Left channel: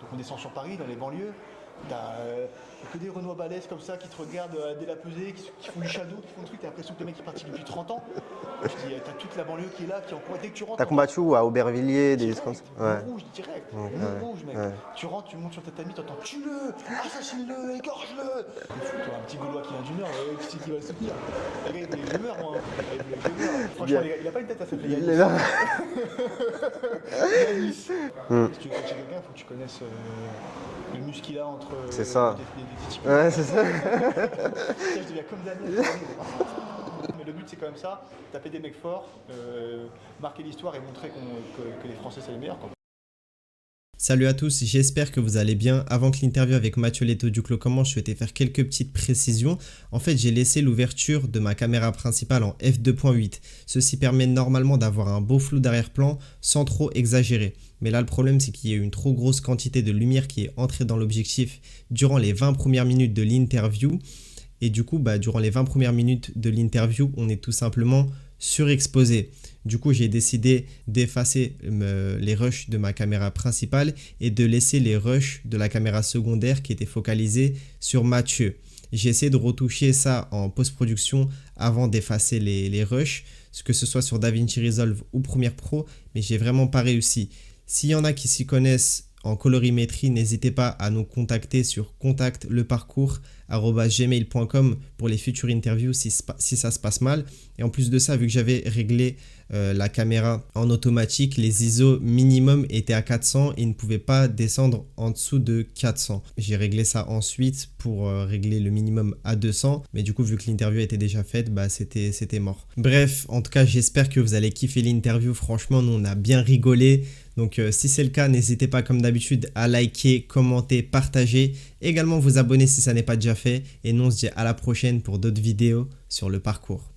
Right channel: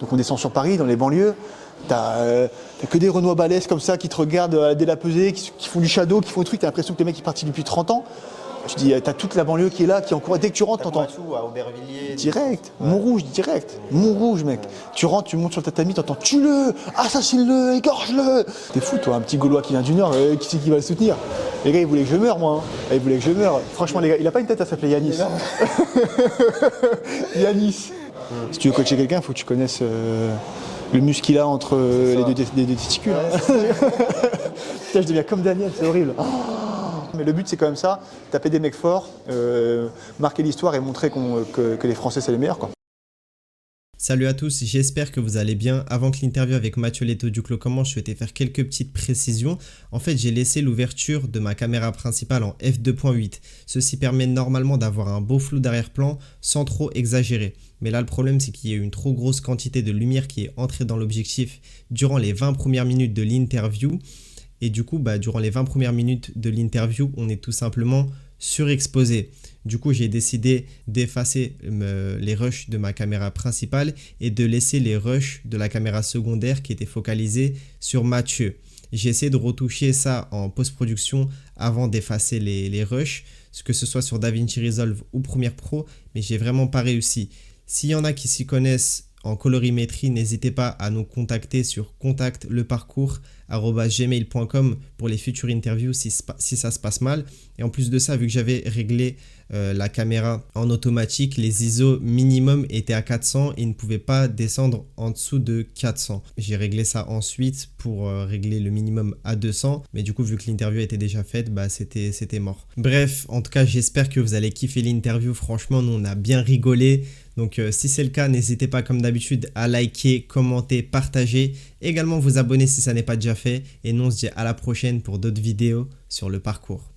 Donc on descend sur Paris, dans les banlieues. T'as que des Renois balèzes comme ça qui te regardent dès la pesée, qui font du shadow, qui font des trucs. T'as l'impression que les mecs sont partis depuis 30 ans. Je dis, t'as toute la banlieue qui est là, qui encourage. Dès que tu rentres, T'as combattu à Aubervilliers. Direct, Montrouge, direct. Montrouge, mec. Tu rentres, tu montes sur le tatami, t'entends tue-le, assassine-le, égorge-le. T'es fou, toi, un petit Gaulois qui vient du Nord, qui c'est qui va le soutenir? Les gars, ils voulaient que je meure, moi. Ils voulaient que je meure. Franchement, les gars, il a pas une tête à s'appeler Yanis. Yanis. Si tu veux coacher quelqu'un, il faut que tu connaisses le muscle qu'il a entre les deux testicules. Ouais, c'est ça. Putain, je deviens comme Daniel, c'est horrible. Mais le but, c'est quand même ça, taper des mecs forts, marquer l'histoire et montrer que les Français, c'est les meilleurs, quoi. Salut à tous, j'espère que vous allez bien. Avant que l'interview avec Mathieu Leto du Clos commence, je souhaitais faire quelques petites précisions. En fait, j'ai laissé l'ouverture de ma caméra principale en f2.8. Ceci permet normalement d'avoir un beau flou d'arrière-plan sans trop exagérer. Mais là, le problème, c'est qu'il y a eu une trop grosse quantité de lumière qui est entrée dans l'objectif durant les 20 premières minutes de l'interview. Et du coup, durant les 20 premières minutes de l'interview, on est tout simplement surexposé. Du coup, j'ai décidé d'effacer les rushs de ma caméra principale et de laisser les rushs de la caméra secondaire qui étaient focalisés sur Mathieu. J'ai essayé de retoucher ça en post-production avant d'effacer les rushs, que ce soit sur DaVinci Resolve ou Premiere Pro, mais j'ai vraiment pas réussi. S'il y en a qui s'y connaissent en colorimétrie, n'hésitez pas à nous contacter sur contactleparcours@gmail.com pour les futures interviews si ça se passe mal. Et en plus de ça, vu que j'avais réglé la caméra en automatique, les ISO minimum étaient à 400 et ne pouvaient pas descendre en dessous de 400. J'ai réglé ça ensuite pour régler le minimum à 200, mais du coup vu que l'interview était déjà faite, c'était mort. Bref, en tout cas j'espère que vous allez kiffer l'interview. Franchement, nous on a bien rigolé. Donc si c'est le cas, n'hésitez pas comme d'habitude à liker, commenter, partager, également vous abonner si ça n'est pas déjà fait. Et nous on se dit à la prochaine pour d'autres vidéos sur le parcours.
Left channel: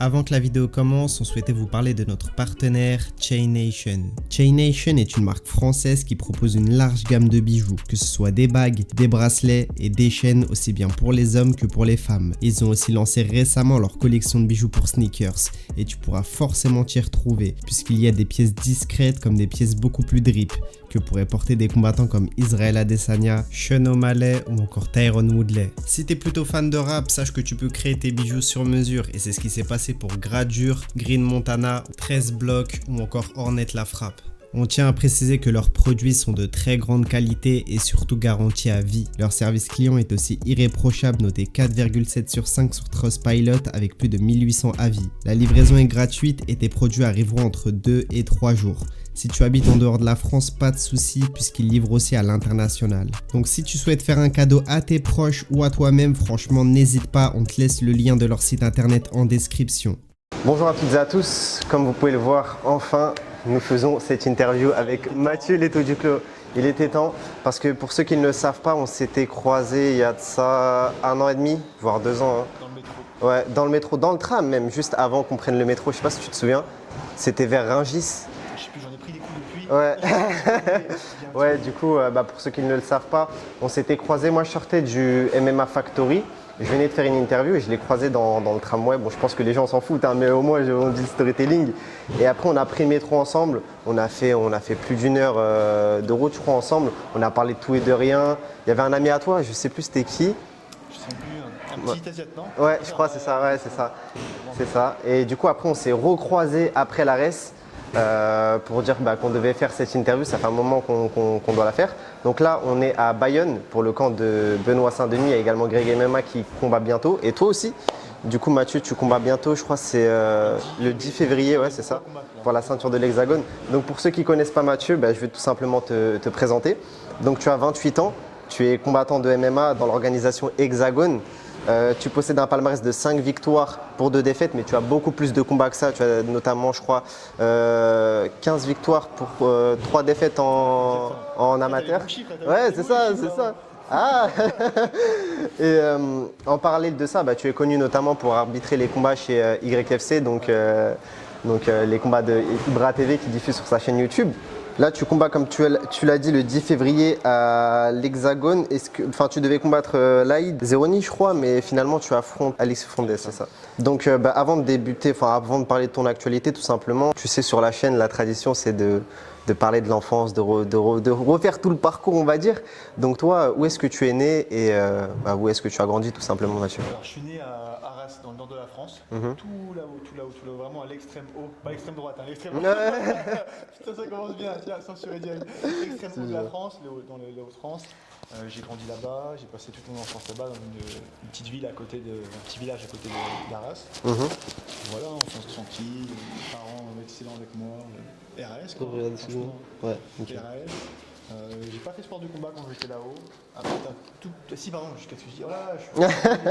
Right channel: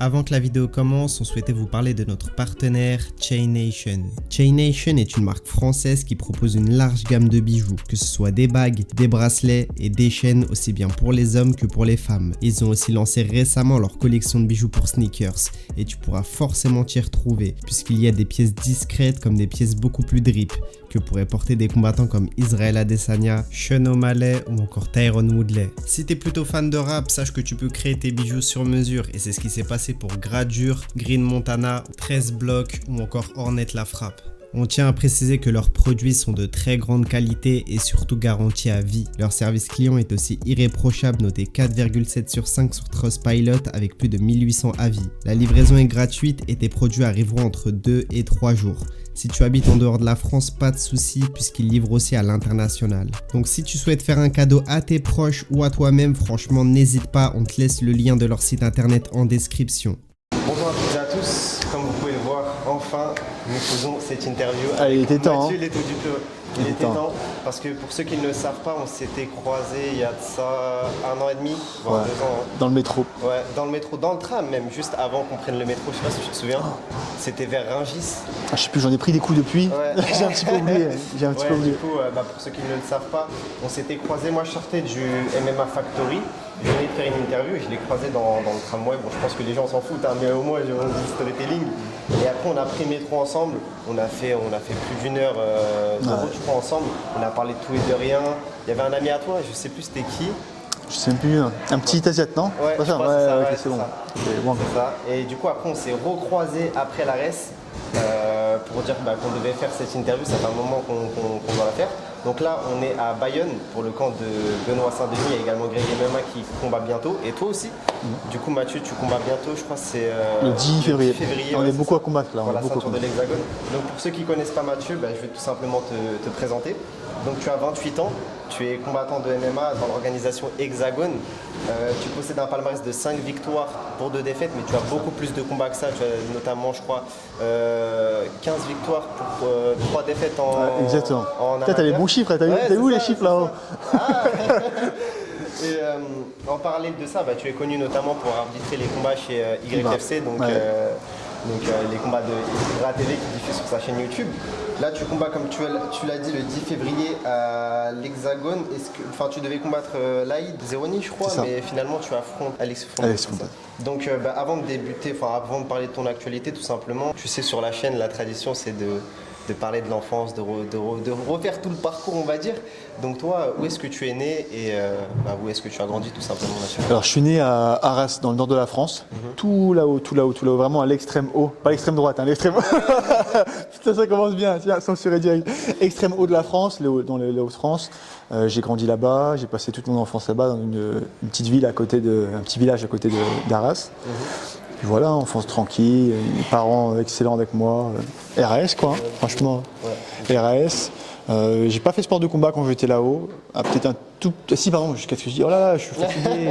Avant que la vidéo commence, on souhaitait vous parler de notre partenaire Chaination. Chaination est une marque française qui propose une large gamme de bijoux, que ce soit des bagues, des bracelets et des chaînes aussi bien pour les hommes que pour les femmes. Ils ont aussi lancé récemment leur collection de bijoux pour sneakers et tu pourras forcément t'y retrouver puisqu'il y a des pièces discrètes comme des pièces beaucoup plus drip que pourraient porter des combattants comme Israel Adesanya, Sean O'Malley ou encore Tyron Woodley. Si t'es plutôt fan de rap, sache que tu peux créer tes bijoux sur mesure et c'est ce qui s'est passé pour Gradure, Green Montana, 13 Block ou encore Hornet La Frappe. On tient à préciser que leurs produits sont de très grande qualité et surtout garantis à vie. Leur service client est aussi irréprochable, noté 4,7 sur 5 sur Trustpilot avec plus de 1800 avis. La livraison est gratuite et tes produits arriveront entre 2 et 3 jours. Si tu habites en dehors de la France, pas de souci puisqu'ils livrent aussi à l'international. Donc si tu souhaites faire un cadeau à tes proches ou à toi-même, franchement n'hésite pas, on te laisse le lien de leur site internet en description. Bonjour à toutes et à tous, comme vous pouvez le voir, enfin nous faisons cette interview avec Mathieu Leto du Clos. Il était temps, parce que pour ceux qui ne le savent pas, on s'était croisés il y a de ça 1 an et demi, voire 2 ans. Dans le métro. Ouais, dans le métro, dans le tram même, juste avant qu'on prenne le métro, je sais pas si tu te souviens, c'était vers Rungis. Je sais plus, j'en ai pris des coups depuis. Ouais. J'ai un petit peu oublié. Du coup, pour ceux qui ne le savent pas, on s'était croisés. Moi, je sortais du MMA Factory. Je venais de faire une interview et je l'ai croisé dans le tramway. Bon, je pense que les gens s'en foutent, hein, mais au moins, on dit storytelling. Et après, on a pris le métro ensemble. On a fait plus d'1 heure de route, je crois, ensemble. On a parlé de tout et de rien. Il y avait un ami à toi, je sais plus c'était qui. Je sais plus, un petit Asiate, non? Ouais, je crois que c'est ça, c'est bon. ça. C'est ça. Et du coup, après, on s'est recroisés après la res pour dire qu'on devait faire cette interview. Ça fait un moment qu'on doit la faire. Donc là, on est à Bayonne pour le camp de Benoît Saint-Denis et également Greg MMA qui combat bientôt. Et toi aussi. Du coup, Mathieu, tu combats bientôt. Je crois que c'est le 10 février. On est beaucoup à combattre là. Pour la ceinture de l'Hexagone. Donc pour ceux qui ne connaissent pas Mathieu, je vais tout simplement te présenter. Donc tu as 28 ans. Tu es combattant de MMA dans l'organisation Hexagone. Tu possèdes un palmarès de 5 victoires pour 2 défaites, mais tu as beaucoup plus de combats que ça. Tu as notamment, je crois, 15 victoires pour 3 défaites en amateur. T'as les bons chiffres, t'as vu les chiffres là-haut? Et en parallèle de ça, tu es connu notamment pour arbitrer les combats chez YFC, donc les combats de Ibra TV qui diffuse sur sa chaîne YouTube. Là, tu combats, comme tu l'as dit, le 10 février à l'Hexagone. Tu devais combattre Laïd Zeroni, je crois, mais finalement, tu affrontes Alex Fondé. Donc, avant de débuter, avant de parler de ton actualité, tout simplement, tu sais, sur la chaîne, la tradition, c'est de de parler de l'enfance, de refaire tout le parcours, on va dire. Donc toi, où est-ce que tu es né et où est-ce que tu as grandi tout simplement, Mathieu? Alors je suis né à Arras, dans le nord de la France, tout là-haut, vraiment à l'extrême haut, pas l'extrême droite, hein, l'extrême haut. Putain, ça commence bien, tiens, censuré direct. Extrême haut de la France, dans les Hauts-de-France. J'ai grandi là-bas, j'ai passé toute mon enfance là-bas dans une petite ville un petit village à côté d'Arras. Et voilà, enfance tranquille, parents excellents avec moi, RAS quoi, hein, franchement, RAS. J'ai pas fait sport de combat quand j'étais là-haut. Peut-être un tout. Si, pardon, jusqu'à ce que je dis, oh là là, je suis fatigué.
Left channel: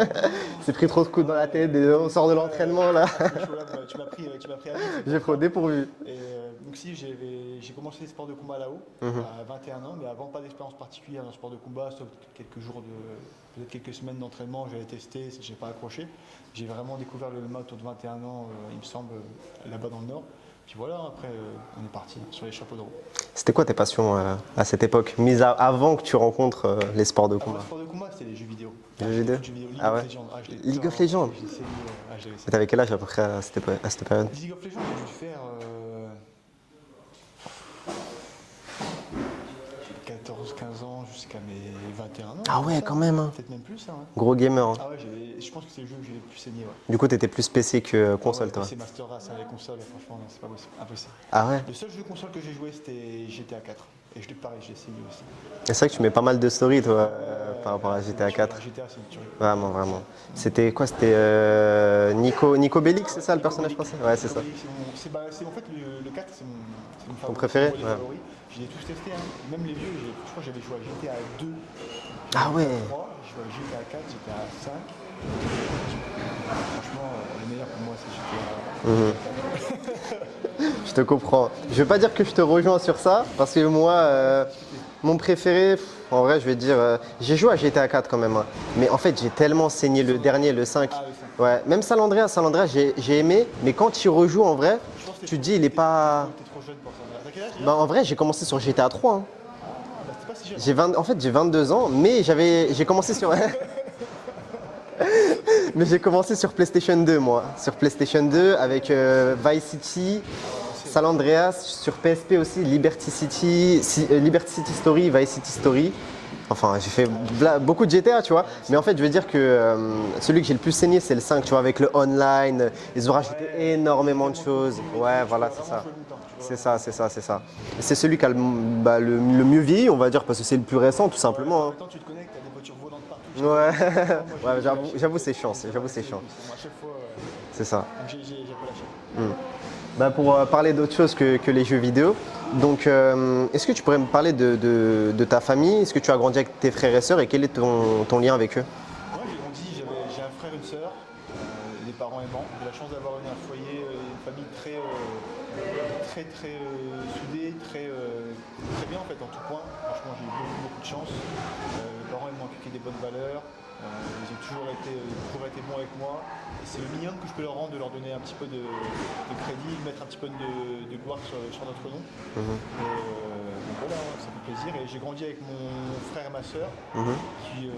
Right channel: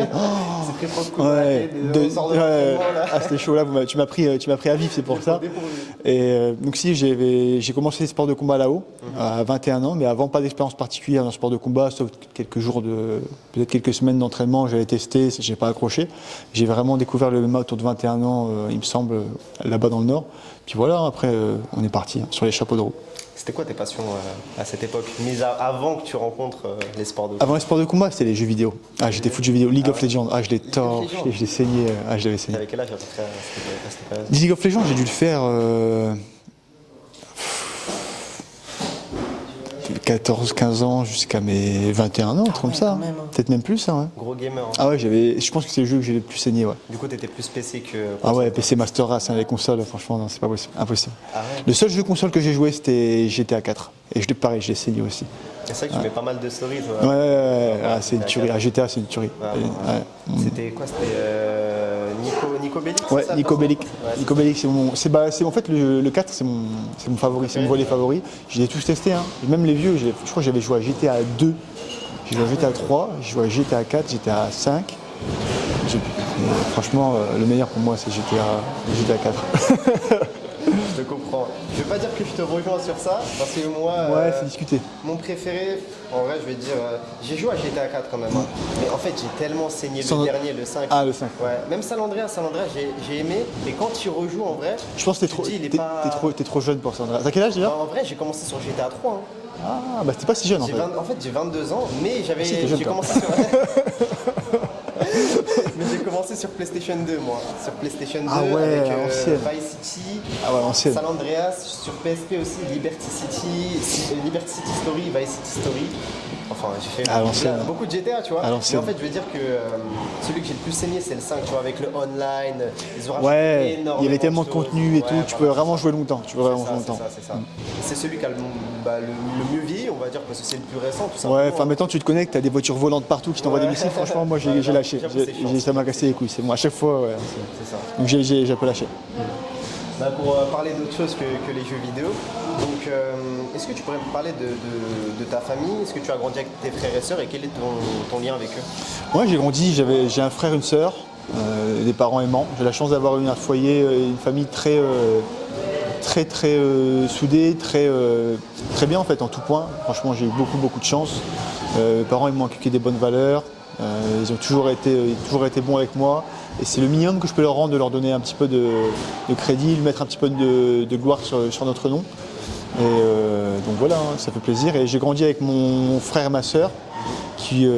C'est pris trop de coups dans la tête, on sort de l'entraînement là. Ah, c'était chaud là, tu m'as pris à vif, c'est pour ça. Et donc, si, j'ai commencé les sports de combat là-haut, à 21 ans, mais avant, pas d'expérience particulière dans le sport de combat, sauf peut-être quelques semaines d'entraînement, j'avais testé, j'ai pas accroché. J'ai vraiment découvert le MMA autour de 21 ans, il me semble, là-bas dans le Nord. Puis voilà, après, on est parti sur les chapeaux de roue. C'était quoi tes passions à cette époque, avant que tu rencontres les sports de combat? Avant les sports de combat, c'était les jeux vidéo. J'étais fou de jeux vidéo. League of Legends. Je l'ai je l'ai saigné. Je l'avais saigné. T'avais quel âge à peu près à cette période? League of Legends, j'ai dû le faire 14-15 ans jusqu'à mes 21 ans, comme ça. Quand même, hein. Peut-être même plus, hein, ouais. Gros gamer. Hein. Ah ouais, je pense que c'est le jeu que j'ai le plus saigné, ouais. Du coup, t'étais plus PC que Ah ouais, console, PC Master Race, les consoles, franchement, non, c'est pas possible, impossible. Ah ouais. Le seul jeu console que j'ai joué, c'était GTA 4. Et pareil, je l'ai saigné aussi. C'est vrai que tu mets pas mal de stories, toi. C'est une tuerie. GTA, c'est une tuerie. C'était quoi? C'était Nico Bellic, ouais, c'est ça? Nico Bellic. Ouais, Nico Bellic, c'est en fait le 4, c'est mon favori, c'est mon volet favori. Je les ai tous testés, hein. Même les vieux, je crois que j'avais joué à GTA 2, j'ai joué à GTA 3, j'ai joué à GTA 4, GTA 5. Franchement, le meilleur pour moi, c'est GTA 4. Je te comprends. Je vais pas dire que je te rejoins sur ça, parce que moi, c'est discuté. Mon préféré, en vrai, je vais dire, j'ai joué à GTA 4 quand même, hein. Mais en fait, j'ai tellement saigné le dernier, le 5. Ah, le 5. Ouais, même San Andreas, j'ai aimé, mais quand tu rejoues en vrai, je pense que t'es trop jeune pour ça. T'as quel âge déjà? En vrai, j'ai commencé sur GTA 3. Hein. Ah, bah t'es pas si jeune. En fait, j'ai 22 ans, mais j'ai commencé sur. Mais j'ai commencé sur PlayStation 2, moi. Sur PlayStation 2 avec Vice City, San Andreas, sur PSP aussi, Liberty City Story, Vice City Story. Enfin, j'ai fait beaucoup de GTA, tu vois. Mais en fait, je veux dire que celui que j'ai le plus saigné, c'est le 5, tu vois, avec le online. Ils ont rajouté énormément de choses. Il y avait tellement de contenu et tout, tu peux vraiment jouer longtemps. C'est ça. C'est celui qui a le mieux vieilli, on va dire, parce que c'est le plus récent, tout simplement. Ouais, enfin, maintenant, tu te connectes, t'as des voitures volantes partout qui t'envoient des missiles. Franchement, moi, j'ai lâché. J'avoue, c'est chiant. Ça m'a cassé les couilles, c'est moi. À chaque fois, ouais. C'est ça. Donc, j'ai un peu lâché. Pour parler d'autre chose que les jeux vidéo, donc est-ce que tu pourrais me parler de ta famille? Est-ce que tu as grandi avec tes frères et sœurs et quel est ton lien avec eux? Moi j'ai grandi, j'ai un frère, une sœur, des parents aimants. J'ai la chance d'avoir eu un foyer, une famille très soudée, très bien en fait en tout point. Franchement j'ai eu beaucoup de chance. Les parents ils m'ont inculqué des bonnes valeurs. Ils ont toujours été bons avec moi et c'est le minimum que je peux leur rendre, de leur donner un petit peu de crédit, de mettre un petit peu de gloire sur notre nom. Et donc voilà, ça fait plaisir. Et j'ai grandi avec mon frère et ma sœur qui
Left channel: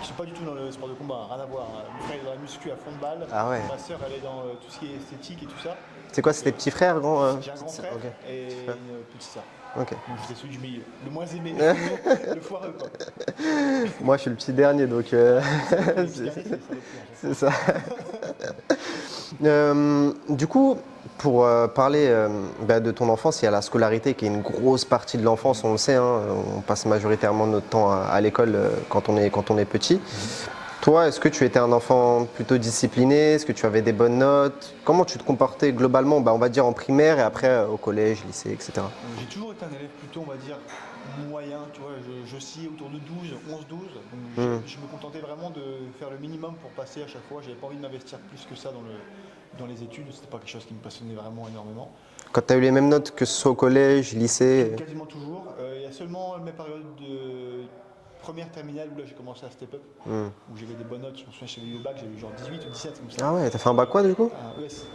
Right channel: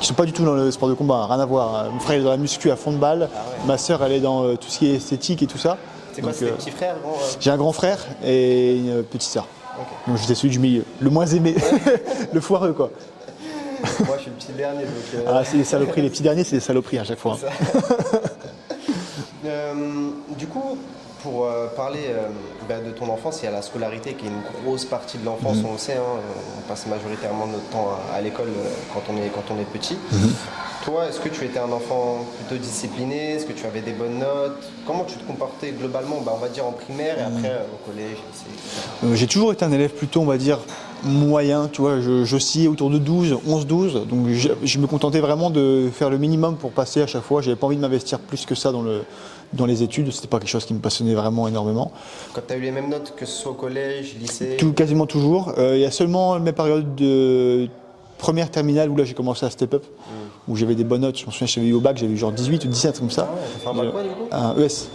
sont pas du tout dans le sport de combat, rien à voir. Mon frère est dans la muscu à fond de balle, ma sœur elle est dans tout ce qui est esthétique et tout ça. C'est quoi, c'est tes petits frères? J'ai un grand frère et une petite sœur. Okay. Donc j'étais celui du milieu, le moins aimé, le foireux quoi. Moi je suis le petit dernier donc. C'est les saloperies, les petits derniers c'est les saloperies à chaque fois. Ça. Du coup, pour parler de ton enfance, il y a la scolarité qui est une grosse partie de l'enfance, on le sait, hein, on passe majoritairement notre temps à l'école quand on est petit. Toi, est-ce que tu étais un enfant plutôt discipliné? Est-ce que tu avais des bonnes notes? Comment tu te comportais globalement, on va dire en primaire et après au collège, lycée, etc. J'ai toujours été un élève plutôt, on va dire, moyen, tu vois, j'oscillais autour de 11-12, donc je me contentais vraiment de faire le minimum pour passer à chaque fois. J'avais pas envie de m'investir plus que ça dans les études, c'était pas quelque chose qui me passionnait vraiment énormément. Quand tu as eu les mêmes notes, que ce soit au collège, lycée? Quasiment toujours. Il y a seulement mes périodes de première terminale où là j'ai commencé à step up, où j'avais des bonnes notes. Je me souviens, j'avais eu au bac, j'avais eu genre 18 ou 17 comme ça. Ah ouais, t'as fait un bac quoi du coup? Un ES.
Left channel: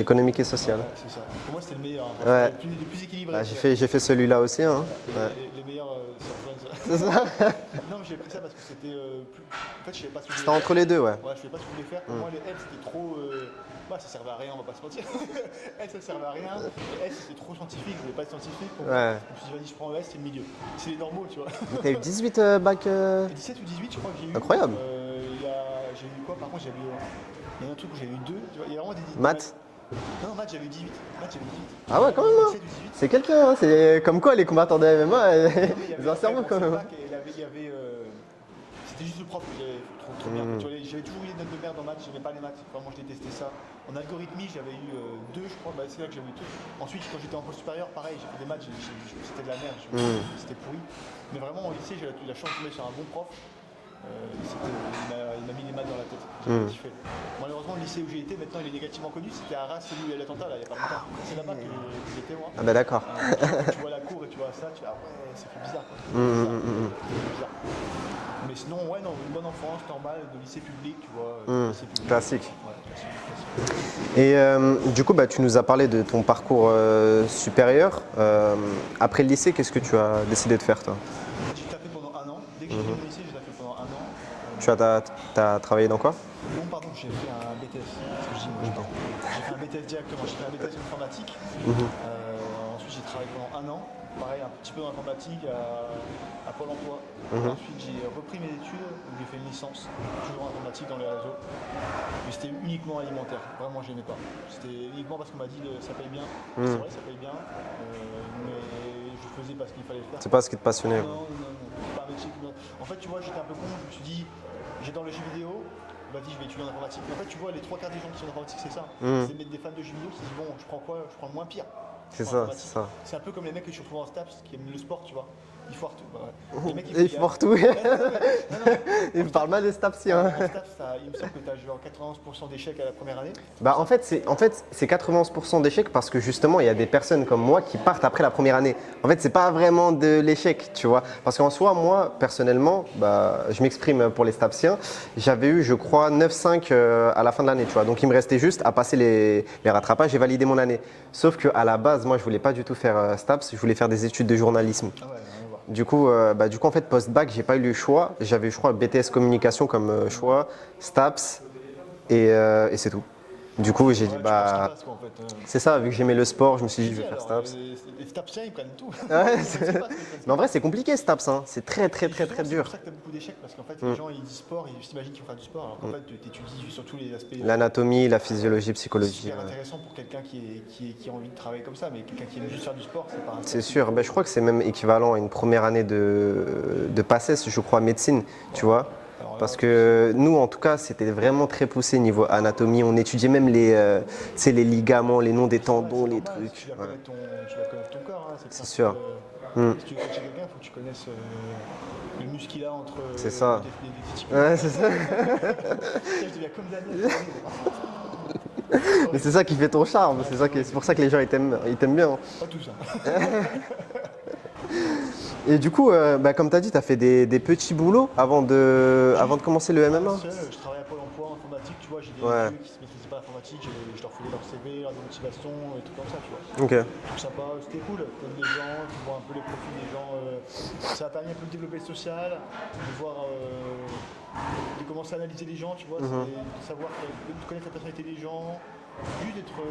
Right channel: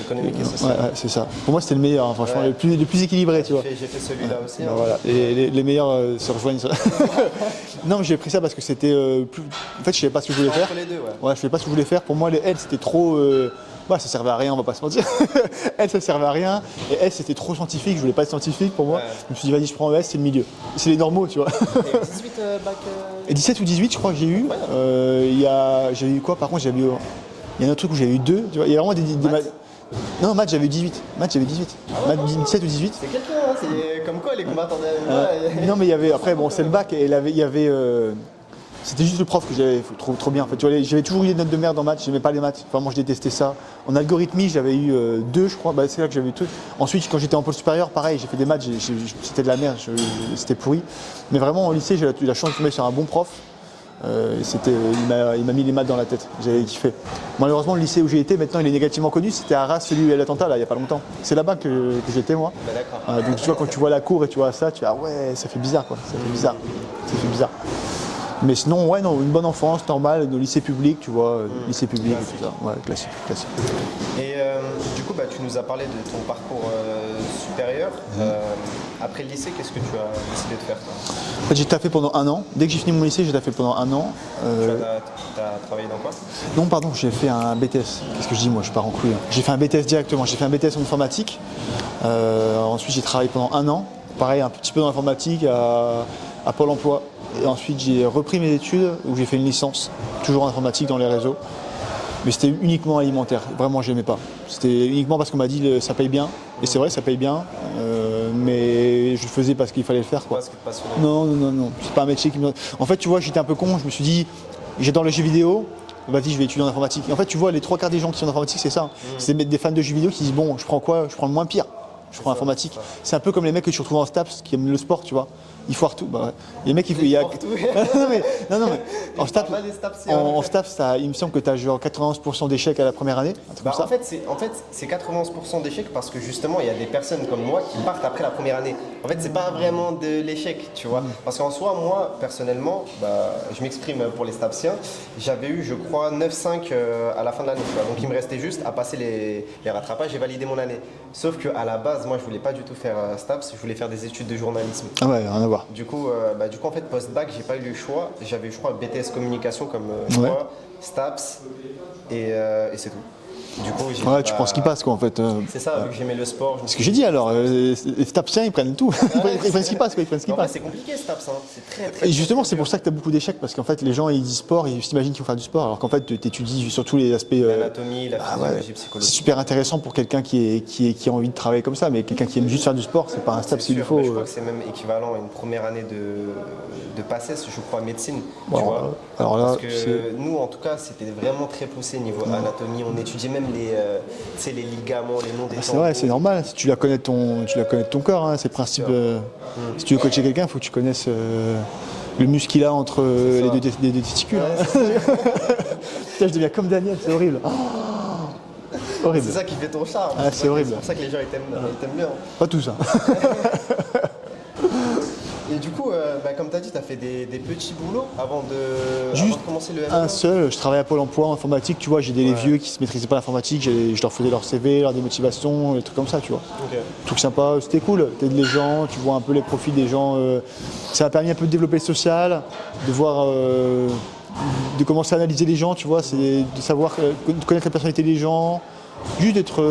Économique et social. Ouais, c'est ça. Pour moi, c'était le meilleur, hein, franchement, Ouais. le plus équilibré. tu vois. J'ai fait celui-là aussi. hein. Voilà. Et les meilleurs se rejoignent. Non, mais j'ai pris ça parce que c'était En fait, je savais pas ce que je voulais C'était faire. entre les deux, ouais. Ouais, je savais pas ce que je voulais faire. Pour moi, les L, c'était trop. Bah, ça servait à rien, on va pas se mentir. L, ça servait à rien. Et S, c'était trop scientifique. Je voulais pas être scientifique pour moi. Ouais. Je me suis dit, vas-y, je prends S, c'est le milieu. C'est les normaux, tu vois. T'as eu 18 bac. Et 17 ou 18, je crois que j'ai eu. Incroyable. J'avais eu quoi par contre j'avais eu. Il y a un autre truc où j'avais eu 2. Tu vois, il y a vraiment des Maths. Non, maths, j'avais eu 18. Maths, j'avais 18. Ah ouais, quand même. 17 ou 18. C'est quelqu'un, hein, c'est comme quoi les combattants de MMA. Non, mais il y avait. Ça Après, va bon, quand c'est le même. bac et il y avait. C'était juste le prof que j'avais trop bien. En fait. Tu vois, j'avais toujours eu des notes de merde en maths, j'aimais pas les maths. Vraiment, je détestais ça. En algorithmie, j'avais eu 2, je crois. Bah, c'est là que j'avais eu tout. Ensuite, quand j'étais en pôle supérieur, pareil, j'ai fait des maths, c'était de la merde, c'était pourri. Mais vraiment, au lycée, j'ai eu la chance de tomber sur un bon prof. Il m'a mis les maths dans la tête, j'avais kiffé. Malheureusement, le lycée où j'ai été, maintenant, il est négativement connu. C'était à Arras, celui où il y a l'attentat, là, il n'y a pas longtemps. C'est là-bas que j'étais, moi. Ah bah d'accord. Donc, tu vois, quand tu vois la cour et tu vois ça, tu dis, ah ouais, ça fait bizarre, quoi. Ça fait bizarre. Ça fait bizarre. Mais sinon, ouais, non, une bonne enfance, normale, de lycée public, tu vois, lycée public. Classique. etc. Ouais, classique. Et du coup, bah, tu nous as parlé de ton parcours supérieur. Après le lycée, qu'est-ce que tu as décidé de faire, toi? En fait, j'ai taffé pendant 1 an. Dès que j'ai fini mon lycée, j'ai taffé pendant 1 an. T'as travaillé dans quoi? Non, pardon, j'ai fait un BTS. Qu'est-ce que je dis, moi, je pars en couille. Hein. J'ai fait un BTS directement. J'ai fait un BTS en informatique. Ensuite, j'ai travaillé pendant 1 an. Pareil, un petit peu dans l'informatique, à Pôle emploi. Et ensuite, j'ai repris mes études où j'ai fait une licence, toujours en informatique dans les réseaux. Mais c'était uniquement alimentaire. Vraiment, je n'aimais pas. C'était uniquement parce qu'on m'a dit ça paye bien. Et c'est vrai, ça paye bien. Mais je le faisais parce qu'il fallait le faire. C'est quoi. pas ce qui te passionnait? Non. C'est pas un métier qui me. En fait, tu vois, j'étais un peu con. Je me suis dit, j'adore les jeux vidéo. Vas-y, je vais étudier en informatique. Et en fait, tu vois, les 3 quarts des gens qui sont en informatique, c'est ça. C'est des fans de jeux vidéo qui disent bon, je prends quoi? Je prends le moins pire. Je prends ça, informatique. c'est ça. C'est un peu comme les mecs que tu retrouves en STAPS qui aiment le sport, tu vois. Ils foirent tout. Bah, ouais. Les mecs, Ils foirent tout. non, mais en Ils STAPS, parlent mal des STAPS, c'est en vrai. STAPS, il me semble que tu as genre 91% d'échecs à la première année. un truc Bah, comme ça. en fait, c'est 91% d'échecs parce que justement, il y a des personnes comme moi qui partent après la première année. En fait, c'est pas vraiment de l'échec, tu vois. Parce qu'en soi, moi, personnellement, bah, je m'exprime pour les STAPsiens, j'avais eu, je crois, 9,5 à la fin de l'année, tu vois. Donc, il me restait juste à passer les rattrapages et valider mon année. Sauf qu'à la base, moi, je voulais pas du tout faire STAPS, je voulais faire des études de journalisme. Ah ouais, rien à voir. Du coup, en fait, post-bac, j'ai pas eu le choix. J'avais, je crois, BTS communication comme choix, STAPS, et c'est tout. Du coup, j'ai Ouais, tu prends ce qui passe, quoi, en fait. C'est ça, vu que j'aimais le sport, je me Ce suis que j'ai dit, dit alors, les STAPsiens, ils prennent tout. Ils prennent ce qui passe, quoi. Ils prennent ce qui En vrai, passe. c'est compliqué STAPS, hein. C'est très Et justement, très c'est pour dur. ça que tu as beaucoup d'échecs, parce qu'en fait, les gens, ils disent sport, ils s'imaginent qu'ils vont faire du sport, alors qu'en fait, tu étudies surtout les aspects. L'anatomie, la physiologie, C'est psychologie. super intéressant pour quelqu'un qui a envie de travailler comme ça, mais quelqu'un qui aime juste faire du sport, c'est pas un C'est STAPS, il sûr, faut. mais je crois que c'est même équivalent à une première année de PACES, je crois, médecine, tu Bon, vois. alors là, Parce que nous, en tout cas, c'était vraiment très poussé niveau anatomie. On étudiait même les ligaments, les noms des C'est tendons. vrai, c'est normal. Si tu la connais de ton corps, hein, c'est le principe. sûr. Si tu veux coacher quelqu'un, il faut que tu connaisses le muscle qu'il a entre les ça. deux testicules. Ouais, c'est ça. Putain, je deviens comme Daniel, c'est horrible. Horrible. C'est ça qui fait ton charme. Ah, c'est c'est ça qui- horrible. c'est pour ça que les gens ils t'aiment bien. Pas tout ça. Et du coup, comme tu as dit, tu as fait des petits boulots avant de commencer le MMA. Un seul, je travaille à Pôle emploi en informatique, tu vois, j'ai des Ouais. vieux qui se maîtrisaient pas l'informatique, je leur faisais leur CV, leur démotivation, des trucs comme ça, tu vois. Ok. Truc sympa, c'était cool, t'aides les gens, tu vois un peu les profils des gens. Ça m'a permis un peu de développer le social, de voir, de commencer à analyser les gens, tu vois, c'est de savoir, de connaître la personnalité des gens, juste d'être,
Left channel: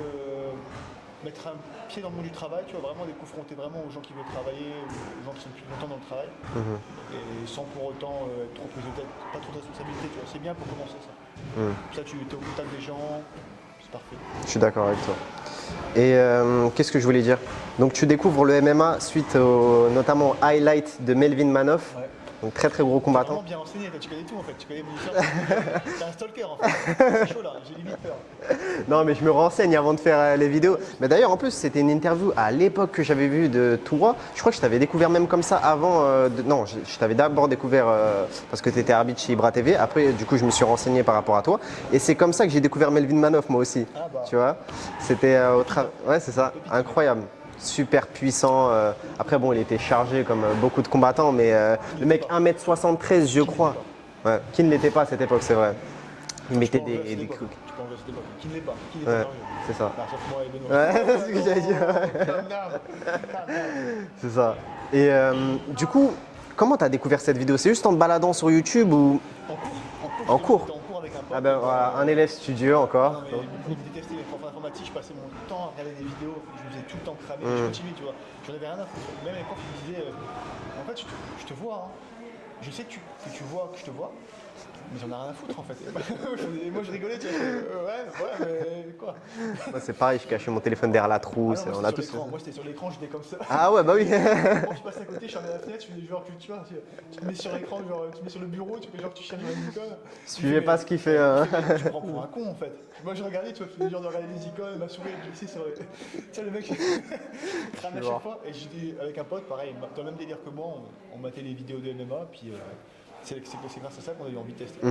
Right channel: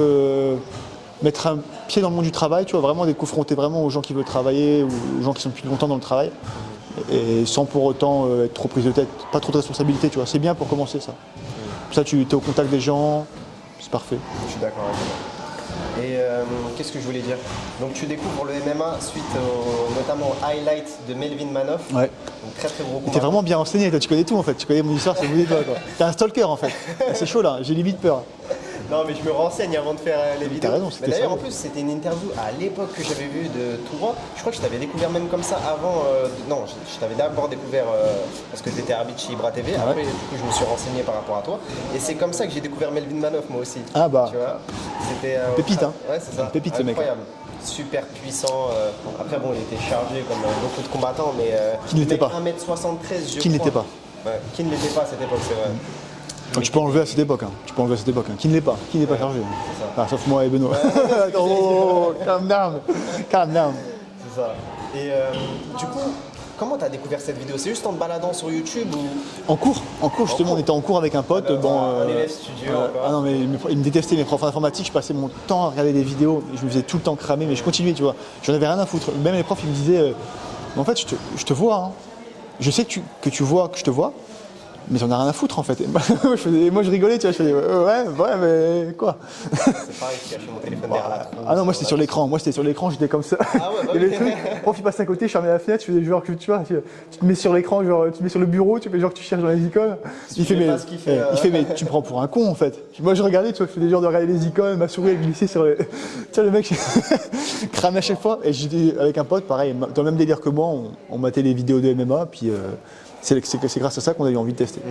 mettre un pied dans le monde du travail, tu vois, vraiment d'être confronté vraiment aux gens qui veulent travailler, ou aux gens qui sont depuis longtemps dans le travail, et sans pour autant être trop prise de tête, pas trop de responsabilité, tu vois, c'est bien pour commencer ça. Ça, tu es au contact des gens, c'est parfait. Je suis d'accord avec toi. Et qu'est-ce que je voulais dire? Donc tu découvres le MMA suite notamment au highlight de Melvin Manoff. Ouais. Donc très très gros T'es combat. vraiment bien renseigné, toi, tu connais tout en fait, tu connais mon histoire, c'est mieux que toi, quoi. T'es un stalker en fait, c'est chaud là, j'ai limite peur. Non mais je me renseigne avant de faire les vidéos. raison, c'était Mais d'ailleurs ça. en plus c'était une interview à l'époque que j'avais vue de toi. Je crois que je t'avais découvert même comme ça avant. Non, je t'avais d'abord découvert parce que tu étais arbitre chez Ibra TV. Après du coup je me suis renseigné par rapport à toi. Et c'est comme ça que j'ai découvert Melvin Manoff moi aussi. Ah bah. Tu vois. C'était Pépite, hein. Ouais c'est ça. Pépite, ce mec. Incroyable. Super puissant. Après bon il était chargé comme beaucoup de combattants mais Qui ne le l'était mec pas. 1m73 je Qui ne crois. l'était pas. Ouais, qui ne l'était pas à cette époque c'est vrai. Tu peux enlever à cette époque. Tu peux enlever à cette époque. Qui ne l'est pas. Qui n'est pas chargé. C'est ça. Ah, sauf moi et Benoît. Oh, calm down. Calm down. C'est ça. Et du coup, comment t'as découvert cette vidéo? C'est juste en te baladant sur YouTube ou En cours, justement, cours. on était en cours avec un pote. un élève studio encore? Ah non, mais ils me détestaient, mes profs d'informatique. Je passais mon temps à regarder des vidéos. Je me faisais tout le temps cramer, mais je continuais, tu vois. J'en avais rien à foutre. Même les profs, ils me disaient en fait, je te vois. Hein. Je sais que tu vois que je te vois. Mais j'en ai rien à foutre en fait. Moi je rigolais, tu vois, je faisais ouais, mais quoi? C'est pareil, je cachais mon téléphone derrière la trousse. Ah non, moi c'était sur l'écran, j'étais comme ça. Ah ouais, bah oui. Le prof il passe à côté, je fermais la fenêtre, je faisais genre que tu vois, tu te mets sur l'écran, genre tu te mets sur le bureau, tu fais genre que tu cherches dans les icônes. Il fait pas ce qu'il fait. Il fait mais tu me prends pour un con en fait. Moi je regardais, tu vois, je faisais genre de regarder les icônes, ma souris elle glissait sur le. Tu vois le mec cramait à chaque fois. Et j'étais avec un pote, pareil, dans le même délire que moi, on matait les vidéos de MMA, puis. C'est grâce à ça qu'on a eu envie de tester.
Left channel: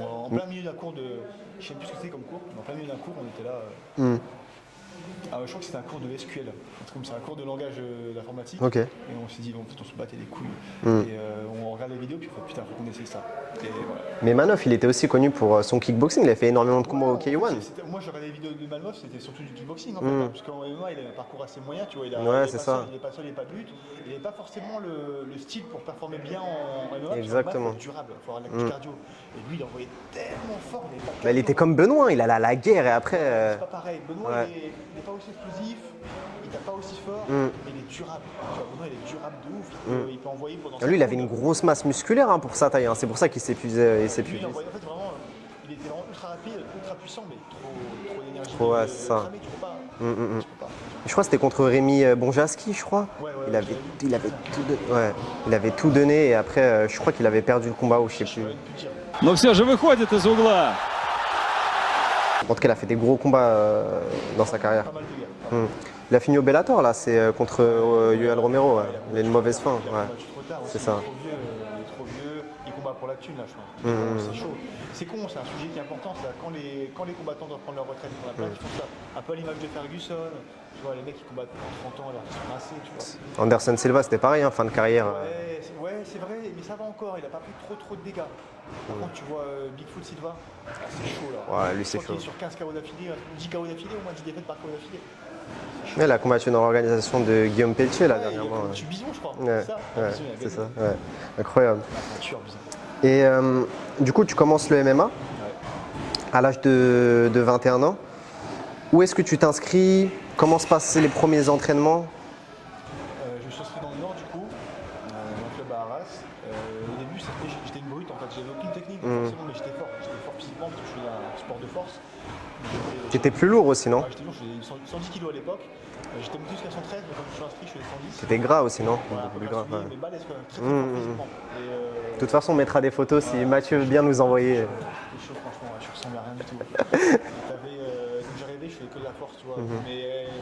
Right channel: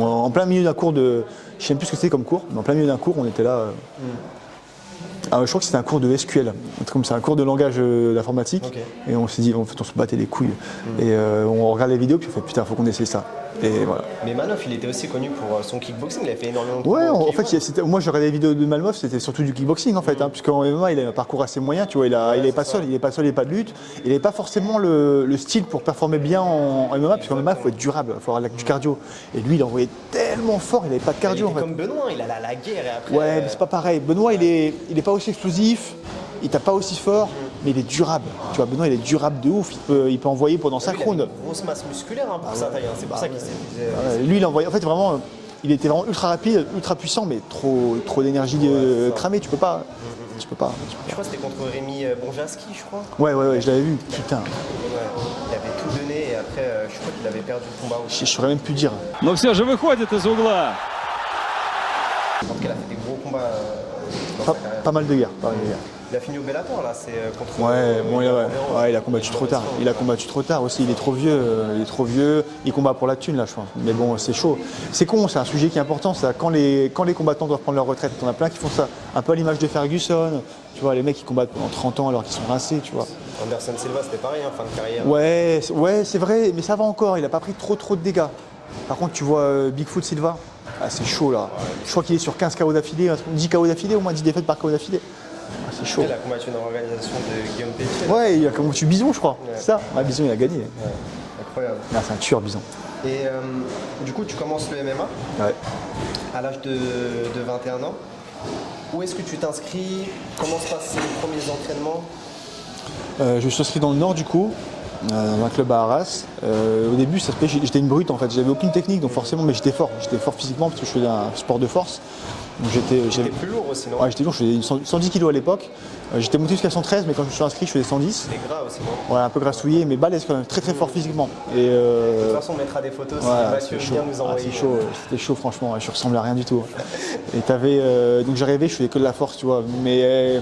En plein milieu d'un cours de. Je ne sais même plus ce que c'était comme cours, mais en plein milieu d'un cours, on était là. Je crois que c'était un cours de SQL, un truc comme ça, un cours de langage d'informatique. Ok. Et on s'est dit, en fait, on se battait les couilles. Et on regarde les vidéos, puis on fait putain, faut qu'on essaie ça. Et voilà. Mais Manoff, il était aussi connu pour son kickboxing, il a fait énormément de Ouais, combats au en fait, K1. moi je regardais les vidéos de Malmoff, c'était surtout du kickboxing en fait, puisqu'en MMA il a un parcours assez moyen, tu vois, il est pas seul, il n'est pas seul, il n'est pas de lutte, il n'est pas forcément le style pour performer bien en MMA, parce qu'en MMA il faut être durable, il faut avoir du cardio. Et lui il envoyait tellement fort, il n'avait pas de Il cardio. était en fait. comme Benoît, il allait à la guerre et après. Ouais, mais c'est pas pareil. Benoît il est pas aussi explosif, il tape pas aussi fort, mais il est durable. Tu vois, Benoît il est durable de ouf, il peut envoyer pendant 5 Lui, il avait rounds. une grosse masse musculaire pour sa taille, c'est pour ça qu'il s'épuisait. Lui il envoyait, en fait vraiment. Il était vraiment ultra rapide, ultra puissant, mais trop d'énergie c'est ça. cramée, tu peux pas. Tu peux pas. Je crois que c'était contre Rémi Bonjaski, je crois. Ouais, Il je l'avais vu. il avait- Putain, Ouais, il avait tout donné et après, je crois qu'il avait perdu le combat au je chip. saurais même plus dire. Но все же выходит из угла. En tout cas, il a fait des gros combats dans sa carrière. Pas mal de guerres. Pas mal de guerres. Il a fini au Bellator là, c'est contre Bon, Yoel Romero. il a combattu une trop mauvaise tard. fin, Il a ouais. combattu trop tard aussi. Il ça. est trop vieux. Il combat pour la thune là, je pense. Mais bon, c'est chaud. C'est con. C'est un sujet qui est important. C'est quand les combattants doivent prendre leur retraite. On a plein qui font ça. Un peu à l'image de Ferguson. Tu vois, les mecs qui combattent pendant 30 ans alors qu'ils sont rincés. Tu vois. Anderson Silva, c'était pareil, fin de carrière. Ouais, c'est vrai. Mais ça va encore. Il a pas pris trop de dégâts. Par contre, tu vois Bigfoot Silva. Ah, c'est chaud là. Ouais, lui, je crois qu'il est sur 15 KO d'affilée, 10 KO d'affilée, au moins 10 défaites par KO d'affilée. Ah, c'est chaud. Il a combattu dans l'organisation de Guillaume Pelletier. là, Ouais, il a dernièrement. combattu Bison, je crois. Ouais. C'est ça. Ah, Bison, il a gagné. Ouais, incroyable. Ah, c'est un tueur, Bison. Et du coup, tu commences le MMA Ouais. à l'âge de 21 ans. Où est-ce que tu t'inscris? Comment se passent les premiers entraînements? Je suis inscrit dans le Nord du coup, dans un club à Arras. Au début, j'étais une brute en fait, j'avais aucune technique donc forcément, mais j'étais fort physiquement parce que je faisais un sport de force. Donc J'étais plus lourd aussi, non? Ouais, j'étais lourd, je faisais 110 kg à l'époque. J'étais monté jusqu'à 113, mais quand je me suis inscrit, je faisais 110. T'es gras aussi, non? Ouais, un peu grassouillé, mais balèze quand même, très fort physiquement. Et, De toute façon, on mettra des photos si Mathieu veut bien nous envoyer. C'est chaud, c'était chaud franchement, je ressemblais à rien du tout. Et donc j'arrivais, je faisais que de la force, tu vois. Mais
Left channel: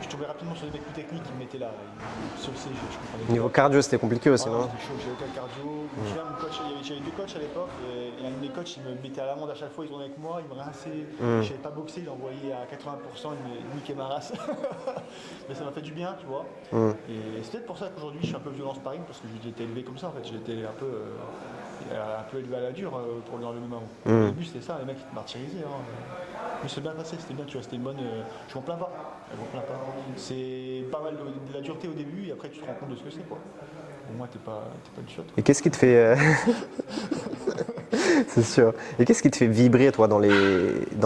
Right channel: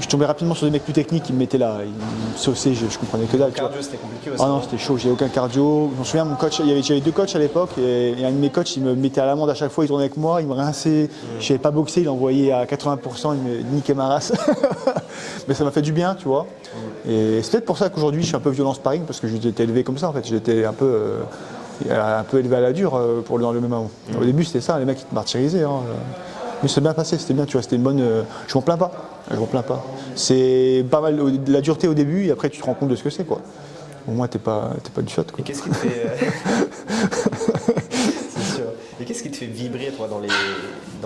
je tombais rapidement sur des mecs plus techniques qui me mettaient là, ils me sauçaient, je comprenais que Le dalle. cardio, c'était compliqué aussi. Ah non, non c'était chaud, j'avais aucun cardio. Je me souviens, mon coach, j'avais 2 coachs à l'époque, et un de mes coachs, il me mettait à l'amende à chaque fois, il tournait avec moi, il me rinçait. Je savais pas boxer, il envoyait à 80%, il me niquait ma race. Mais ça m'a fait du bien, tu vois. Et c'est peut-être pour ça qu'aujourd'hui, je suis un peu violent en sparring, parce que j'étais élevé comme ça, en fait. J'étais un peu élevé à la dure dans le même moment. Au début, c'était ça, les mecs, ils te martyrisaient. Hein. Mais c'est bien passé, c'était bien, tu vois, c'était une bonne. Je m'en plains pas. Je m'en plains pas. C'est pas mal de la dureté au début et après tu te rends compte de ce que c'est quoi. Au moins t'es pas du shot. Et qu'est-ce qui te fait. C'est sûr. Et qu'est-ce qui te fait vibrer, toi, dans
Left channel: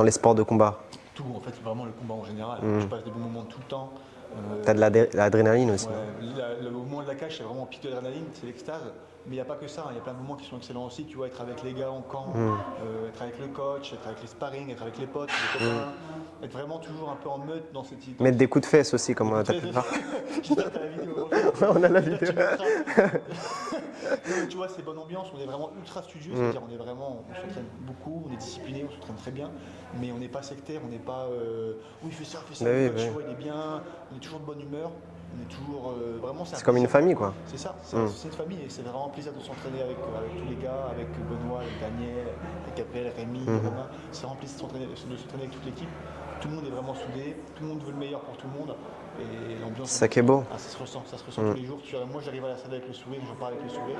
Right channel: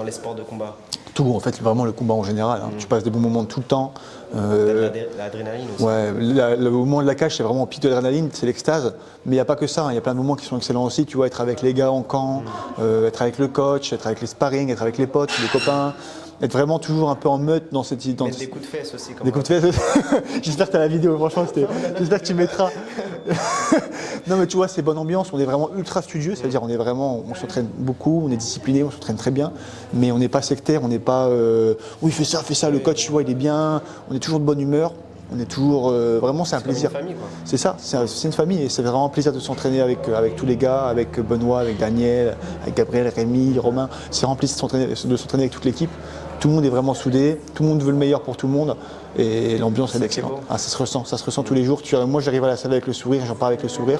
les sports de combat? Tout en fait, vraiment le combat en général. Hein. Tu passes des bons moments tout le temps. T'as de l'adrénaline aussi. Ouais, le moment de la cage, c'est vraiment au pic de l'adrénaline, c'est l'extase. Mais il n'y a pas que ça, il y a plein de moments qui sont excellents aussi. Tu vois, être avec les gars en camp, être avec le coach, être avec les sparring, être avec les potes, les copains. Être vraiment toujours un peu en meute dans cette. Mettre des coups de fesses aussi. Comme Des coups de fesses. J'espère que tu as la vidéo, franchement, j'espère que tu mettras. Non, mais tu vois, c'est bonne ambiance, on est vraiment ultra studieux, c'est-à-dire on s'entraîne beaucoup, on est discipliné, on s'entraîne très bien, mais on n'est pas sectaire, on n'est pas. Oui, fais ça, le coach, tu vois, il est bien, on est toujours de bonne humeur. On est toujours vraiment, c'est un comme plaisir. une famille, quoi. C'est ça, c'est une famille et c'est vraiment un plaisir de s'entraîner avec tous les gars, avec Benoît, avec Daniel, avec Gabriel, Rémi, Romain. C'est vraiment un plaisir de s'entraîner avec toute l'équipe. Tout le monde est vraiment soudé, tout le monde veut le meilleur pour tout le monde et l'ambiance C'est ça qui est beau. Ah, ça se ressent tous les jours. Moi j'arrive à la salle avec le sourire, j'en pars avec le sourire.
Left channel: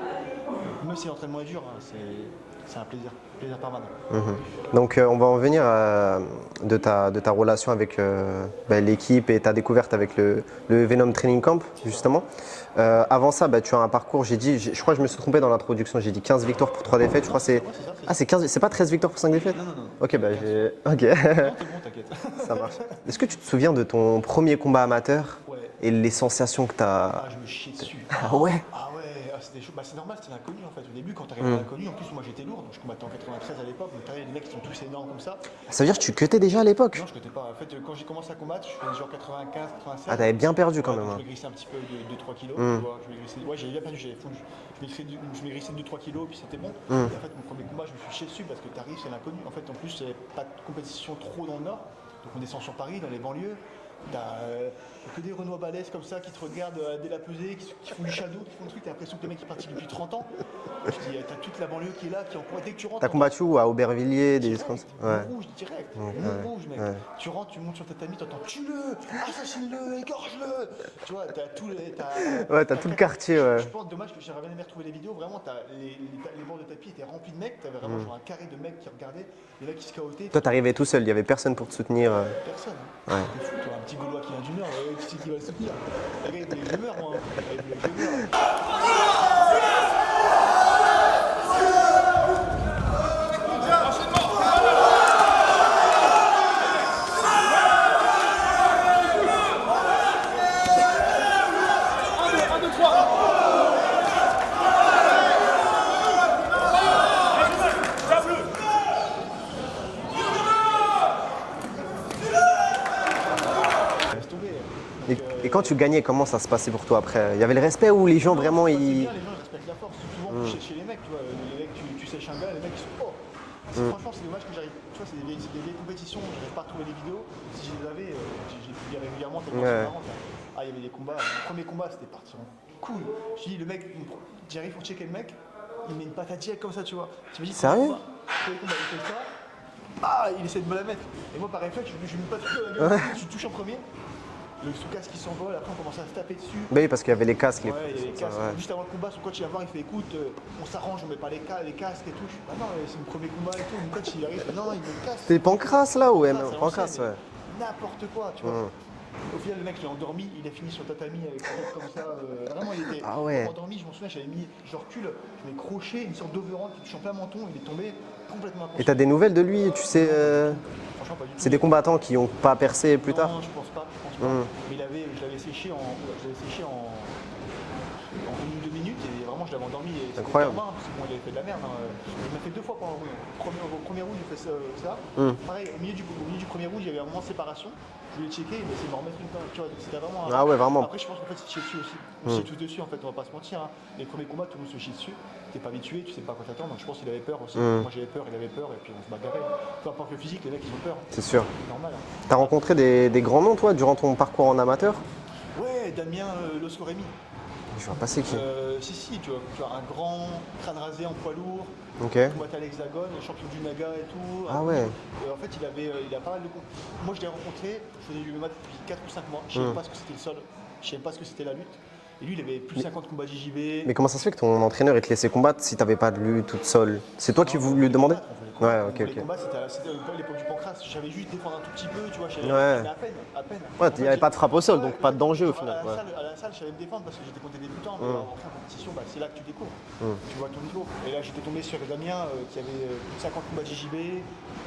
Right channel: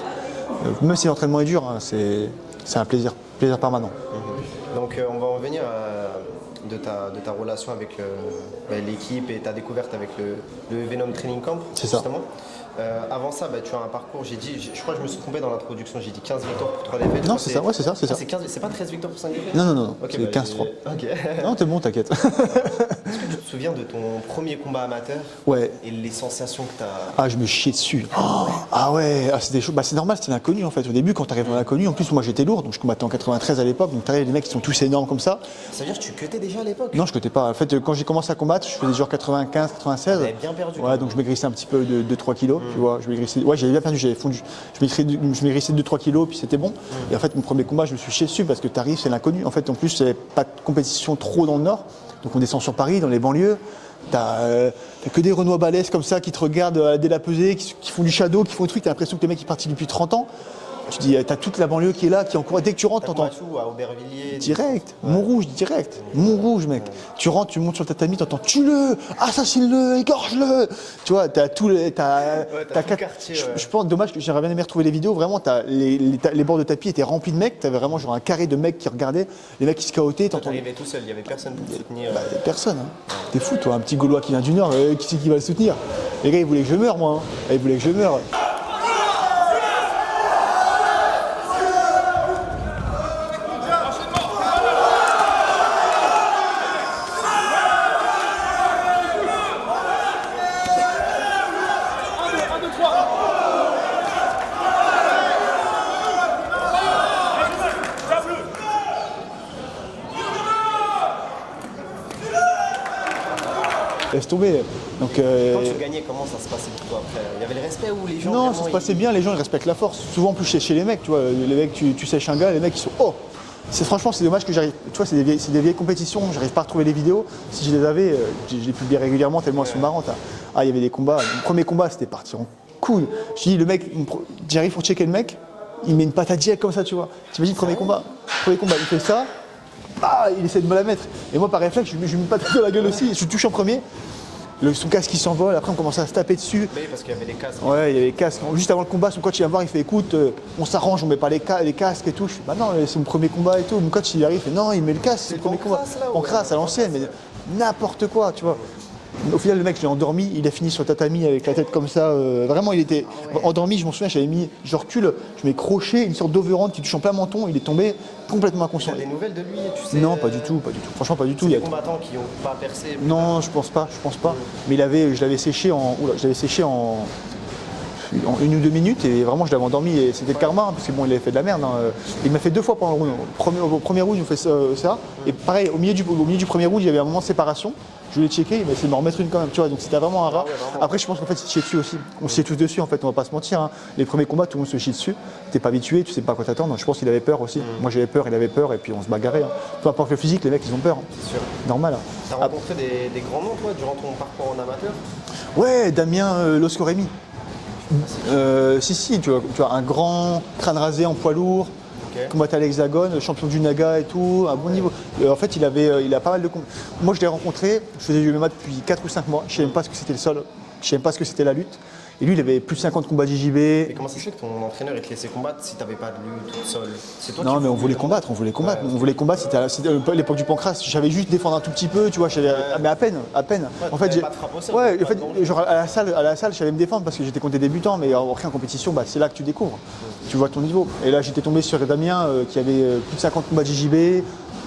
Même si l'entraînement est dur, hein, c'est un plaisir permanent. Donc on va en venir de ta relation avec l'équipe et ta découverte avec le Venom Training Camp, C'est ça. justement. Avant ça, tu as un parcours, je crois que je me suis trompé dans l'introduction, j'ai dit 15 victoires pour 3 défaites. Je Non, crois c'est que ça, ouais, c'est ça. Ah, c'est 15, c'est pas 13 victoires pour 5 défaites? Non, Ok, c'est 15-3. Ok. Non, t'es bon, t'inquiète. Est-ce que tu te souviens de ton premier combat amateur Ouais. et les sensations que tu as? Ah, je me chiais dessus. Ah ouais, c'était chaud. Bah, c'est normal, c'était l'inconnu en fait. Au début, quand t'arrives à l'inconnu, en plus, moi j'étais lourd, donc je combattais en 93 à l'époque, donc t'arrives des mecs qui sont tous énormes comme ça. Ça veut dire que tu cutais déjà à l'époque? Non, je cotais pas. En fait, quand j'ai commencé à combattre, je faisais genre 95, 96. Ah, t'avais bien perdu quand Ouais, même. donc je maigrissais un petit peu de 2-3 kilos, tu vois. Je maigrissais, ouais, j'avais bien perdu, j'avais fondu. Je maigrissais de 2-3 kilos, puis c'était bon. Et en fait, mon premier combat, je me suis chié dessus parce que t'arrives, c'est l'inconnu. En fait, en plus, il n'y avait pas de compétition trop dans le Nord. Donc on descend sur Paris, dans les banlieues. T'as que des Renois balèzes comme ça qui te regardent dès la pesée, qui font du shadow, qui font des trucs. T'as l'impression que les mecs sont partis depuis 30 ans. Je dis, t'as toute la banlieue qui est là, qui encourage. Dès que tu rentres, T'as t'entends. combattu où, à Aubervilliers? Direct, Ouais. Montrouge, direct, Montrouge, mec. Tu rentres, tu montes sur le tatami, t'entends tue-le, assassine-le, égorge-le. Tu vois, t'as tout le. Ouais, t'as tout le quartier, ouais. Je pense, dommage que j'aurais bien aimé retrouver les vidéos. Vraiment, les bords de tapis étaient remplis de mecs. T'avais vraiment genre un carré de mecs qui regardaient, les mecs qui se chaotaient. Toi, t'arrivais tout seul, il n'y avait personne pour te soutenir. Personne. Hein. T'es fou, toi, un petit Gaulois qui vient du Nord, qui c'est qui va le soutenir? Les gars, ils voulaient que je meure, moi. Hein. Ils voulaient que je meure. Laisse tomber. Donc, Et quand tu gagnais, comment ça se passait pour toi après? Il y avait le respect ou les gens non, vraiment ça se passait bien, les gens ils respectent la force. Souvent en plus chez les mecs, tu vois, les mecs, tu sèches un gars, les mecs ils sont oh. Franchement c'est dommage que j'arrive. Tu vois, c'est des vieilles compétitions, j'arrive pas à retrouver les vidéos. Si je les avais, je les publiais régulièrement tellement elles sont marrantes. Hein. Ah, il y avait des combats. Mon premier combat c'était parti en couille. Je dis le mec, j'arrive pour checker le mec, il met une patate direct comme ça, tu vois. T'imagines premier combat, il fait ça. Ah, il essaie de me la mettre. Et moi par réflexe, je lui mets une patate dans la gueule aussi, je touche en premier. Son casque qui s'envole, après on commence à se taper dessus. Oui, parce qu'il y avait les casques. Ouais, il y avait les casques. Juste avant le combat, son coach il vient voir, il fait écoute, on s'arrange, on met pas les casques et tout. Je fais, bah non, c'est mon premier combat et tout. Mon coach il arrive, il fait non, il met le casque. C'est le premier Pancras, combat. là, ouais, Pancras à l'ancienne, Pancras, mais n'importe quoi, tu vois. Au final, le mec, je l'ai endormi, il a fini sur le tatami avec la tête comme ça. Vraiment, il était endormi, je m'en souviens, j'avais mis, je recule, je mets crochet, une sorte d'overhand qui touche en plein menton, il est tombé complètement Et inconscient. t'as des nouvelles de lui, tu sais? Non, pas du tout. Franchement, pas du tout. C'est des combattants qui n'ont pas percé plus tard? Non, je pense pas. Mais je l'avais séché en 1 ou 2 minutes et vraiment je l'avais endormi et c'était Incroyable. karma hein, parce que bon il avait fait de la merde. Hein. Il m'a fait 2 fois pendant le round. Au premier round il me fait ça. Et pareil au milieu du premier round il y avait un moment de séparation. Je l'ai checké, il m'a essayé de m'en remettre une quand même, tu vois, donc c'était vraiment un rat. ouais, vraiment. Après je pense qu'en fait c'est chier dessus aussi. On se chie tous dessus en fait, on va pas se mentir. Hein. Les premiers combats tout le monde se chie dessus. T'es pas habitué, tu sais pas à quoi t'attendre. Je pense qu'il avait peur aussi. Moi j'avais peur, il avait peur et puis on se bagarrait. Hein. Peu importe le physique, les mecs ils ont peur. Hein. C'est sûr. Normal. Hein. T'as rencontré des grands noms, toi, durant ton parcours en amateur? Ouais, Damien Loscoremi. Je sais pas si. Si, tu vois, un grand crâne rasé en poids lourd, Ok. combattait à l'Hexagone, champion du Naga et tout, à bon ouais. niveau. En fait, il a pas mal de combats. Moi, je l'ai rencontré, je faisais du MMA depuis 4 ou 5 mois, je ne savais même pas ce que c'était le sol, je ne savais même pas ce que c'était la lutte. Et lui, il avait plus de 50 combats JJB. Mais comment ça se fait que ton entraîneur il te laissait combattre si t'avais pas de lutte toute seule? C'est toi Non, qui mais on voulais voulait demander? combattre, on voulait combattre. Ouais, On ok, voulait ok. combattre, c'était un peu l'époque du Pancras. J'avais juste défendre un tout petit peu, tu vois, mais à peine. Ouais, t'avais pas de frappe au sol, donc pas de danger. genre, à la salle, je savais me défendre parce que j'étais contre des débutants, mais après en compétition, bah, c'est là que tu découvres. Tu vois ton niveau. Et là, j'étais tombé sur Damien qui avait plus de 50 combats de JJB,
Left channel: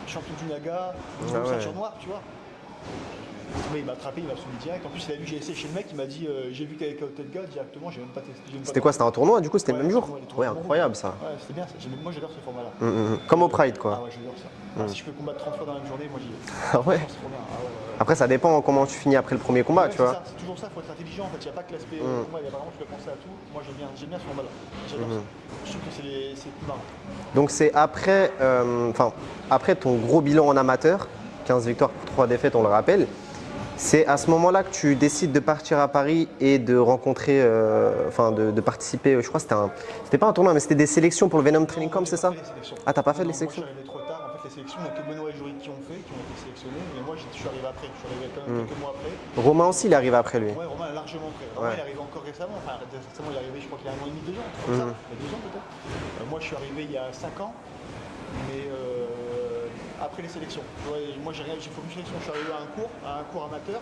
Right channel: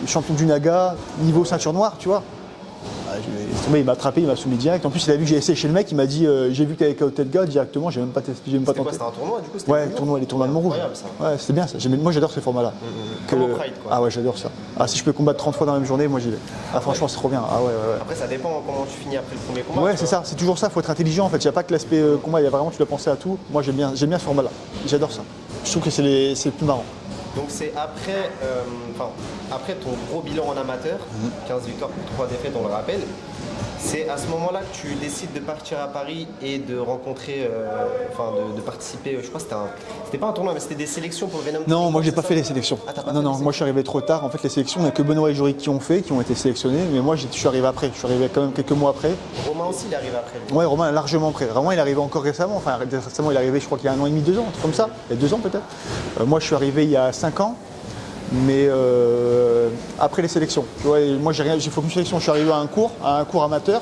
champion du Naga, niveau ceinture noire, tu vois. Ah, il m'a attrapé, il m'a soumis direct. En plus, il a vu que j'ai essayé chez le mec, il m'a dit j'ai vu que t'avais KO tête gars directement, j'ai même pas testé. C'était quoi? C'était un tournoi du coup? C'était Ouais, le même jour? les tournois de Montrouge. Incroyable ça. Ouais, c'était bien ça. Moi, j'adore ce format-là. Comme au Pride quoi. Ah ouais, j'adore ça. Ah, si je peux combattre 30 fois dans la même journée, moi j'y vais. Ah, franchement, c'est trop bien. Ah ouais, ouais. Après ça dépend comment tu finis après le premier combat. Ouais, tu c'est vois. ça, c'est toujours ça, il faut être intelligent en fait. Il n'y a pas que l'aspect combat, il y a vraiment, tu dois penser à tout. Moi j'aime bien ce format-là. J'adore ça. Je trouve que c'est le plus marrant. Donc c'est après, après ton gros bilan en amateur, 15 victoires pour 3 défaites, on le rappelle. C'est à ce moment-là que tu décides de partir à Paris et de rencontrer, de participer, je crois que c'était pas un tournoi, mais c'était des sélections pour le Venom Training Non, Camp, moi j'ai c'est pas ça fait les sélections. Ah, t'as pas fait non, les non, moi je suis sélections arrivé trop tard. En fait, les sélections, il n'y a que Benoît et Jorik qui ont été sélectionnés, mais moi je suis arrivé après. Je suis arrivé quand même quelques mois après. Romain aussi, il est arrivé après lui. Ouais, Romain est largement après. Romain, il est arrivé encore récemment. Enfin, récemment, il est arrivé, je crois qu'il y a 1 an et demi, 2 ans, un truc comme ça. Il y a 2 ans peut-être. Moi, je suis arrivé il y a 5 ans, mais après les sélections. Tu vois, et moi, j'ai fait aucune sélection. Je suis arrivé à un cours amateur.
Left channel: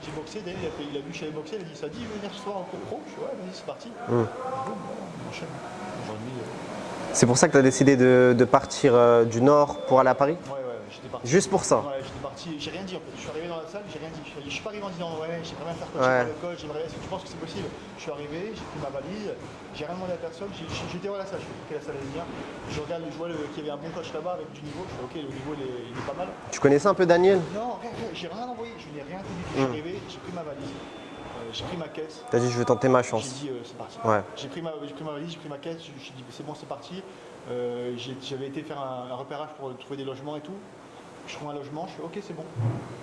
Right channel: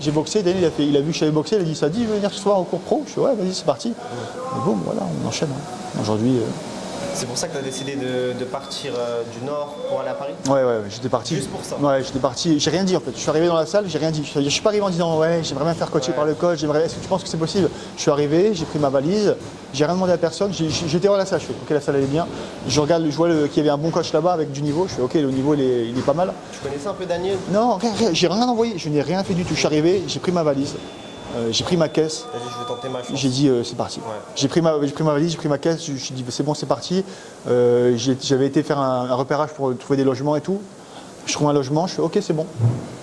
J'ai boxé. Daniel, il a vu que j'avais boxé. Il a dit ça dit, je veux venir ce soir au cours pro. Je suis ouais, vas-y, c'est parti. Et bon, voilà, on enchaîne. Aujourd'hui. C'est pour ça que tu as décidé de partir du Nord pour aller à Paris? Ouais, j'étais parti. Juste pour ça? Ouais, j'étais parti. J'ai rien dit en fait. Je suis arrivé dans la salle, j'ai rien dit. Je suis pas arrivé en disant ouais, j'aimerais bien faire coacher par le coach. Est-ce que tu penses que c'est possible? Je suis arrivé, j'ai pris ma valise, j'ai rien demandé à personne. J'étais dans la salle, je fais ok, la salle elle est bien. Je regarde, je vois qu'il y avait un bon coach là-bas avec du niveau. Je fais ok, le niveau il est pas mal. Tu connaissais un peu Daniel? Non, rien, j'ai rien envoyé. Je n'ai rien fait du tout. Je suis arrivé, j'ai pris ma valise. J'ai pris ma caisse. T'as dit je vais tenter ma chance. J'ai dit c'est parti. Ouais. J'ai pris ma valise, j'ai pris ma caisse, je me suis dit c'est bon, c'est parti. J'avais été faire un repérage pour trouver des logements et tout. Je trouve un logement, je fais ok, c'est bon.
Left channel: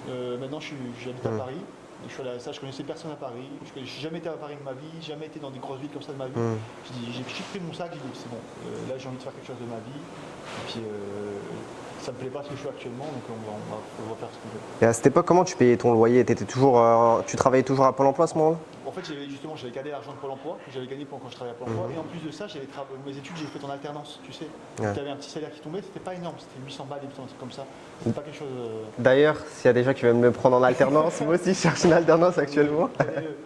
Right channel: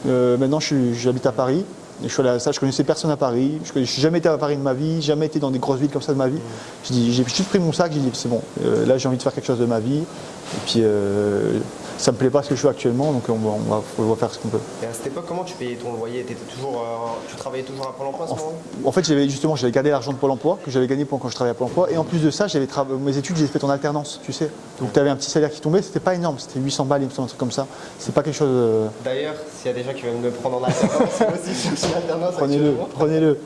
Maintenant j'habite à Paris. Et je suis allé à ça, je connaissais personne à Paris. Je n'ai jamais été à Paris de ma vie, jamais été dans des grosses villes comme ça de ma vie. J'ai juste pris mon sac, j'ai dit c'est bon, là j'ai envie de faire quelque chose de ma vie. Et puis ça me plaît pas ce que je fais actuellement, donc on va faire ce qu'on peut. Et à cette époque, comment tu payais ton loyer? Tu travaillais toujours à Pôle emploi à ce moment-là? En fait, j'avais gardé l'argent de Pôle emploi que j'avais gagné quand je travaillais à Pôle emploi. Et en plus de ça, mes études, j'ai fait en alternance, tu sais. Donc tu avais un petit salaire qui tombait, c'était pas énorme, c'était 800 balles, il me semble, un truc comme ça. C'est pas quelque chose. D'ailleurs, s'il y a des gens qui veulent me prendre en alternance, moi aussi je cherche une alternance actuellement. Prenez-le.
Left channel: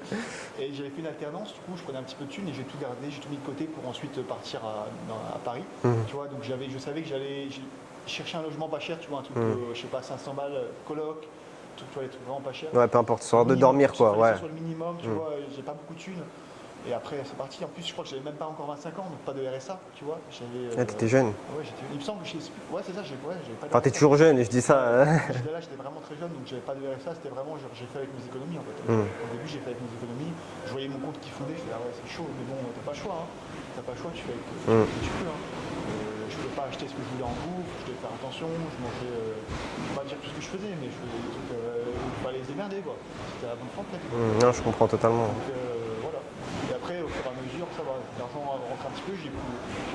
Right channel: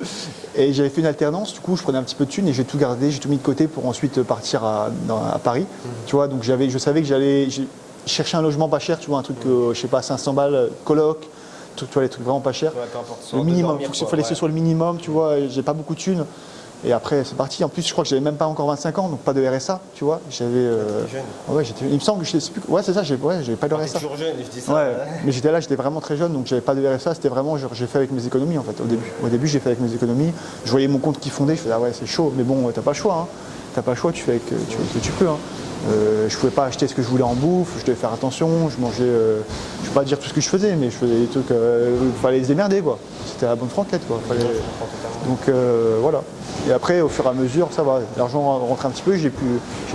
Et j'avais fait une alternance, du coup, je prenais un petit peu de thunes et j'ai tout gardé, j'ai tout mis de côté pour ensuite partir à Paris. Tu vois, donc je savais que j'allais chercher un logement pas cher, tu vois, un truc, je sais pas, 500 balles, coloc, tu vois, les trucs vraiment pas chers. Ouais, peu importe, Le de minimum, dormir il fallait que ce soit le minimum, tu vois, j'ai pas beaucoup de thunes. Et après, c'est parti. En plus, je crois que j'avais même pas encore 25 ans, donc pas de RSA, tu vois. T'étais jeune. Ouais, il me semble que je sais plus. Ouais, c'est ça, j'avais pas de Enfin, t'es RSA. toujours jeune, et je dis ça. Ouais, mais j'étais vraiment très jeune, donc j'avais pas de RSA. C'était vraiment, j'ai fait avec mes économies en fait. Au début, j'ai fait avec mes économies. Je voyais mon compte qui fondait, je faisais ah ouais, c'est chaud, mais bon, t'as pas le choix. Hein. T'as pas le choix, tu fais avec ce que tu peux. Hein. Je pouvais pas acheter ce que je voulais en bouffe, je devais faire attention, je mangeais, je peux pas dire tout ce que je faisais, mais je faisais des trucs, il fallait se démerder quoi. C'était la bonne franquette quoi. Non, je comprends totalement. Donc voilà. Et après, au fur et à mesure, ça va. L'argent rentre un petit peu, j'ai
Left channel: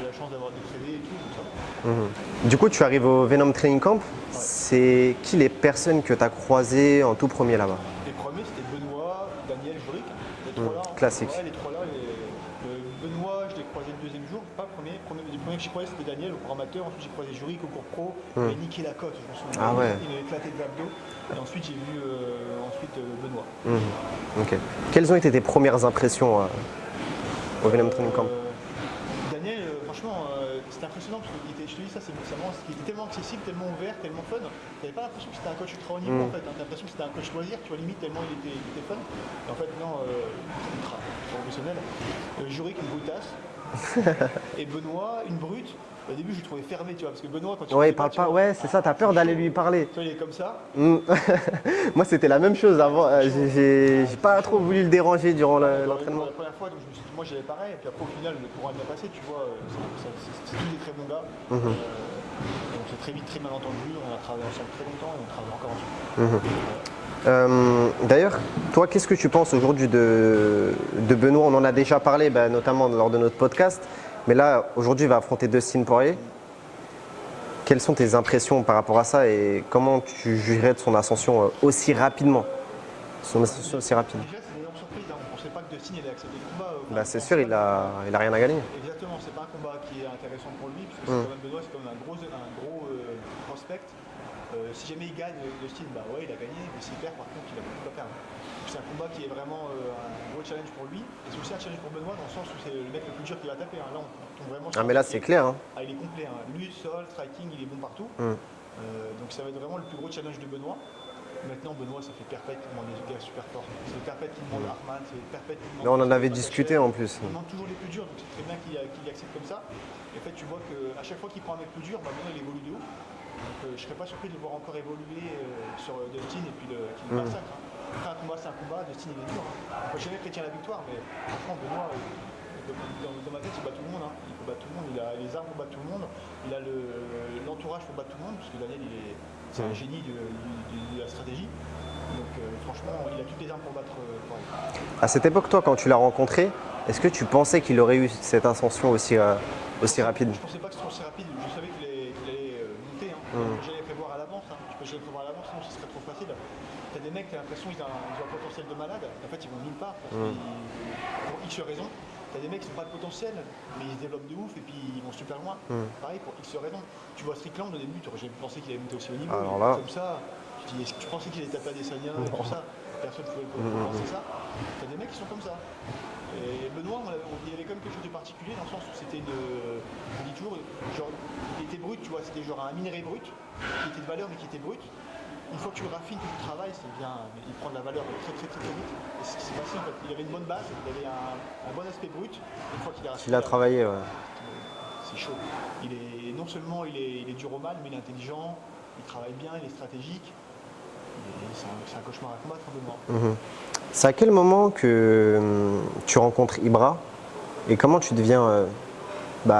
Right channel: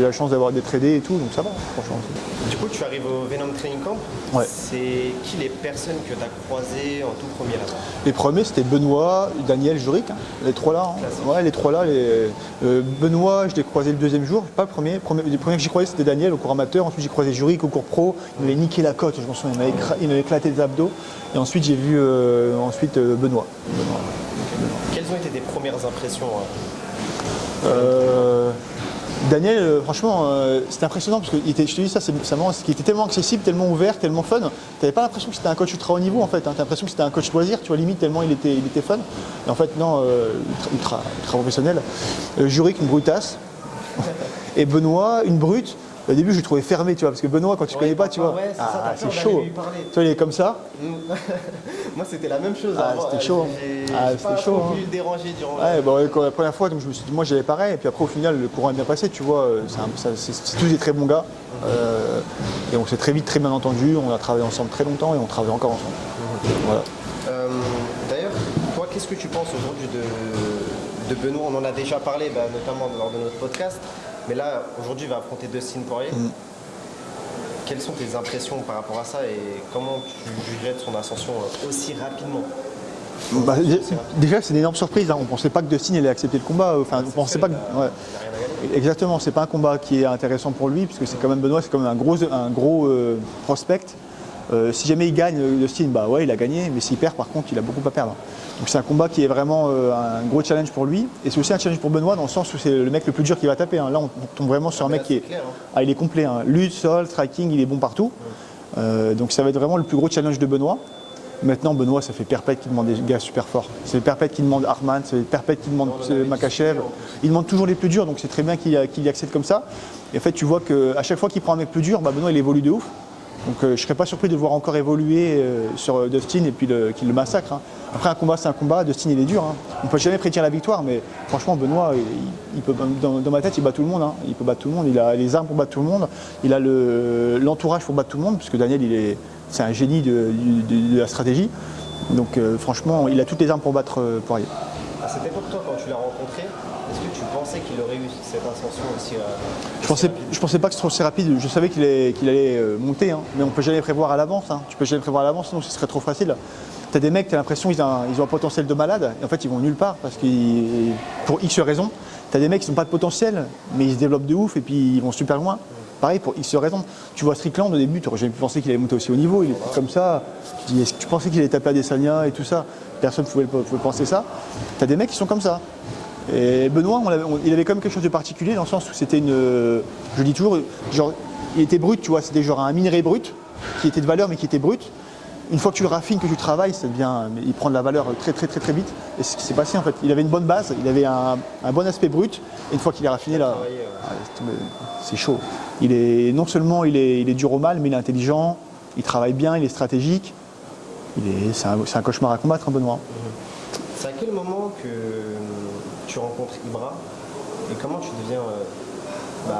la chance d'avoir des tradés et tout, donc ça va. Franchement. Du coup, tu arrives au Venom Training Camp. Ouais. C'est qui les personnes que tu as croisées en tout premier là-bas? Les premiers, c'était Benoît, Daniel, Jorik, hein, les trois là. Hein. Classique. Ouais, les trois là. Benoît, je l'ai croisé le deuxième jour, pas le premier. Les premiers que j'ai croisé, c'était Daniel au cours amateur. Ensuite, j'ai croisé Jorik au cours pro. Il m'avait niqué la côte, je m'en souviens. Il m'avait éclaté les abdos. Et ensuite, j'ai vu Benoît. Okay. Quelles ont été tes premières impressions au Venom Training Camp? Daniel, franchement, c'était impressionnant parce que je te dis ça, c'est marrant, qu'il était tellement accessible, tellement ouvert, tellement fun. Tu n'avais pas l'impression que c'était un coach ultra haut niveau en fait. Hein. Tu as l'impression que c'était un coach loisir, tu vois, limite, tellement il était fun. Et en fait, non, ultra professionnel. Jorik, une brutasse. Et Benoît, une brute. Au début, je le trouvais fermé, tu vois, parce que Benoît, quand tu connais pas, tu vois. Ouais, c'est ça, t'as peur d'aller chaud. lui parler. Tu vois, il est comme ça. Moi, c'était la même chose avant. C'était chaud. J'ai pas trop voulu le déranger durant la. La première fois, donc je me suis dit, moi j'avais pareil, et puis après au final le courant est bien passé, tu vois, c'est tous des très bons gars. Et on s'est très vite très bien entendu, on a travaillé ensemble très longtemps et on travaille encore ensemble. Voilà. D'ailleurs, toi, qu'est-ce que tu penses aujourd'hui de Benoît? On en a déjà parlé, notamment lors de notre podcast, mais là, aujourd'hui, il va affronter Dustin Poirier. Quelles sont tes impressions par rapport à ça et comment tu jugerais de son ascension aussi rapidement? Déjà, c'est une énorme surprise. Hein. On ne pensait pas que Dustin allait accepter le combat. Enfin, C'est sûr, il a rien à gagner. Exactement, c'est pas un combat qui est intéressant pour lui, parce que c'est quand même Benoît, c'est quand même un gros prospect. Si jamais il gagne, Dustin, ouais, il a gagné, mais s'il perd, par contre, il a beaucoup à perdre. Donc c'est un combat qui est vraiment un gros challenge pour lui, et c'est aussi un challenge pour Benoît dans le sens où c'est le mec le plus dur qui va taper. Hein. Là, on tombe vraiment sur un mec qui est clair. Hein. Ah, il est complet. Hein. Lutte, sol, striking, il est bon partout. Donc ça va être vraiment le plus gros challenge de Benoît. Maintenant, Benoît, ça fait Perpète qui demande des gars super forts. C'est Perpète qui demande Arman, c'est Perpète qui demande Makachev. Il demande toujours les plus durs, donc c'est très bien qu'il y accède comme ça. Et en fait, tu vois qu'à chaque fois qu'il prend un mec plus dur, Benoît, il évolue de ouf. Donc je ne serais pas surpris de le voir encore évoluer sur Dustin et puis qu'il le massacre. Hein. Après, un combat, c'est un combat. Dustin, il est dur. Hein. On ne peut jamais prédire la victoire, mais franchement, Benoît, il peut, dans ma tête, il bat tout le monde. Hein. Il peut battre tout le monde. Il a les armes pour battre tout le monde. Il a l'entourage pour battre tout le monde, puisque Daniel, c'est un génie de la stratégie. Donc franchement, il a toutes les armes pour battre Poirier. À cette époque, toi, quand tu l'as rencontré, est-ce que tu pensais qu'il aurait eu cette ascension aussi rapide? Je pensais pas que ce serait aussi rapide. Je savais qu'il allait monter, hein. Mais on peut jamais prévoir à l'avance. Hein. Tu peux jamais prévoir à l'avance, sinon ce serait trop facile. T'as des mecs, t'as l'impression qu'ils ont un potentiel de malade, et en fait ils vont nulle part parce que pour X raisons. T'as des mecs qui n'ont pas de potentiel, mais ils se développent de ouf et puis ils vont super loin. Pareil pour X raisons. Tu vois Strickland au début, tu n'aurais jamais pensé qu'il allait monter aussi haut niveau. Il est comme ça. Tu dis, est-ce que tu pensais qu'il allait taper à Adesanya et tout ça? Personne ne pouvait penser ça. T'as des mecs qui sont comme ça. Et Benoît, il avait quand même quelque chose de particulier dans le sens où c'était je dis toujours, genre, il était brut, tu vois, c'était genre un minerai brut qui était de valeur mais qui était brut. Une fois que tu le raffines, que tu travailles, il prend de la valeur très très très très vite. Et c'est ce qui s'est passé en fait. Il avait une bonne base, il avait un bon aspect brut. Et une fois qu'il est raffiné, là, c'est chaud. Non seulement il est dur au mal, mais il est intelligent, il travaille bien, il est stratégique. C'est un cauchemar à combattre, hein, Benoît. C'est à quel moment que tu rencontres Ibra et comment tu deviens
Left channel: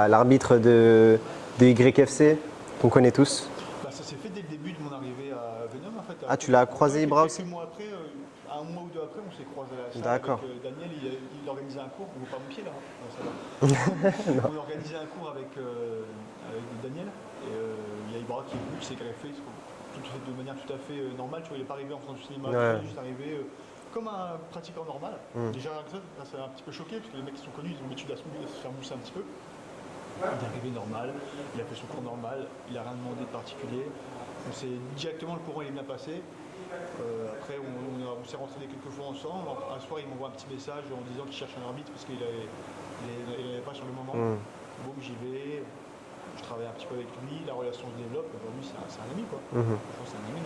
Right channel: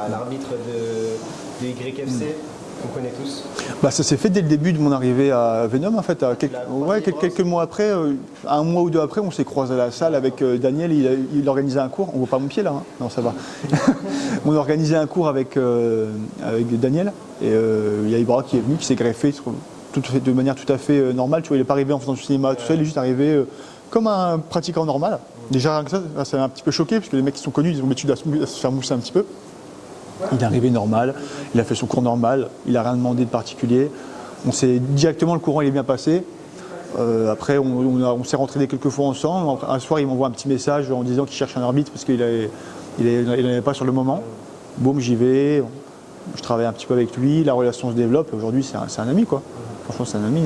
l'arbitre de YFC qu'on connaît tous? Ça s'est fait dès le début de mon arrivée à Venom en fait. Tu l'as croisé, Ibra, quelques mois après, un mois ou deux après, on s'est croisé à la salle avec Daniel. Il organisait un cours. On voit pas mon pied là, hein? Non, ça va. On organisait un cours avec Daniel et il y a Ibra qui est venu, qui s'est greffé de manière tout à fait normale. Tu vois, il n'est pas arrivé en faisant du cinéma tout seul, il est juste arrivé comme un pratiquant normal. Déjà, ça m'a un petit peu choqué parce que les mecs qui sont connus, ils ont l'habitude à se faire mousser un petit peu. Il est arrivé normal, il a fait son cours normal, il n'a rien demandé de particulier. On s'est directement, le courant il est bien passé. Après, on s'est rentraîné quelques fois ensemble. Un soir, il m'envoie un petit message en disant qu'il cherche un arbitre parce qu'il n'en avait pas sur le moment. Boum, j'y vais. Je travaille un petit peu avec lui, la relation se développe. Aujourd'hui, c'est un ami, quoi. Franchement, c'est un ami.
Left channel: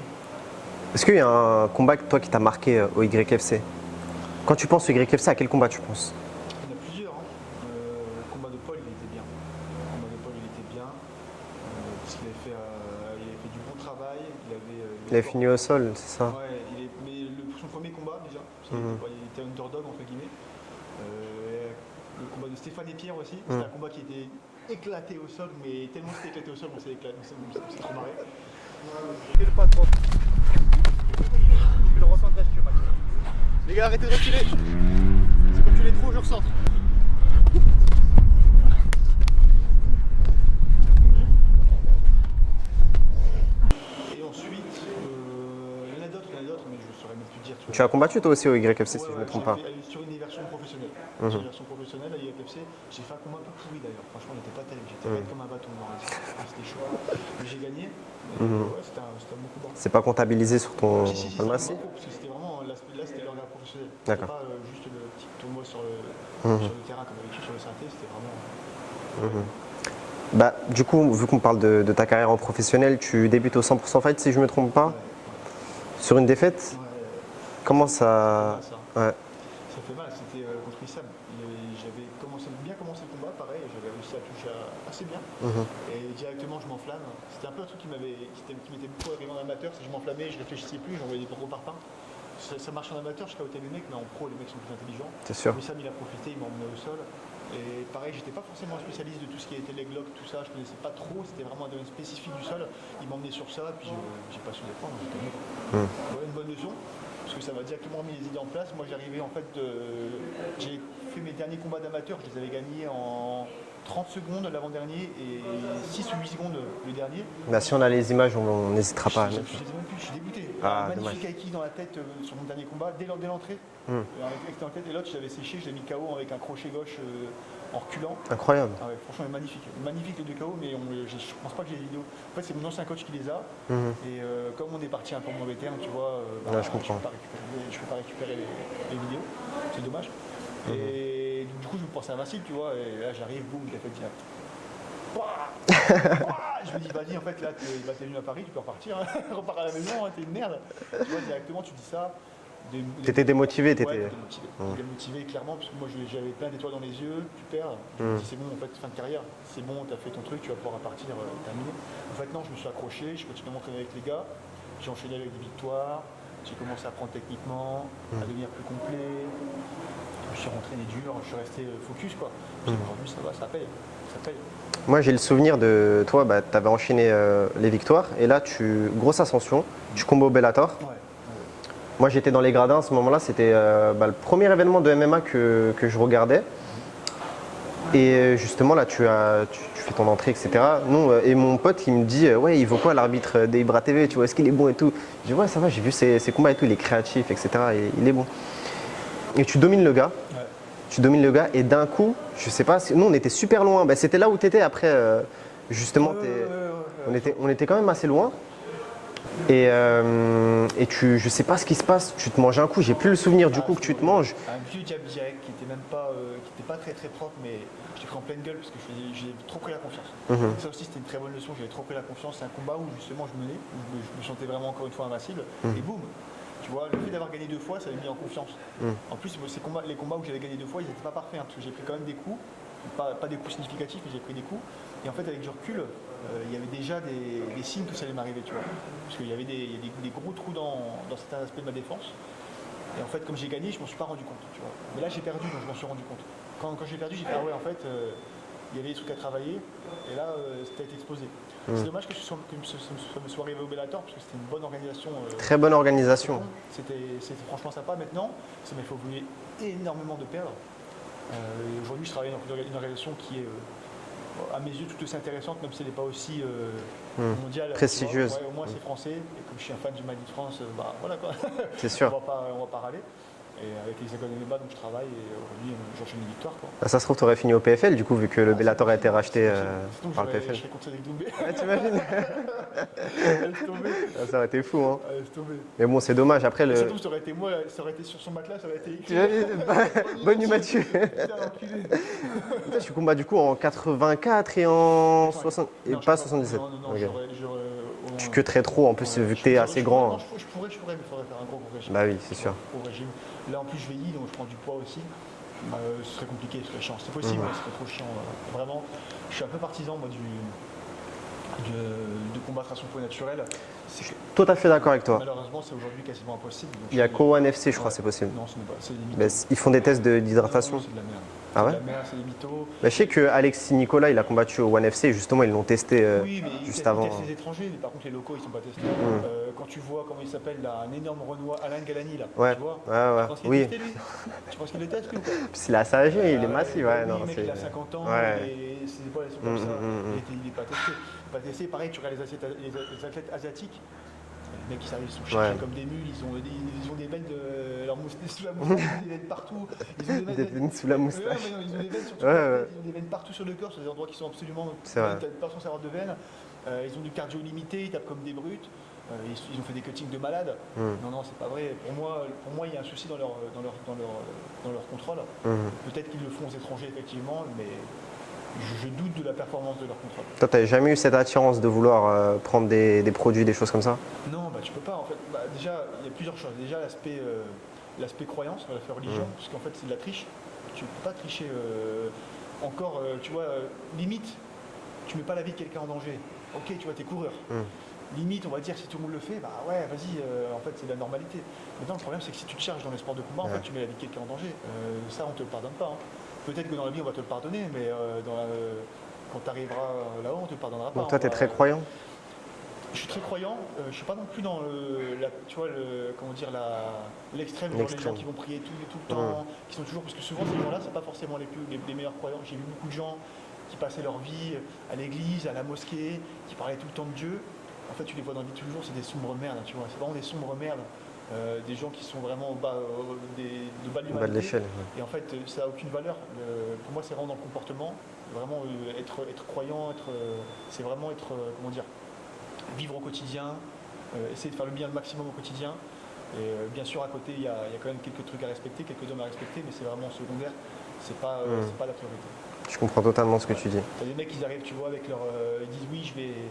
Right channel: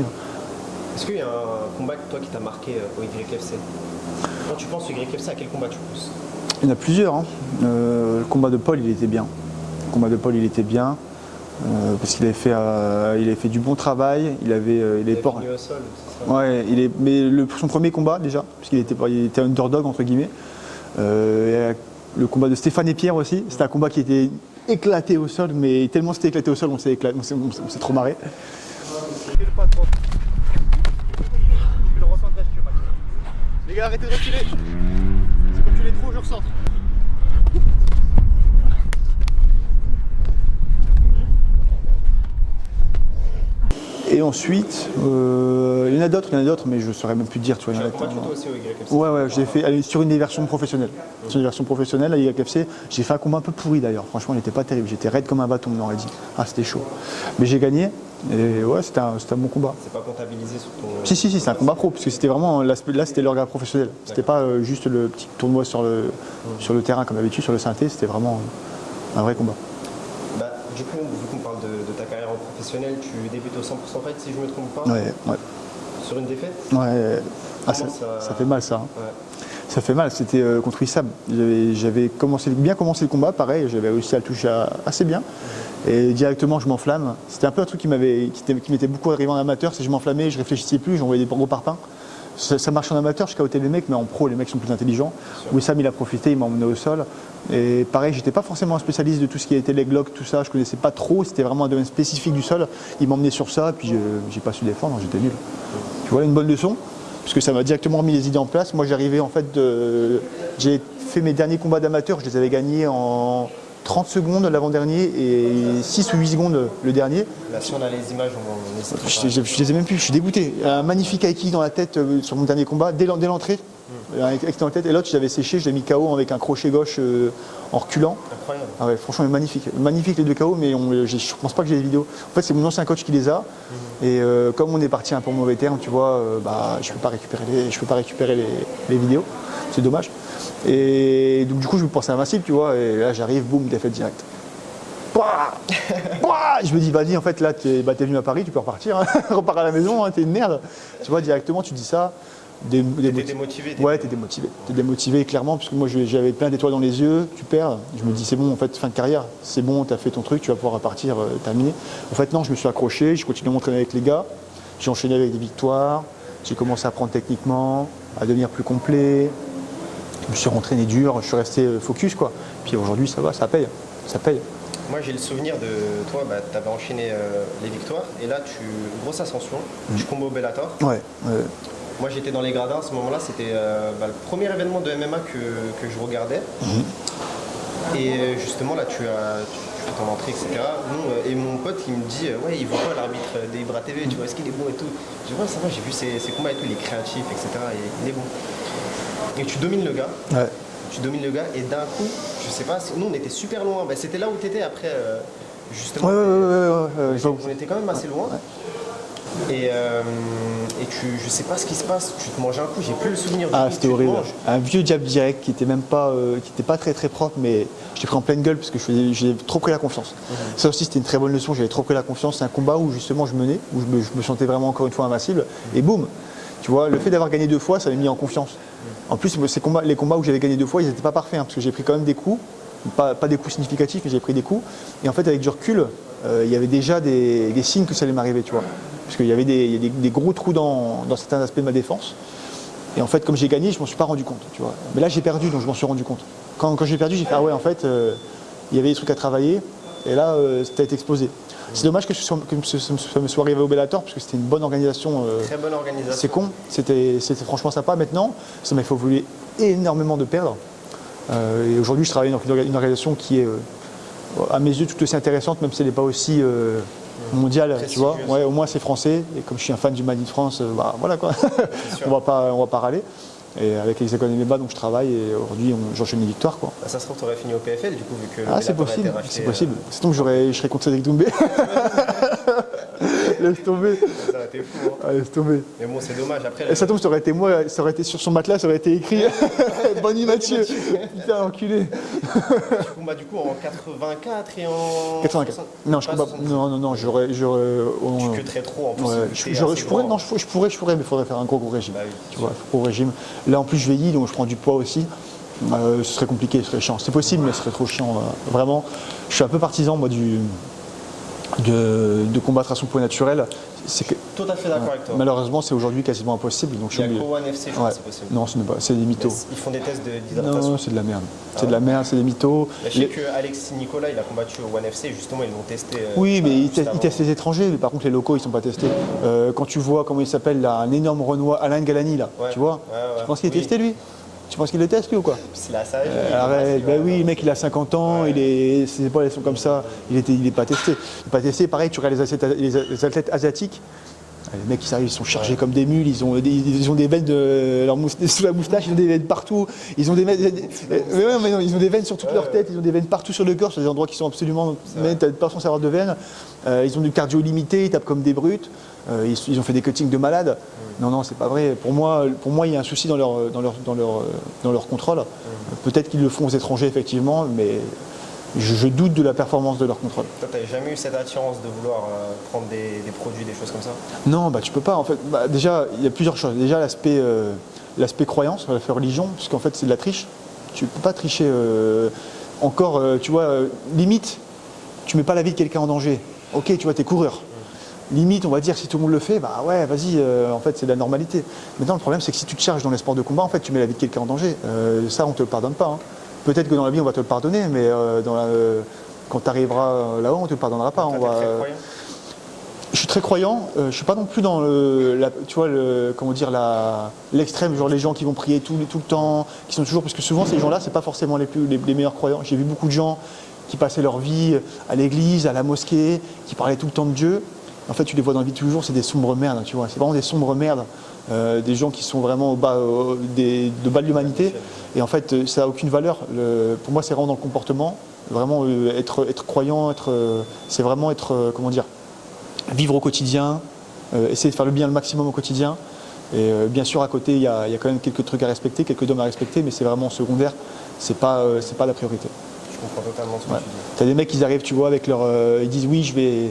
Est-ce qu'il y a un combat toi qui t'a marqué au YFC? Quand tu penses au YFC, à quel combat tu penses? Il y en a plusieurs. Hein. Le combat de Paul, il était bien. Parce qu'il avait fait du bon travail. Il avait fini au sol, c'est ça? Ouais, mais son premier combat déjà, parce qu'il était underdog entre guillemets. Le combat de Stéphane et Pierre aussi, c'était un combat qui était éclaté au sol, mais tellement c'était éclaté au sol, on s'est trop marré. Les gars, arrêtez de reculer. Si vous reculez trop, je recentre. Et ensuite, il y en a d'autres, mais je ne saurais même plus dire. Tu as combattu toi aussi au YFC? Ouais, j'ai fait sur une version professionnelle. Sur une version professionnelle à YFC, j'ai fait un combat un peu pourri d'ailleurs. Franchement, il n'était pas terrible. J'étais raide comme un bâton, on aurait dit. Ah, c'était chaud. Mais j'ai gagné. Et ouais, c'était un bon combat. C'est pas comptabilisé sur ton. Si, c'est un combat pro, parce que c'était vraiment. Là, c'était l'organe professionnel. C'était pas juste le petit tournoi sur le terrain comme d'habitude, sur le synthé. C'était vraiment un vrai combat. Du coup, vu qu'on parle de ta carrière en professionnel, tu débutes au 100% fight si je ne me trompe pas? Ouais. Sur une défaite? Ouais. Comment ça. Ça fait mal ça. Hein. Ouais. Ça fait mal, c'était contre Issam. J'avais bien commencé le combat, pareil, j'avais réussi à le toucher assez bien. Et directement, je m'enflamme. C'était un peu un truc qui m'était beaucoup arrivé en amateur, c'est que je m'enflammais, je réfléchissais plus, j'envoyais des gros parpaings. Ça marche en amateur, je scouttais les mecs, mais en pro, les mecs sont plus intelligents. Wissam, il a profité, il m'a emmené au sol. Et pareil, j'étais pas forcément un spécialiste de tout ce qui était leg lock, tout ça, je connaissais pas trop, c'était vraiment un domaine spécifique du sol. Il m'a emmené sur ça, puis j'ai pas su défendre, j'étais nul. Tu vois, une bonne leçon, parce que ça m'a directement remis les idées en place. Moi, j'arrivais en fait j'ai fait mes derniers combats d'amateur, je les avais gagnés en 30 secondes l'avant-dernier et 6 ou 8 secondes le dernier. Là, si on a les images, on n'hésitera pas. Je les ai même plus, je suis dégoûté. Un magnifique high kick dans la tête sur mon dernier combat, dès l'entrée, avec dans la tête. Et l'autre, je l'avais séché, je l'ai mis KO avec un crochet gauche en reculant. Incroyable. Ah ouais, franchement, magnifique. Magnifique les deux KO, mais je pense pas que j'ai les vidéos. En fait, c'est mon ancien coach qui les a. Et comme on est parti un peu en mauvais terme, tu vois, je peux pas récupérer les vidéos. C'est dommage. Et donc du coup je me pensais invincible, tu vois, et là j'arrive, boum, défaite directe. Je me dis vas-y, en fait là t'es venu à Paris, tu peux repartir, hein. Repars à la maison, hein, t'es une merde. Tu vois, directement tu dis ça. T'étais démotivé? Ouais, t'es démotivé. T'es démotivé clairement, parce que moi j'avais plein d'étoiles dans les yeux, tu perds. Je me dis c'est bon, en fait, fin de carrière, c'est bon, t'as fait ton truc, tu vas pouvoir repartir, terminer. En fait non, je me suis accroché, j'ai continué à m'entraîner avec les gars, j'ai enchaîné avec des victoires, j'ai commencé à apprendre techniquement, à devenir plus complet. Je me suis rentraîné dur, je suis resté focus quoi. Puis aujourd'hui ça va, ça paye. Moi j'ai le souvenir de toi, tu avais enchaîné les victoires et là grosse ascension, tu combats au Bellator. Ouais. Moi j'étais dans les gradins à ce moment-là, c'était le premier événement de MMA que je regardais. Et justement là tu fais ton entrée, etc. Nous, et mon pote il me dit ouais il vaut quoi l'arbitre des Ibra TV, tu vois, est-ce qu'il est bon et tout. Je dis ouais ça va, j'ai vu ses combats et tout, il est créatif, etc. Il est bon. Et tu domines le gars. Ouais. Tu domines le gars et d'un coup, je sais pas, nous on était super loin. Bah, c'était là où tu étais après, justement. On était quand même assez loin. Et je sais pas ce qui se passe, tu te manges un coup, j'ai plus le souvenir du coup que c'était tu te horrible. manges. Un vieux jab direct qui était même pas, qui était pas très très propre, mais je l'ai pris en pleine gueule parce que j'ai trop pris la confiance. Ça aussi c'était une très bonne leçon, j'avais trop pris la confiance. C'est un combat où justement je menais, où je me sentais vraiment encore une fois invincible. Et boum, tu vois, le fait d'avoir gagné 2 fois, ça m'a mis en confiance. En plus, les combats où j'avais gagné 2 fois, ils n'étaient pas parfaits, parce que j'ai pris quand même des coups, pas des coups significatifs, mais j'ai pris des coups. Et en fait, avec du recul, il y avait déjà des signes que ça allait m'arriver, tu vois. Parce qu'il y avait des gros trous dans certains aspects de ma défense. Et en fait, comme j'ai gagné, je m'en suis pas rendu compte, tu vois. Mais là, j'ai perdu, donc je m'en suis rendu compte. Quand j'ai perdu, j'ai fait ah ouais, en fait, il y avait des trucs à travailler. Et là, ça a été explosé. C'est dommage que ça me soit arrivé au Bellator, parce que c'était une bonne organisation. Très bonne organisation. C'est con, c'était franchement sympa. Maintenant, ça m'a fait évoluer énormément de perdre. Et aujourd'hui, je travaille dans une organisation qui est, à mes yeux, tout aussi intéressante, même si elle n'est pas aussi mondiale. Tu vois. Ouais, au moins, c'est français. Et comme je suis un fan du Made in France, voilà quoi. Sûr. on va pas râler. Et avec les écoles MMA, donc je travaille et aujourd'hui j'enchaîne les victoires. Quoi. Ça se trouve, tu aurais fini au PFL du coup, vu que le Bellator a été racheté. C'est possible. Sinon, je serais contre Cédric Doumbé. Laisse tomber. Ça aurait été fou. Hein. Ah, laisse tomber. Mais bon, c'est dommage. Après, Ça tombe, ça aurait été moi, ça aurait été sur son matelas, ça aurait été écrit. Bonnie Mathieu. Putain, enculé. Tu combats du coup en 84 et en 84. 60. Non, pas je combats, 77. non, j'aurais. Tu que très trop en plus, Ouais, vu que t'es assez pourrais, grand. non, je pourrais, mais il faudrait faire un gros régime. Bah oui, c'est Tu vois, sûr. gros régime. Là, en plus, je vieillis, donc je prends du poids aussi. Ce serait compliqué, ce serait chiant. C'est possible, mais ce serait trop chiant. Vraiment, je suis un peu partisan, moi, de combattre à son poids naturel. Tout à fait d'accord avec toi. Malheureusement, c'est aujourd'hui quasiment impossible. Donc Il n'y a qu'au One FC, je crois Ouais. que c'est possible. Non, c'est des mythos. Ils font des tests d'hydratation. Non, c'est de la merde. Ah C'est de ouais la merde, c'est des mythos. Bah, je sais que Alexis Nicolas, il a combattu au One FC et justement, ils l'ont testé. Oui, mais ils juste avant. testent les étrangers, mais par contre les locaux ils sont pas testés. Quand tu vois comment il s'appelle là, un énorme Renoir, Alain Galani là, Ouais. tu vois, Ouais. tu penses qu'il est Oui. testé lui? Tu penses qu'il le teste lui ou quoi? C'est la sage, il est Arrête, massif, bah ouais, oui, non, le mec c'est- il a 50 ans, Ouais. ses épaules elles sont comme ça, il est pas testé. Il est pas testé, pareil tu regardes les athlètes asiatiques. Les mecs, ils sont chargés Ouais. comme des mules, ils ont des veines sous la moustache, ils ont des veines partout. Ils ont des veines, Sous la moustache. mais non, ils ont des veines sur toute Ouais, leur ouais. tête, ils ont des veines partout sur le corps, sur des endroits qui sont absolument. C'est vrai. T'as pas censé avoir de veines. Ils ont du cardio limité, ils tapent comme des brutes. Ils ont fait des cuttings de malades. Non, c'est pas vrai. Pour moi, il y a un souci dans leur contrôle. Peut-être qu'ils le font aux étrangers, effectivement, mais je doute de la performance de leur contrôle. Toi, t'as jamais eu cette attirance de vouloir prendre des produits, des choses comme ça? Non, tu peux pas. En fait, déjà, il y a plusieurs choses. Déjà, l'aspect croyance, l'aspect religion, puisqu'en fait, c'est de la triche. Tu peux pas tricher. Encore, tu vois, limite, tu mets pas la vie de quelqu'un en danger. Ok, tu vois, t'es coureur. Limite, on va dire, si tout le monde le fait, bah ouais, vas-y, en fait, c'est de la normalité. Maintenant, le problème, c'est que si tu te charges dans les sports de combat, en fait, tu mets la vie de quelqu'un en danger. Ça, on te le pardonne pas. Hein. Peut-être que dans la vie, on va te le pardonner, mais quand tu arriveras là-haut, on te le pardonnera pas. Toi, On t'es va- très croyant? Je suis très croyant. Je suis pas non plus dans l'extrême, genre les gens qui vont prier tout le temps, qui sont toujours, parce que souvent ces gens-là, c'est pas forcément les meilleurs croyants. J'ai vu beaucoup de gens qui passaient leur vie à l'église, à la mosquée, qui parlaient tout le temps de Dieu. En fait, tu les vois dans la vie de tous les jours, c'est des sombres merdes, tu vois. C'est vraiment des sombres merdes. Des gens qui sont vraiment au bas, de bas de l'humanité. l'échelle. Et en fait, ça n'a aucune valeur. Pour moi, c'est vraiment dans le comportement. Vraiment, être croyant, c'est vraiment être, comment dire, vivre au quotidien, essayer de faire le bien le maximum au quotidien. Et bien sûr, à côté, il y a quand même quelques trucs à respecter, quelques dogmes à respecter, mais c'est vraiment secondaire. C'est pas la priorité. Je comprends totalement ce que Ouais. tu dis. T'as des mecs qui arrivent, tu vois, avec leur, ils disent oui, je vais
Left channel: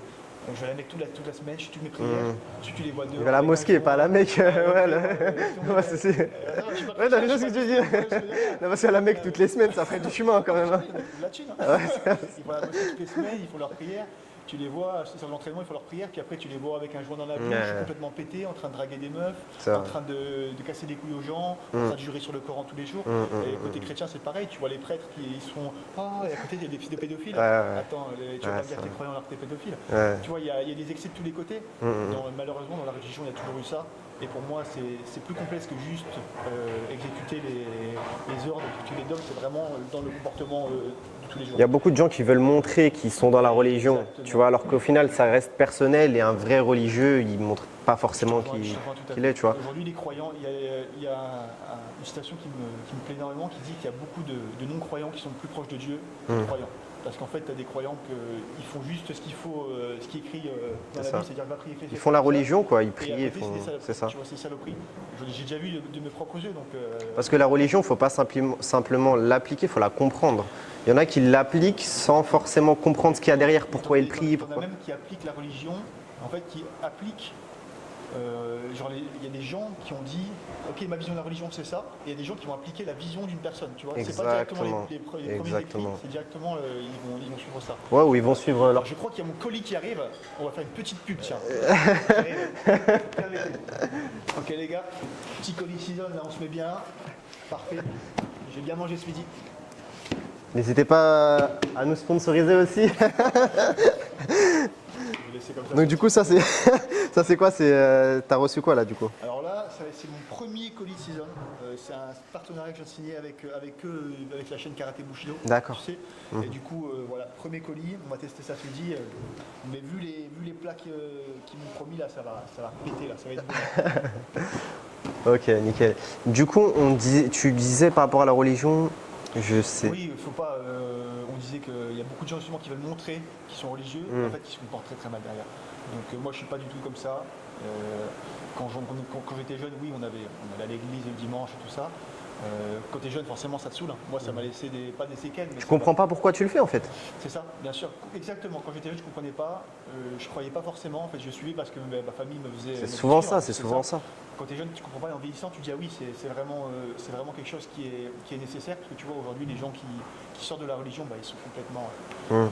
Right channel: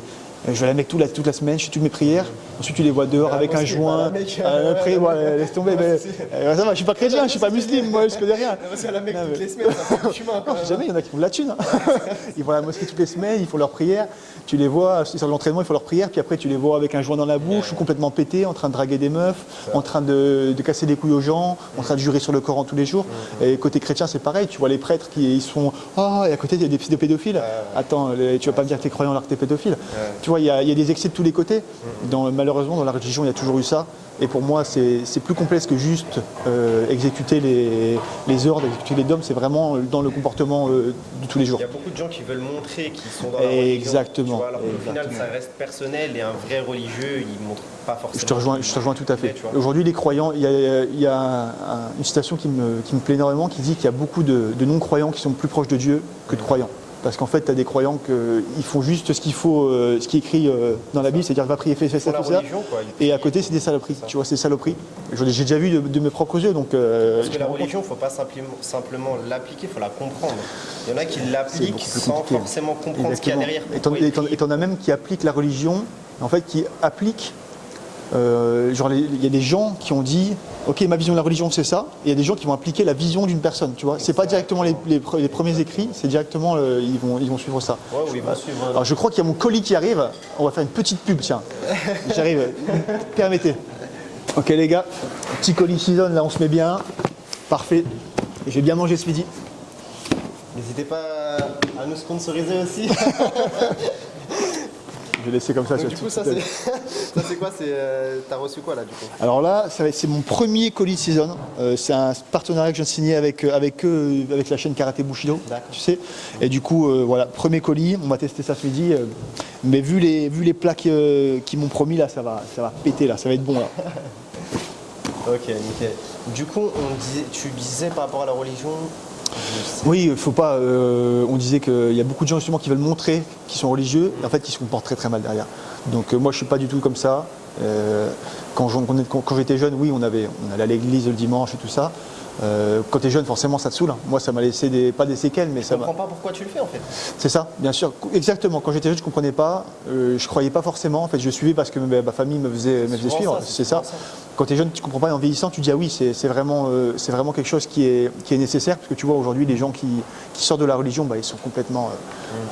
à la Mecque toute la semaine, je fais toutes mes prières. Ensuite, tu les vois dehors À la avec un mosquée, joint. pas à la Mecque. Après, ouais, laisse tomber. Ouais, mais- c'est- ça va, je suis pas chrétien, je suis pas musulman, moi, je connais rien. C'est à la Mecque toutes les semaines, ça fait du chemin quand même. Jamais, il y en a qui font de la thune. Ils vont à la mosquée toutes les semaines, ils font leurs prières. Tu les vois, sur l'entraînement, ils font leurs prières, puis après tu les vois avec un joint dans la bouche, complètement pété, en train de draguer des meufs, en train de casser les couilles aux gens, en train de jurer sur le Coran tous les jours. Et côté chrétien, c'est pareil, tu vois les prêtres qui ils sont et à côté il y a des pédophiles. Attends, tu vas pas me dire que t'es croyant alors que t'es pédophile. Tu vois, il y a des excès de tous les côtés. Malheureusement, dans la religion, il y a toujours eu ça. Et pour moi, c'est plus complexe que juste exécuter les ordres, exécuter les dogmes. C'est vraiment dans le comportement de tous les jours. Il y a beaucoup de gens qui veulent montrer qu'ils sont dans la religion. Exactement. Tu vois, alors qu'au final, ça reste personnel et un vrai religieux, il ne montre pas forcément. Je te rejoins tout à fait. Tu vois. Aujourd'hui, les croyants, il y a une citation qui me plaît énormément qui dit qu'il y a beaucoup de non-croyants qui sont plus proches de Dieu que de croyants. Parce qu'en fait, tu as des croyants qui font juste ce qu'il faut, ce qui est écrit dans la Bible, c'est-à-dire va prier, fais ça, Ils font la religion, quoi. Et à côté, c'est des saloperies. Tu vois, c'est des saloperies. J'ai déjà vu de mes propres yeux. Donc, parce que la religion, il ne faut pas simplement l'appliquer, il faut la comprendre. Il y en a qui l'appliquent sans forcément comprendre ce qu'il y a derrière. Et t'en as même qui appliquent la religion, en fait, qui appliquent. Il y a des gens qui ont dit ok, ma vision de la religion c'est ça, et il y a des gens qui vont appliquer la vision d'une personne, tu vois. C'est pas directement les premiers écrits, c'est directement ils vont suivre ça. Ouais, ou ils vont suivre. Alors je crois qu'il y a mon colis qui arrive, on va faire une petite pub, tiens. J'arrive, permettez. Ok les gars, petit colis season, là on se met bien, parfait. Et j'ai bien mangé ce midi. N'hésitez pas à nous sponsoriser aussi. Je vais laisser comme ça. Donc du coup, ça c'est quoi? T'as reçu quoi là du coup? Alors là, c'est mon premier colis season. C'est un partenariat que j'ai signé avec la chaîne Karaté Bushido. D'accord. Tu sais. Et du coup, voilà, premier colis. On va tester ça ce midi. Mais vu les plats qu'ils m'ont promis là, ça va péter là, ça va être bon. Là. Ok, nickel. Du coup, tu disais par rapport à la religion. Je sais. Oui, il faut pas. On disait qu'il y a beaucoup de gens justement qui veulent montrer qu'ils sont religieux, mais en fait, ils se comportent très très mal derrière. Donc moi, je suis pas du tout comme ça. Quand j'étais jeune, oui, on allait à l'église le dimanche et tout ça. Quand tu es jeune, forcément, ça te saule. Moi, ça m'a laissé pas des séquelles, mais je comprends pas pourquoi tu le fais en fait. C'est ça, bien sûr. Exactement. Quand j'étais jeune, je comprenais pas. Je croyais pas forcément. En fait, je suivais parce que ma famille me faisait suivre. C'est ça. Quand tu es jeune, tu comprends pas. Et en vieillissant, tu dis ah oui, c'est vraiment quelque chose qui est nécessaire. Parce que tu vois aujourd'hui, les gens qui sortent de la religion, ils sont complètement.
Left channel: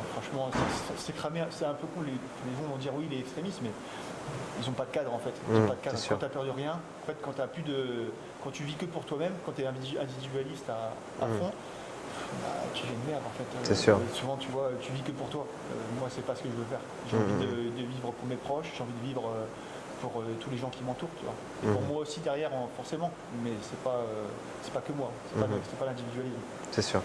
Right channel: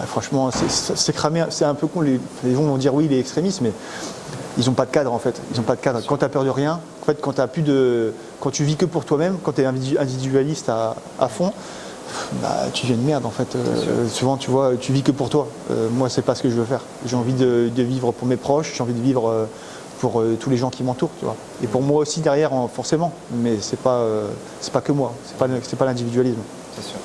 Franchement, c'est cramé. C'est un peu con. Les gens vont dire oui, il est extrémiste, mais ils n'ont pas de cadre en fait. Ils ont pas de cadre. Quand tu as peur de rien, en fait, quand tu vis que pour toi-même, quand tu es individualiste à fond, tu viens de merde en fait. Souvent, tu vois, tu vis que pour toi. Moi, c'est pas ce que je veux faire. J'ai envie de vivre pour mes proches. J'ai envie de vivre pour tous les gens qui m'entourent, tu vois. Et pour moi aussi derrière, forcément. Mais c'est pas que moi. C'est pas l'individualisme. C'est sûr.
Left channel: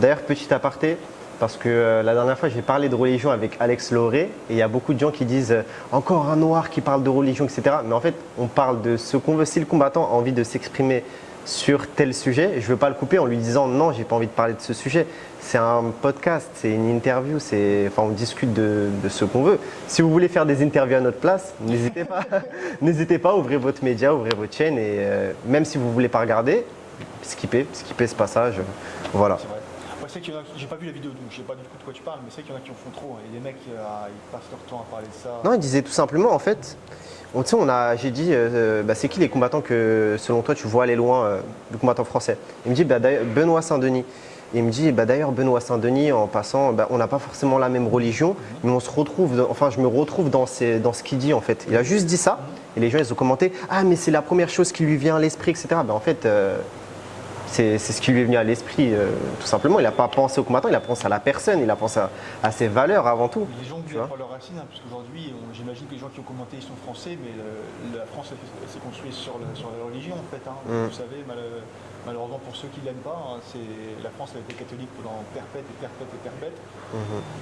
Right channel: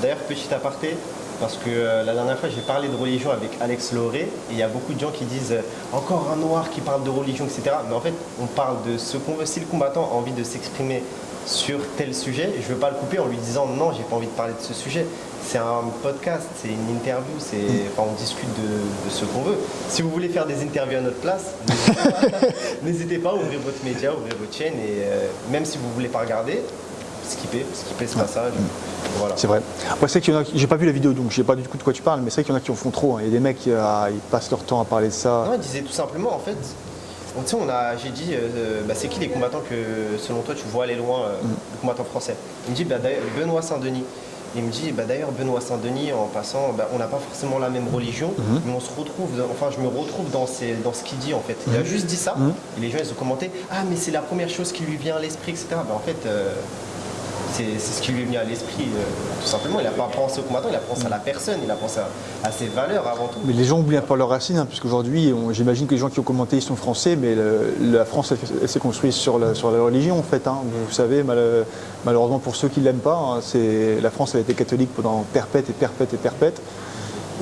D'ailleurs, petit aparté. Parce que la dernière fois, j'ai parlé de religion avec Alex Lauré et il y a beaucoup de gens qui disent encore un noir qui parle de religion, etc. Mais en fait, on parle de ce qu'on veut. Si le combattant a envie de s'exprimer sur tel sujet, je ne veux pas le couper en lui disant non, j'ai pas envie de parler de ce sujet. C'est un podcast, c'est une interview, on discute de ce qu'on veut. Si vous voulez faire des interviews à notre place, n'hésitez pas, ouvrez votre média, ouvrez votre chaîne et même si vous ne voulez pas regarder, skippez ce passage. Voilà. C'est vrai. Moi, c'est qu'il y en a, j'ai pas vu la vidéo, donc je sais pas du tout de quoi tu parles, mais c'est vrai qu'il y en a qui en font trop. Il y a des mecs qui ils passent leur temps à parler de ça. Non, il disait tout simplement, en fait, j'ai dit, c'est qui les combattants que, selon toi, tu vois aller loin, les combattants français? Il me dit, Benoît Saint-Denis. Et il me dit, d'ailleurs, Benoît Saint-Denis, en passant, on n'a pas forcément la même religion, mais on se retrouve, je me retrouve dans ce qu'il dit, en fait. Il a juste dit ça, et les gens, ils ont commenté, ah, mais c'est la première chose qui lui vient à l'esprit, etc. En fait, c'est ce qui lui est venu à l'esprit, tout simplement. Il n'a pas pensé au combattant, il a pensé à la personne, il a pensé à ses valeurs avant tout. Mais les gens oublient un peu leurs racines, puisqu'aujourd'hui, j'imagine que les gens qui ont commenté, ils sont français, mais la France, elle s'est construite sur la religion, en fait. Vous savez, malheureusement, pour ceux qui ne l'aiment pas, la France a été catholique pendant perpète et perpète et perpète.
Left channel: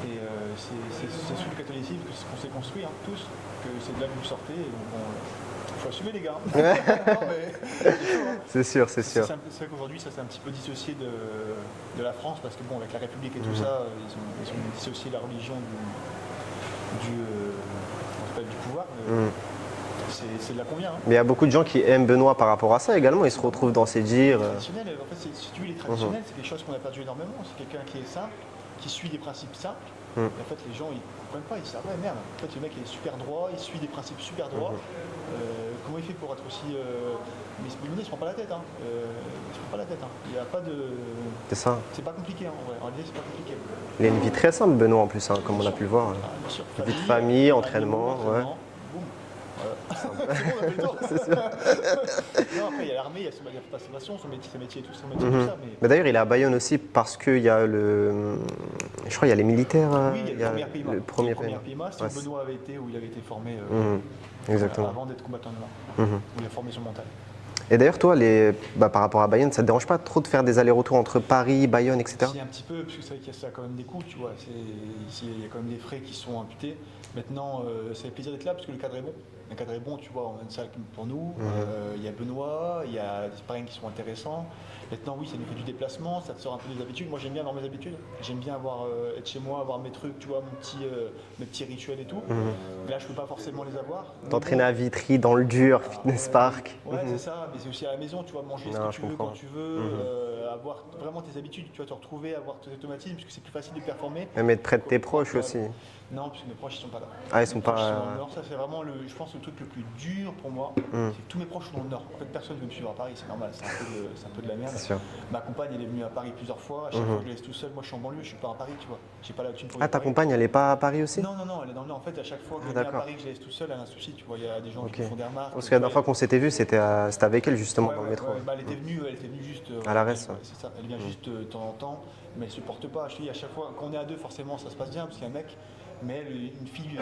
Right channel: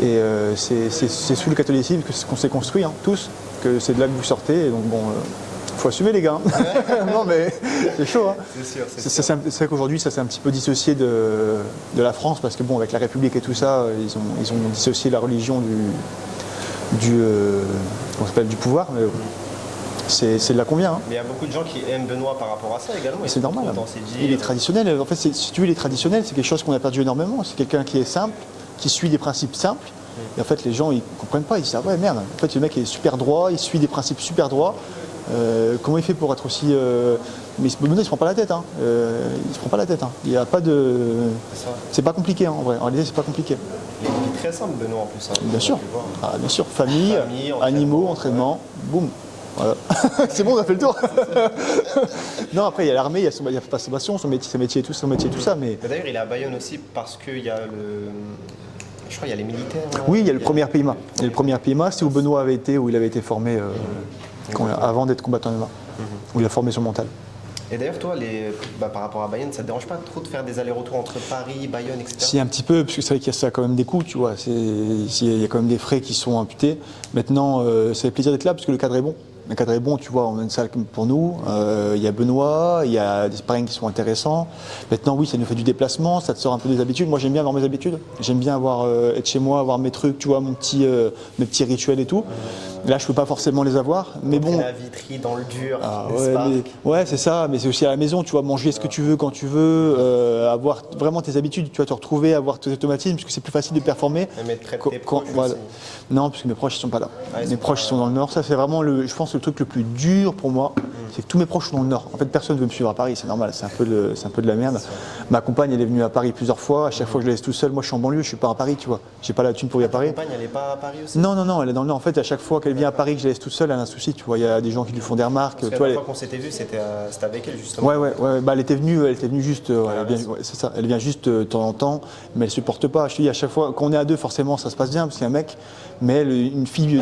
Et c'est sous le catholicisme qu'on s'est construit, tous, que c'est de là que vous sortez. Et donc, bon. Faut assumer les gars. Non mais c'est chaud. C'est sûr. C'est vrai qu'aujourd'hui ça s'est un petit peu dissocié de la France parce que bon avec la République et tout ça ils ont dissocié la religion du pouvoir. C'est de là qu'on vient. Mais il y a beaucoup de gens qui aiment Benoît par rapport à ça également. Ils se retrouvent dans ses dires. Il est traditionnel. En fait, si tu veux, il est traditionnel. C'est quelque chose qu'on a perdu énormément. C'est quelqu'un qui est simple, qui suit des principes simples. Et en fait, les gens ils comprennent pas. Ils disent ah ouais merde. En fait, le mec est super droit. Il suit des principes super droits. Comment il fait pour être aussi. Mais Benoît, il se prend pas la tête. Il se prend pas la tête. Il n'y a pas de. C'est ça. C'est pas compliqué en vrai. En réalité, c'est pas compliqué. Il a une vie très simple, Benoît, en plus. Comme bien sûr. On a pu le voir. Ah, bien sûr. Famille animaux, entraînement. Boum. Voilà. C'est bon, on a fait le tour. Non, après, il y a l'armée, il y a sa passion, son métier et tout ça. Mais... d'ailleurs, il est à Bayonne aussi parce qu'il y a Je crois qu'il y a les militaires. Oui, il y a le premier PIMA. le Le premier PIMA, c'est où Benoît avait été, où il avait été formé avant d'être combattant MMA, où il a formé son mental. Et d'ailleurs, toi, par rapport à Bayonne, ça te dérange pas trop de faire des allers-retours entre Paris, Bayonne, etc. Si, un petit peu, parce que c'est vrai qu'il y a ça quand même des coûts, tu vois. Il y a quand même des frais qui sont imputés. Maintenant, ça fait plaisir d'être là parce que le cadre est bon. Le cadre est bon, tu vois, on a une salle pour nous. Il y a Benoît, il y a des sparring qui sont intéressants. Maintenant, oui, ça nous fait du déplacement, ça te sort un peu des habitudes. Moi, j'aime bien avoir mes habitudes. J'aime bien être chez moi, avoir mes trucs, tu vois, mes petits rituels et tout. Là, je peux pas forcément les avoir. Mais bon. à Vitry, dans le dur, Ouais, Spark. ouais, c'est ça, mais c'est aussi à la maison, tu vois, manger ce que tu veux quand tu veux, avoir vraiment tes habitudes, tu vas te retrouver, avoir tes automatismes, parce que c'est plus facile de performer. Même être près de tes proches Voilà. aussi. Non, parce que mes proches, ils sont pas là. Ah, ils mes sont proches, pas- ils sont dans le Nord. Ça, c'est vraiment, je pense, le truc le plus dur pour moi, c'est que tous mes proches sont dans le Nord. En fait, personne ne veut me suivre à Paris, c'est normal, c'est un peu de la merde. C'est sûr. Ma compagne, elle est venue à Paris plusieurs fois, à chaque fois, je la laisse tout seul. Moi, je suis en banlieue, je suis pas à Paris, tu vois. J'ai pas la thune pour y Ah, aller à ta Paris. compagne, elle est pas à Paris aussi? Non, elle est dans le Nord. En fait, à chaque fois qu'elle vient à D'accord. Paris, que je la laisse tout seul, elle a un souci, tu vois. Il y a des gens qui lui font des remarques. Parce que tu la vois, dernière fois qu'on s'était vu, c'était avec elle, justement. Ouais. Bah, elle était venue juste. la elle vient- raison. ouais, c'est ça. Elle vient juste de temps en temps, mais elle supporte pas. Je te dis à chaque fois, quand on est à deux, forcément, ça se passe bien parce qu'il y a un mec, mais elle, une fille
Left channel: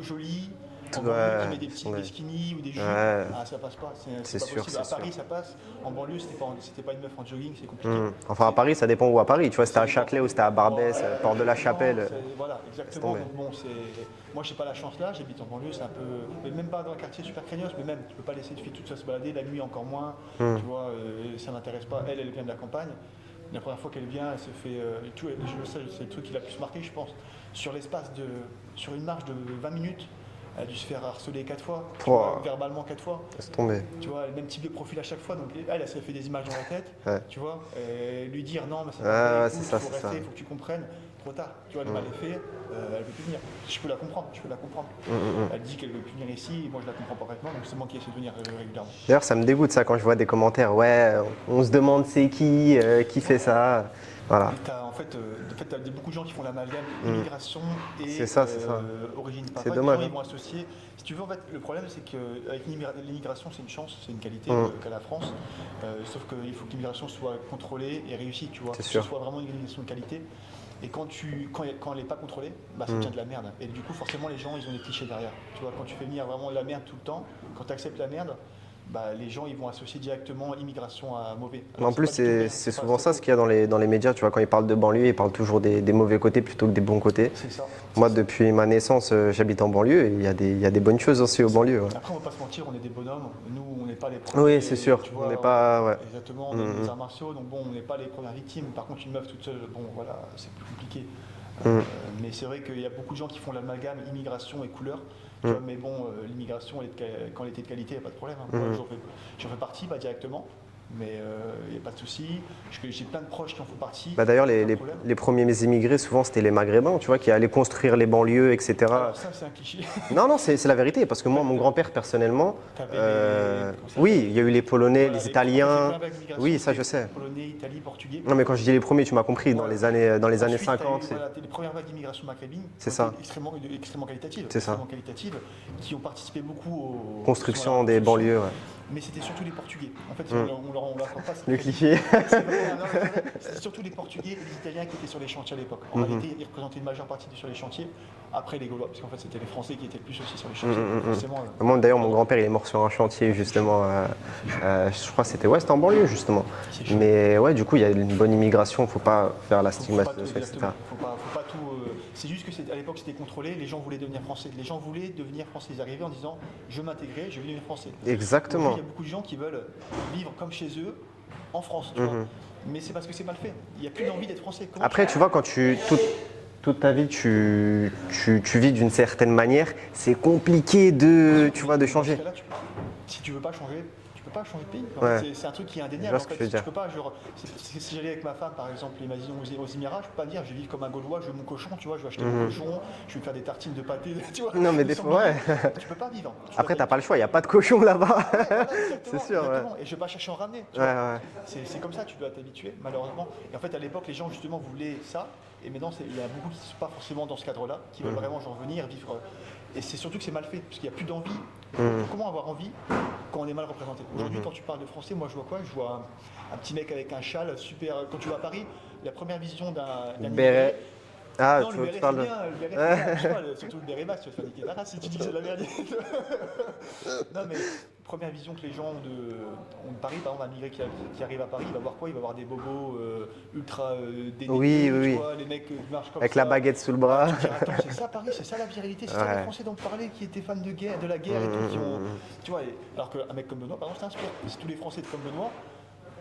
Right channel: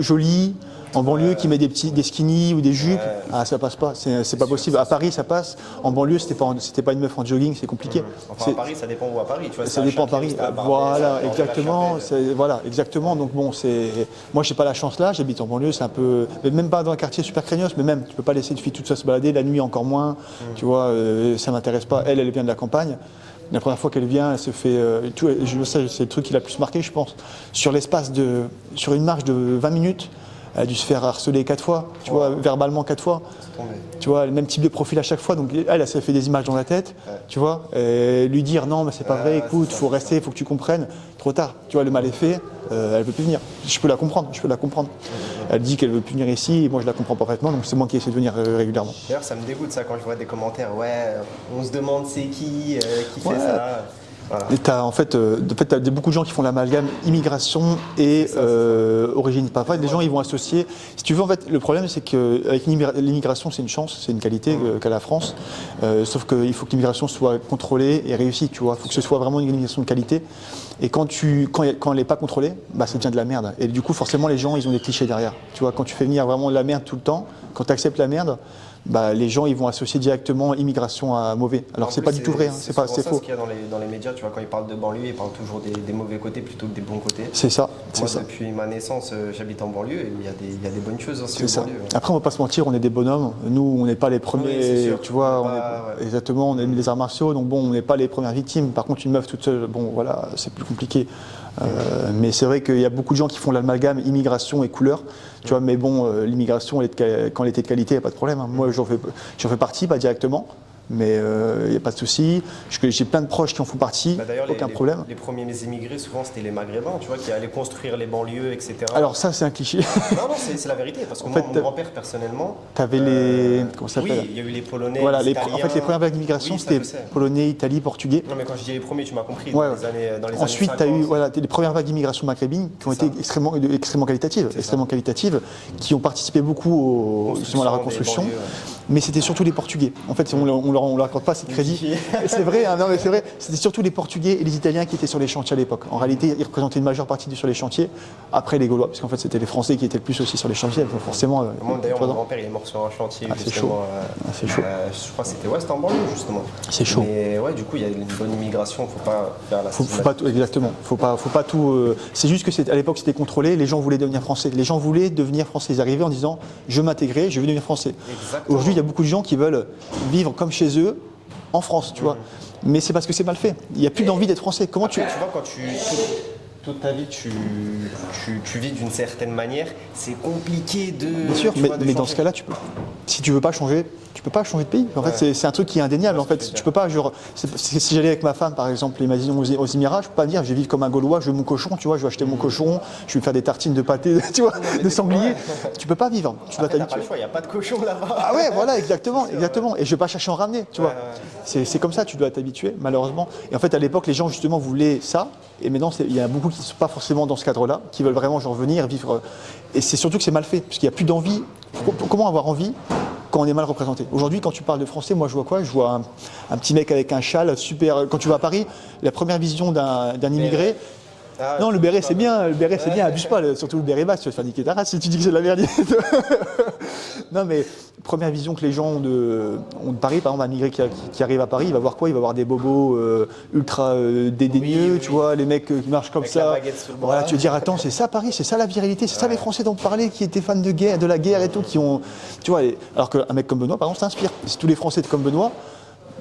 jolie. En banlieue, qui met des skinny ou des jupes, ça passe pas, c'est pas sûr, possible. c'est À Paris, ça passe. En banlieue, c'était pas une meuf en jogging, c'est compliqué. Enfin, à C'est- Paris, ça dépend où à Paris. Tu vois, ça c'était à dépend à Châtelet ou Paris. c'était à Barbès, Voilà, porte de la exactement. Chapelle. Voilà, exactement. Donc bon, moi, j'ai pas la chance là. J'habite en banlieue, c'est un peu, mais même pas dans un quartier super craignos, mais même, tu peux pas laisser une fille toute seule se balader la nuit encore moins. Tu vois, ça m'intéresse pas. Elle vient de la campagne. La première fois qu'elle vient, elle se fait. C'est le truc qui l'a le plus marqué, je pense. Sur une marche de 20 minutes. Elle a dû se faire harceler 4 fois, tu vois, verbalement 4 fois. C'est tombé. Tu vois, le même type de profil à chaque fois. Donc elle s'est fait des images dans la tête, tu vois. Et lui dire non, mais c'est pas vrai, écoute, c'est ça, faut c'est rester, ça. faut que tu comprennes. Trop tard, tu vois, le mal est fait, elle veut plus venir. Je peux la comprendre. Elle dit qu'elle veut plus venir ici, et moi je la comprends parfaitement, donc c'est moi qui essaie de venir régulièrement. D'ailleurs, ça me dégoûte ça quand je vois des commentaires. Ouais, on se demande c'est qui fait ça. Voilà. Et t'as beaucoup de gens qui font l'amalgame immigration et C'est ça. origine. Pas vrai, des dommage. gens ils vont associer. Si tu veux, en fait, le problème c'est qu'avec l'immigration, c'est une chance, c'est une qualité qu'a la France. Sauf qu'il faut que l'immigration soit contrôlée et réussie, tu vois. Il faut que ce soit vraiment une immigration de qualité. Et quand elle n'est pas contrôlée, bah, ça devient de la merde. Et du coup, forcément, les gens, ils ont des clichés derrière. Tu vois, quand tu fais venir vraiment de la merde tout le temps, quand tu acceptes la merde, bah, les gens ils vont associer directement immigration à mauvais. Alors En c'est plus, pas du tout vrai, hein. C'est c'est souvent ça faux. ce qu'il y a dans les médias. Tu vois, quand ils parlent de banlieue, ils parlent toujours des mauvais côtés plutôt que des bons côtés. C'est ça. c'est Moi, ça. depuis ma naissance, j'habite en banlieue et il y a des bonnes choses aussi C'est aux ça. banlieues. Ouais. Après, on va pas se mentir, on est des bonhommes. Nous, on n'est pas les premiers. Oui, c'est sûr. Tu vois, On n'est pas- ouais. exactement. On aime les arts martiaux, donc bon, on n'est pas les premières victimes. Par contre, une meuf toute seule, bon, voilà, c'est plus compliqué. Mais c'est vrai qu'il y a beaucoup de gens qui font l'amalgame immigration et couleur. Tu vois, mais bon, l'immigration, quand elle était de qualité, il n'y a pas de problème, hein. Moi, j'en fais partie, pas directement. Mais il n'y a pas de souci. J'ai plein de proches qui en font partie, Bah, d'ailleurs, aucun problème. les premiers immigrés, souvent, c'était les Maghrébins, tu vois, qui allaient construire les banlieues, etc. Alors ça, c'est un cliché. Non, c'est la vérité, parce que moi, mon grand-père, personnellement... T'avais les... Comment ça s'appelle? Oui, il y a eu les Polonais, Voilà, les Italiens... En fait, les premières vagues d'immigration, Oui, ça, je c'était sais. polonais, Italie, portugais. Non, mais quand je dis les premiers, tu m'as compris, Ouais. dans les Ensuite, années tu as 50. eu les premières vagues d'immigration maghrébine qui ont C'est été ça. extrêmement qualitatives, qui ont participé beaucoup justement à la Construction des reconstruction. banlieues, ouais. Mais c'était surtout les Portugais. En fait, on leur accorde pas assez de crédit. clichés. C'est vrai, hein, non, mais c'est vrai. C'était surtout les Portugais et les Italiens qui étaient sur les chantiers à l'époque. En réalité, ils représentaient une majeure partie sur les chantiers, après les Gaulois, parce qu'en fait, c'était les Français qui étaient le plus aussi sur les chantiers. Forcément. Moi, d'ailleurs, tu mon vois, grand-père, il est mort sur un chantier, c'est justement. c'est chaud. Je crois que c'était en banlieue, justement. C'est chaud. Mais ouais, du coup, il y a une bonne immigration, faut pas faire la Faut pas tout, exactement. Faut pas tout. C'est juste que à l'époque c'était contrôlé. Les gens voulaient devenir français. Les gens voulaient devenir français. Ils arrivaient en disant je veux m'intégrer, je veux devenir français. Exactement. Aujourd'hui, il y a beaucoup de gens qui veulent vivre comme chez eux en France, tu vois. Mais c'est parce que c'est mal fait. Il n'y a plus d'envie d'être français. Comment Après, tu vois, quand toute ta vie, tu vis d'une certaine manière, c'est compliqué de, Bien sûr, tu vois, de mais dans changer. ce cas-là, si tu veux pas changer, tu peux pas changer de pays. En fait, c'est un truc qui est indéniable. Je En vois ce que fait, tu veux tu peux pas. Si j'allais avec ma femme, par exemple, imagine aux Émirats, je peux pas dire, je vais vivre comme un Gaulois, je veux mon cochon, tu vois, je vais acheter mon cochon, je vais me faire des tartines de pâté, tu vois, Non, mais de des fois, sanglier. ouais. Tu peux pas vivre. Tu Après, dois t'as pas le t'habituer. choix, il n'y a pas de cochon là-bas. Ah ouais, voilà, exactement, C'est sûr, exactement. Et je vais pas chercher à en ramener, tu vois. Ouais. C'est comme ça, tu dois t'habituer, malheureusement. Et en fait, à l'époque, les gens justement voulaient ça. Et maintenant, il y en a beaucoup qui ne sont pas forcément dans ce cadre-là, qui veulent vraiment genre venir, vivre. Et c'est surtout que c'est mal fait, parce qu'il n'y a plus d'envie. Comment avoir envie quand on est mal représenté? Aujourd'hui, quand tu parles de français, moi je vois quoi? Je vois un petit mec avec un châle super. Quand tu vas à Paris, la première vision d'un immigré. Ah, Non, le béret c'est bien, abuse pas, surtout le béret basse, tu vas te faire niquer ta race si tu dis que c'est de la merde. Non mais, première vision que les gens ont de Paris, par exemple un immigré qui arrive à Paris, il va voir quoi? Il va voir des bobos ultra dédaigneux, Oui. tu vois, les mecs qui marchent comme Avec ça. la baguette sous le bras. Voilà, tu veux dire, attends, c'est ça Paris, c'est ça la virilité, c'est ça les Français dont on parlait, qui étaient fans de guerre, de la guerre et tout, qui ont. Tu vois, alors qu'un mec comme Benoît, par exemple, s'inspire. Si tous les Français étaient comme Benoît,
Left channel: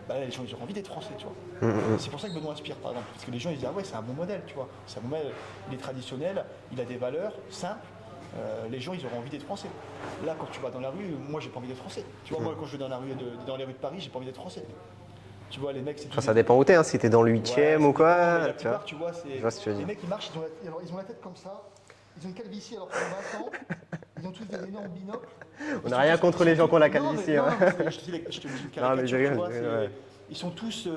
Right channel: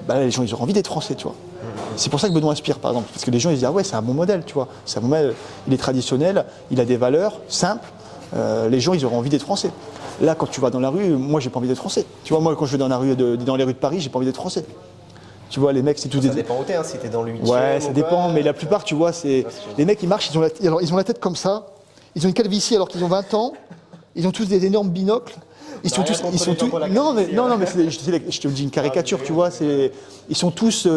bah, les gens ils auront envie d'être français, tu vois. C'est pour ça que Benoît inspire, par exemple, parce que les gens ils disent ah ouais c'est un bon modèle, tu vois. C'est un bon modèle, il est traditionnel, il a des valeurs simples, les gens ils auront envie d'être français. Là quand tu vas dans la rue, moi j'ai pas envie d'être français. Tu vois, moi quand je vais dans la rue dans les rues de Paris, j'ai pas envie d'être français. Tu vois, les mecs c'est tout Ça dépend où t'es, hein, si t'es dans le 8e ouais, ça ou dépend, quoi, mais la plupart tu vois, c'est les mecs ils marchent, ils ont la tête comme ça, ils ont une calvitie alors qu'ils ont 20 ans, ils ont tous des énormes binocles. Ils sont rien tous, contre ils sont les gens tous- qui ont la non mais calvitie, hein. je te dis une caricature, Ah, mais tu vois, ouais. ils sont tous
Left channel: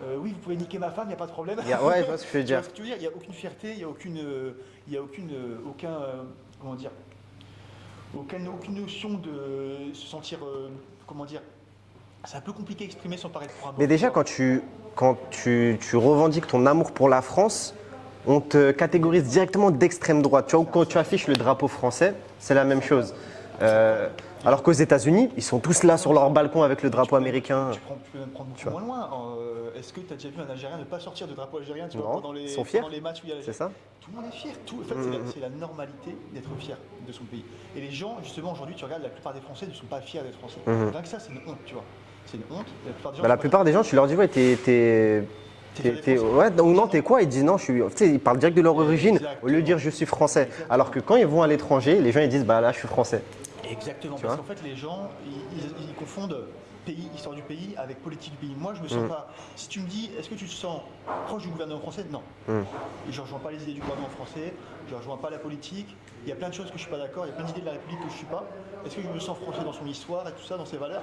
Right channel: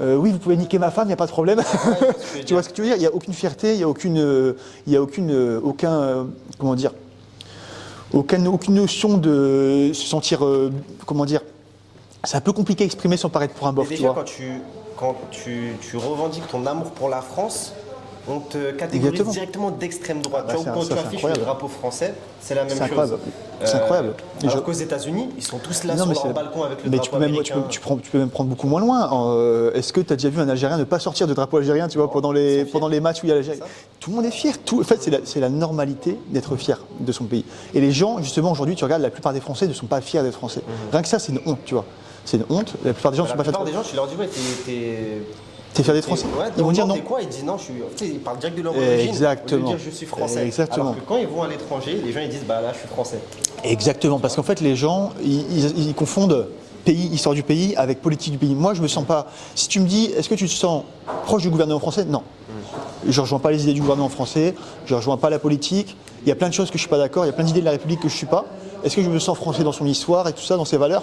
oui, vous pouvez niquer ma femme, il n'y a pas de problème. Ouais, je vois ce que tu veux Tu dire. vois ce que tu veux dire? Il n'y a aucune fierté, il n'y a aucun, comment dire, aucune notion de se sentir, comment dire, c'est un peu compliqué à exprimer sans paraître pour un bof. Mais déjà, tu vois. quand tu revendiques ton amour pour la France, on te catégorise Exactement. directement d'extrême droite. Tu vois, quand tu affiches le incroyable. drapeau français, c'est la même C'est chose. incroyable. C'est incroyable. Et Alors je- qu'aux États-Unis, ils sont tous là Non, sur mais leur c'est- balcon avec le mais drapeau tu peux même, américain. tu peux même prendre beaucoup moins loin. Est-ce que tu as déjà vu un Algérien ne pas sortir de drapeau algérien, tu vois, Non, pendant ils sont fiers. les matchs où il y a l'Algérie? C'est ça. Tout le monde est fier. En fait, c'est la normalité d'être fier de son pays. Et les gens, justement, aujourd'hui, tu regardes, la plupart des Français ne sont pas fiers d'être français. Rien que ça, c'est une honte, tu vois. C'est une honte. La plupart des gens Bah, sont la pas plupart fiers. des gens, tu leur dis, ouais, T'es fier d'être français. Ouais, Ils vont donc dire non, non. t'es quoi? Ils disent non, je suis. Tu sais, ils parlent direct de leur origine. Au lieu de Exactement. dire je suis français. Exactement. Alors que quand ils vont à l'étranger, les gens ils disent bah là je suis français. Exactement, parce qu'en fait, les gens, ils confondent pays, histoire du pays, avec politique du pays. Moi, je me sens pas. Si tu me dis, est-ce que tu te sens proche du gouvernement français? Non. Je ne rejoins pas les idées du gouvernement français, je ne rejoins pas la politique. Il y a plein de choses que je ne suis pas d'accord, il y a plein d'idées de la République que je ne suis pas. Est-ce que je me sens français dans son histoire et tout ça, dans ses valeurs?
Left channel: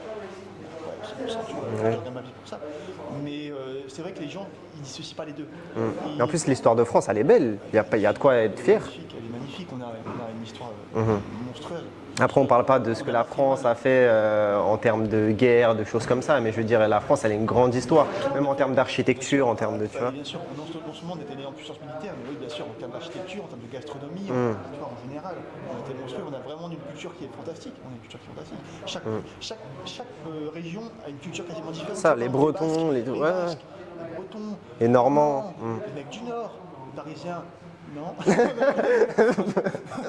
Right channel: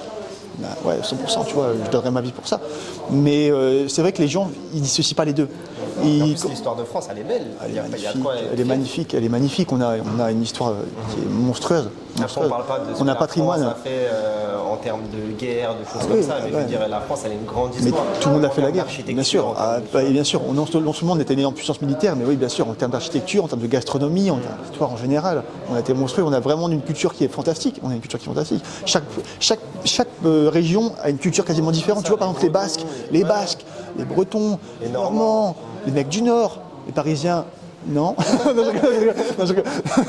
Bah ouais, 100%, tu vois, je donnerais ma vie pour ça. Mais c'est vrai que les gens, ils dissocient pas les deux. Et en plus, l'histoire de France, elle est belle. Il y a de quoi être elle est fier. magnifique, elle est magnifique. On a une histoire qui est monstrueuse. Après, on ne parle pas de ce On que a la patrimoine. France a fait en termes de guerre, de choses comme Oui, ça, mais je veux ouais. dire, la France, elle a une grande histoire. Tout le monde a en fait la termes guerre. d'architecture, en termes de. tu vois. Bien sûr. Non seulement on était né en puissance militaire, mais oui, bien sûr, en termes d'architecture, en termes de gastronomie, en termes d'histoire en général, on a été monstrueux. On a vraiment une culture qui est fantastique. On a une culture qui est fantastique. Chaque région a une culture quasiment différente. Ça, tu vois, par les exemple, les Bretons, Basques, les- les ouais. Basques, les Bretons, Les Normands. les mecs du Nord, les Parisiens. Non.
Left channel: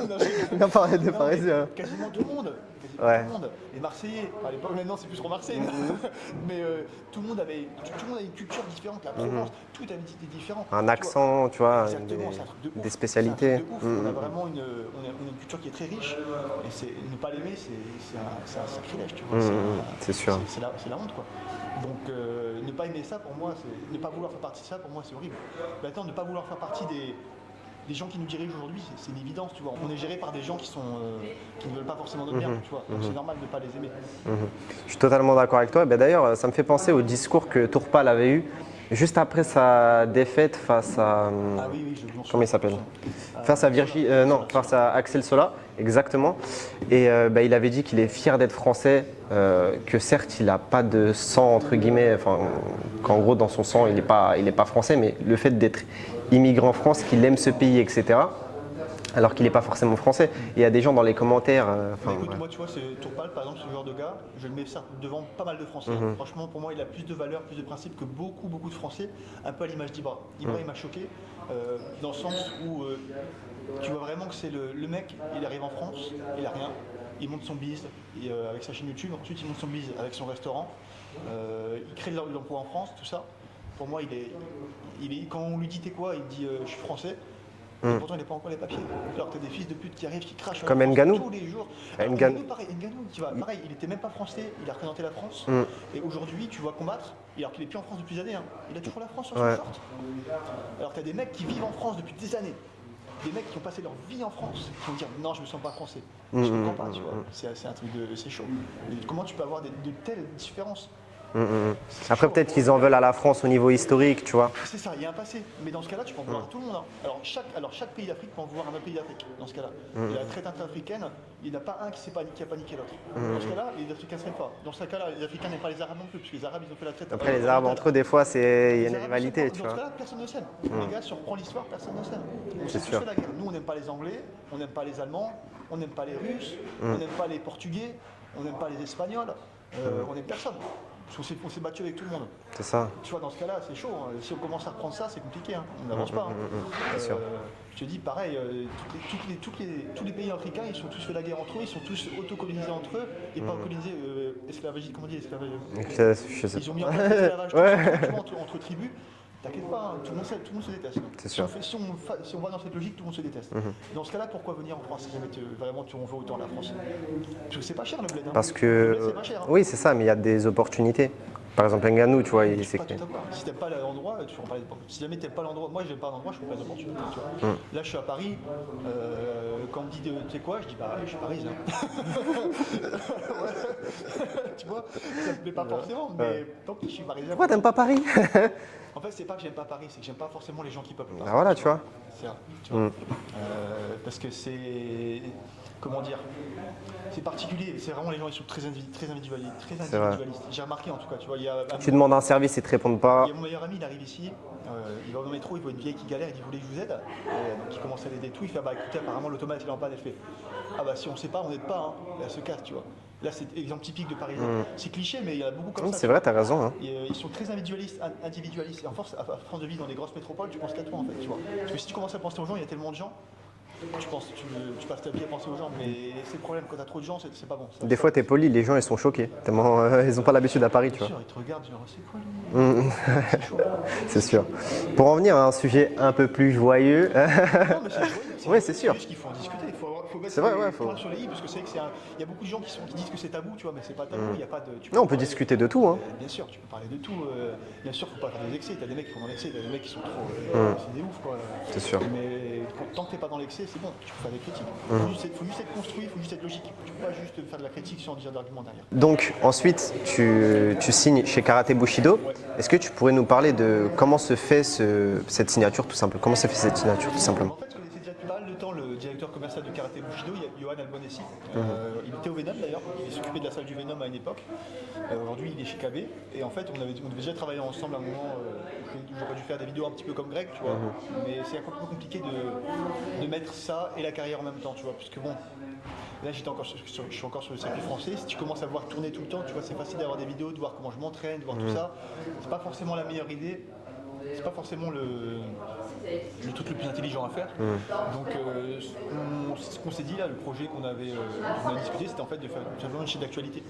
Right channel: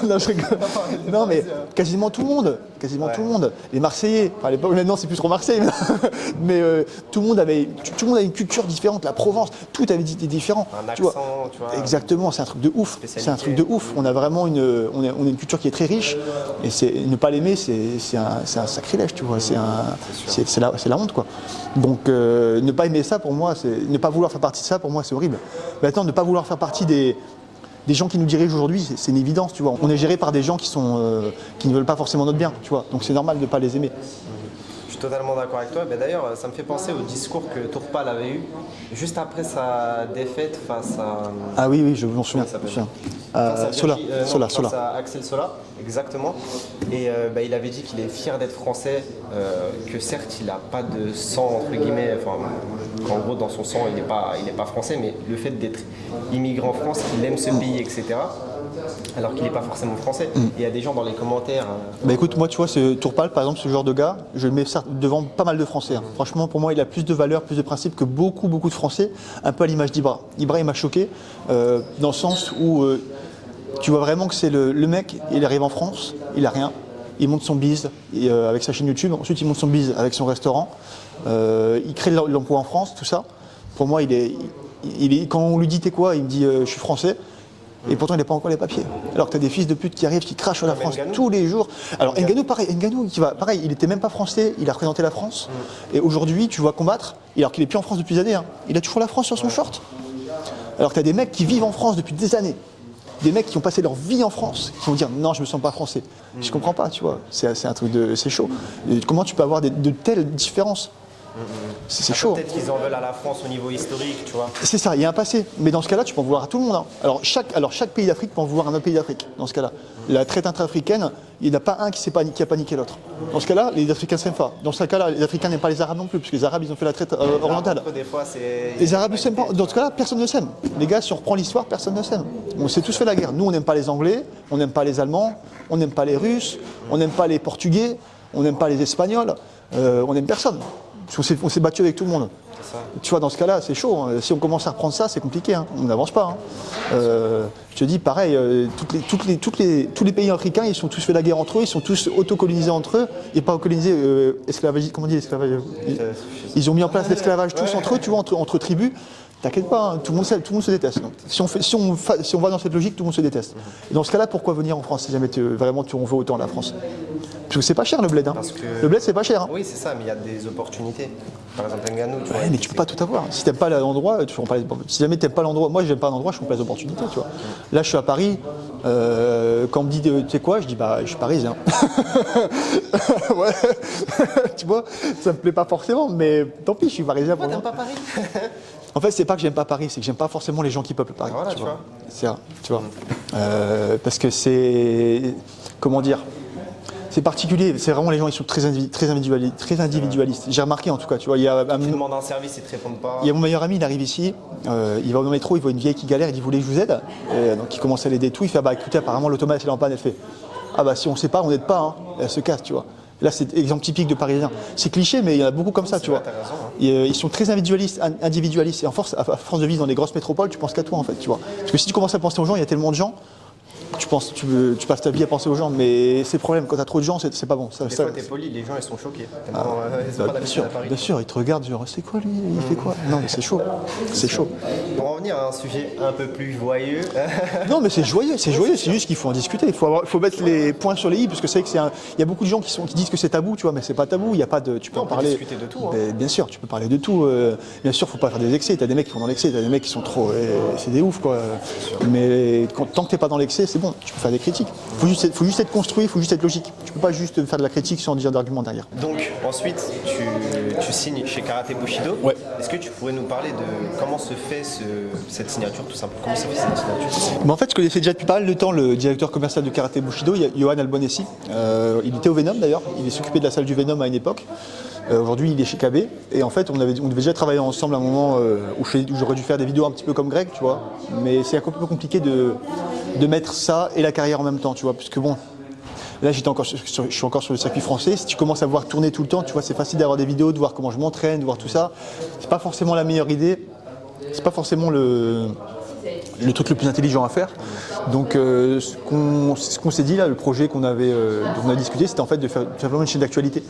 Non, je rigole. Non, mais quasiment tout le monde. Quasiment Ouais. tout le monde. Les Marseillais, enfin, à l'époque, maintenant c'est plus trop Marseille, mais tout le monde avait une culture différente. La Provence, tout avait été différent. Un tu vois. accent, tu vois. Exactement, c'est un truc de ouf. Une C'est un spécialité. truc de ouf. On a vraiment on a une culture qui est très riche. Et ne pas l'aimer, c'est un sacrilège, tu vois. c'est sûr. C'est la honte, quoi. Donc ne pas aimer ça, pour moi, ne pas vouloir faire partie de ça, pour moi, c'est horrible. Maintenant, ne pas vouloir faire partie des gens qui nous dirigent aujourd'hui, c'est une évidence, tu vois. On est géré par des gens qui ne veulent pas forcément notre bien, tu vois. Donc c'est normal de ne pas les aimer. Je suis totalement d'accord avec toi. Ben, d'ailleurs, ça me fait penser au discours que Tourpal avait eu juste après sa défaite face à. Ah oui, je m'en Comment souviens. il s'appelle je me Face à souviens. Virgil, non, Sola, face Sola. à Axel Sola, exactement. Et il avait dit qu'il est fier d'être français, que certes il n'a pas de sang entre guillemets, enfin qu'en gros dans son sang il n'est pas français, mais le fait d'être immigré en France, qu'il aime ce pays, etc. Alors qu'il n'est pas forcément français. Et il y a des gens dans les commentaires. Bah écoute, moi tu vois, ce Tourpal par exemple, ce genre de gars, je le mets devant pas mal de Français. Hein. Franchement, pour moi, il a plus de valeur, plus de principes que beaucoup de Français, un peu à l'image d'Ibra. Ibra, il m'a choqué, dans le sens où tu vois vraiment que c'est le mec, il arrive en France, il a rien, il monte son bise avec sa chaîne YouTube, ensuite il monte son bise avec son restaurant, il crée de l'emploi en France, tout ça. Pour moi, quand on lui dit t'es quoi, il me dit je suis français. Et pourtant, il n'a pas encore les papiers. Alors que tu as des fils de pute qui arrivent, qui crachent sur la Comme France Ngannou. tous les jours. Alors Ngannou. Ngannou, pareil, pareil, il n'était même pas français, il a représenté la France. Et aujourd'hui, tu vois combattre, alors qu'il n'est plus en France depuis des années. Hein. Il a toujours la France sur son short. Alors que tu as des mecs qui vivent en France depuis des années. Des mecs qui ont passé leur vie en France, qui vont dire non, je me sens pas français. Je comprends pas, tu vois. C'est un truc c'est chaud. Et comment tu peux avoir de telles différences? C'est Après, chaud. peut-être qu'ils en veulent à la France au niveau historique, tu vois. C'est ça, il y a un passé. Mais dans ce cas-là, tu peux en vouloir à tout le monde. Hein. Alors chaque pays d'Afrique peut en vouloir à un autre pays d'Afrique. Dans ce cas-là, la traite intra-africaine, il n'y en a pas un qui a paniqué l'autre. Dans ce cas-là, les Africains s'aiment pas. Dans ce cas-là, les Africains n'aiment pas les Arabes non plus, parce que les Arabes, ils ont fait la traite Les Arabes, orientale. entre eux, des fois, c'est. Les Arabes ne s'aiment pas. rivalité, Dans tu ce vois. cas-là, personne ne s'aime. Les gars, si on reprend l'histoire, personne ne s'aime. On s'est tous fait la guerre. Nous, on n'aime pas les Anglais, on n'aime pas les Allemands, on n'aime pas les Russes, on n'aime pas les Portugais, on n'aime pas les Espagnols, on n'aime personne. Parce qu'on s'est battu avec tout le monde. C'est ça. Tu vois, dans ce cas-là, c'est chaud. Hein. Si on commence à reprendre ça, c'est compliqué. Hein. On n'avance pas. Hein. Je te dis, pareil, tous les pays africains, ils sont tous fait la guerre entre eux, ils sont tous autocolonisés entre eux, et pas colonisés, esclavage, comment on dit l'esclavage Ils ont mis en place l'esclavage tous entre eux, tu vois, entre tribus. T'inquiète pas, hein, tout le monde se déteste. Donc. Si on va dans cette logique, tout le monde se déteste. Et dans ce cas-là, pourquoi venir en France si jamais vraiment on veut autant la France? Parce que c'est pas cher le bled. Hein. Parce que... Le bled, c'est pas cher. Hein. Oui, c'est ça, mais il y a des opportunités. Par exemple, Ngannou, tu vois. Mais tu peux pas tout avoir. Si t'aimes pas l'endroit, tu fais pas les... Si jamais t'aimes pas l'endroit, moi j'aime pas l'endroit, je fais pas les opportunités, tu vois. Là, je suis à Paris. Quand on me dit, tu sais quoi, je dis bah, je suis parisien. Ouais. Tu vois, ça me plaît pas forcément, mais tant pis, je suis parisien. Pourquoi t'aimes pas Paris? En fait, c'est pas que j'aime pas Paris, c'est que j'aime pas forcément les gens qui peuplent Paris. Voilà, tu vois. C'est ça, tu vois. Parce que c'est, comment dire. C'est particulier, c'est vraiment les gens, ils sont très individualistes. J'ai remarqué en tout cas, tu vois, Tu demandes un service, ils te répondent pas. il y a mon meilleur ami, il arrive ici, il va au métro, il voit une vieille qui galère, il dit vous voulez que je vous aide? Donc il commence à l'aider tout, il fait bah écoutez apparemment l'automate il est en panne, elle fait ah bah si on sait pas, on n'aide pas, hein. Et elle se casse, tu vois. Là c'est exemple typique de Parisien. C'est cliché mais il y en a beaucoup comme ça, tu C'est vrai, vois. t'as raison. Hein. Ils sont très individualistes et à force de vivre dans des grosses métropoles, tu penses qu'à toi en fait, tu vois. Parce que si tu commences à penser aux gens, il y a tellement de gens. Tu passes ta vie à penser aux gens, mais c'est le problème. Quand t'as trop de gens, c'est pas bon. Des fois, t'es poli, les gens ils sont choqués. Tellement, ils n'ont pas l'habitude à Paris. Bien tu sûr, ils te regardent, genre c'est quoi lui il fait quoi Non, mais c'est chaud. C'est sûr. chaud. Pour en venir à un sujet un peu plus joyeux, Non, mais c'est joyeux, c'est Ouais, joyeux. c'est C'est sûr. juste qu'il faut en discuter. Il faut mettre les points sur les i, parce que c'est vrai qu'il y a beaucoup de gens qui disent que c'est tabou, tu vois, mais c'est pas tabou. Il y a pas de. Tu peux non, en on peut parler. discuter de tout. Hein. Mais bien sûr, tu peux parler de tout. Bien sûr, faut pas faire des excès. T'as des mecs qui vont dans l'excès, t'as des mecs qui sont trop. C'est des ouf, quoi. sûr. Mais tant que t'es pas dans l'excès, c'est bon. Tu peux faire des critiques. Faut juste être construit, faut juste être logique. Tu peux pas juste faire de la critique sans dire d'argument derrière. Donc ensuite, tu signes chez Karaté Bushido. Ouais. Est-ce que tu pourrais nous parler de comment se fait cette signature tout simplement? Comment se fait cette signature tout simplement? Mais en fait, je connaissais déjà depuis pas mal de temps le directeur commercial de Karaté Bushido, Johan Albonessi. Il était au Venom d'ailleurs, il s'occupait de la salle du Venom à une époque. Aujourd'hui, il est chez KB. Et en fait, on devait déjà travailler ensemble à un moment où j'aurais dû faire des vidéos un petit peu comme Greg, tu vois. Mais c'est un peu compliqué de mettre ça et la carrière en même temps, tu vois. Puisque bon, là, je suis encore sur le circuit français. Si tu commences à voir tourner tout le temps, tu vois, c'est facile d'avoir des vidéos, de voir comment je m'entraîne, de voir tout ça. C'est pas forcément la meilleure idée. C'est pas forcément le truc le plus intelligent à faire. Donc ce qu'on s'est dit là, le projet dont on a discuté, c'était en fait de faire tout simplement une chaîne d'actualité.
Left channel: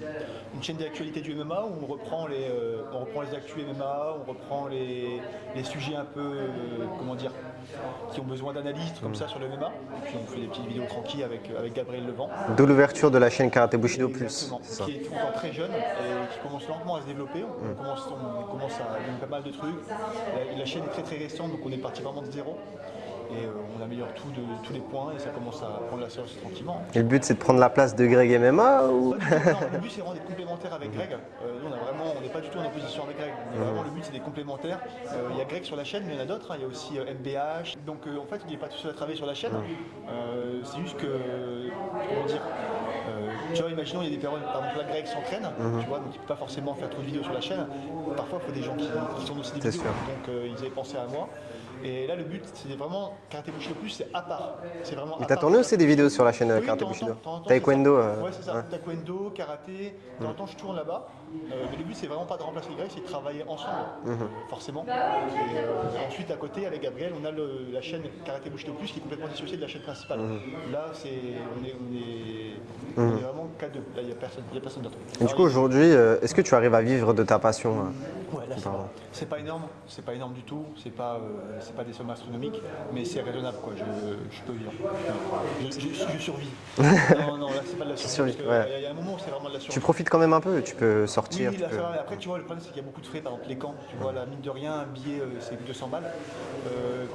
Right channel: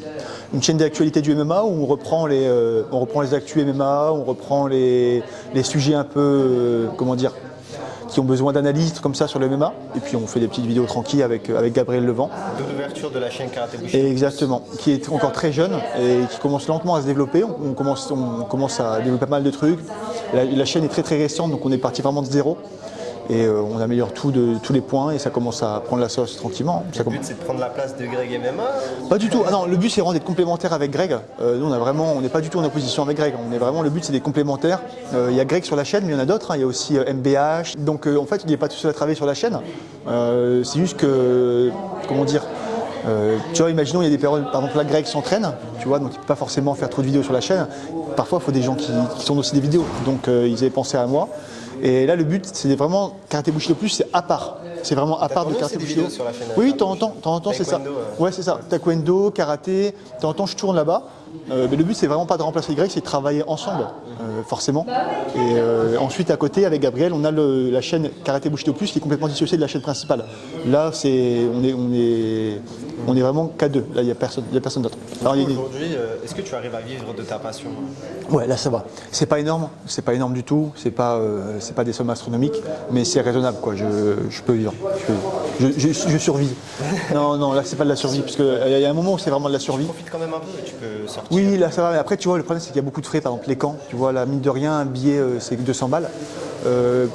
Une chaîne d'actualité du MMA où on reprend les actus MMA, on reprend les sujets un peu, comment dire, qui ont besoin d'analyse comme ça sur le MMA. Et puis on fait des petites vidéos tranquilles avec Gabriel Levent. De l'ouverture de la chaîne Karaté Bushido. Exactement, qui est encore très jeune et qui commence lentement à se développer. On commence à développer pas mal de trucs. La chaîne est très très récente, donc on est parti vraiment de zéro. Et on améliore tous les points et ça commence à prendre la sauce tranquillement. Le but c'est de prendre la place de Greg MMA ou... Pas du tout. Ah non, le but c'est vraiment d'être complémentaire avec Greg. Nous on n'est pas du tout en opposition avec Greg. Le but c'est d'être complémentaires. Il y a Greg sur la chaîne, mais il y en a d'autres. Hein. Il y a aussi MBH. Donc en fait il n'est pas tout seul à travailler sur la chaîne. C'est juste que, comment dire, tu vois, imaginons il y a des périodes, par exemple là Greg s'entraîne, tu vois, donc il ne peut pas forcément faire trop de vidéos sur la chaîne. Parfois il faut des gens qui tournent aussi des vidéos. Donc ils avaient pensé à moi. Et là, le but, c'est vraiment Karaté Bushido Plus, c'est à part. C'est vraiment à T'as part. tourné de aussi Karaté des Bushido. vidéos sur la chaîne Oui, de Karaté temps en temps, c'est ça. Taekwondo, Ouais, c'est ça. Taekwondo, karaté. De temps en temps, je tourne là-bas. Mais le but, c'est vraiment pas de remplacer Greg, c'est de travailler ensemble, forcément. Et ensuite, à côté, avec Gabriel, on a la chaîne Karaté Bushido Plus qui est complètement dissociée de la chaîne principale. Là, on est vraiment qu'à deux. Là, il n'y a personne d'autre. Du coup, aujourd'hui, est-ce que tu arrives à vivre de ta passion? Ouais, là ça va. C'est pas énorme du tout. C'est pas des sommes astronomiques, mais c'est raisonnable quoi. Je peux vivre. Je survis. Non, là c'est pas de la survie, parce qu'il y a un moment où c'est vraiment de la Tu survie. profites quand même un peu, tu peux sortir. Oui, là tu ça peux- va. Mais après, tu vois, le problème c'est qu'il y a beaucoup de frais. Par exemple, les camps. Tu vois, la mine de rien, un billet c'est 200 balles.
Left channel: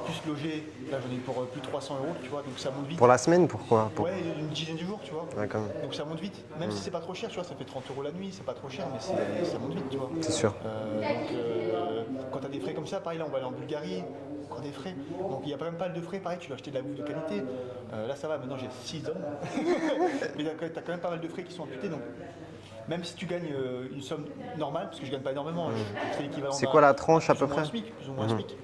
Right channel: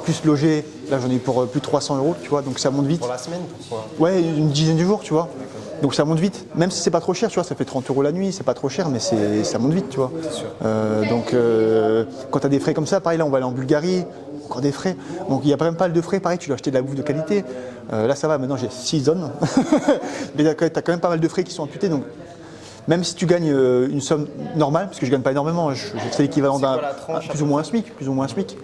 plus logé. Là, j'en ai pour plus de 300 €, tu vois, donc ça monte vite. Pour la semaine, pourquoi? Ouais, une dizaine de jours, tu vois. D'accord. Donc ça monte vite. Même si c'est pas trop cher, tu vois, ça fait 30 € la nuit, c'est pas trop cher, mais ça monte vite, tu vois. C'est sûr. Donc quand tu as des frais comme ça, pareil, là, on va aller en Bulgarie, encore des frais. Donc il y a même pas mal de frais, pareil, tu dois acheter de la bouffe de qualité. Là, ça va, maintenant j'ai 6 zones. Mais tu as quand même pas mal de frais qui sont imputés. Donc même si tu gagnes une somme normale, parce que je gagne pas énormément, c'est l'équivalent C'est quoi la tranche à plus ou peu moins un près SMIC, plus ou moins un SMIC.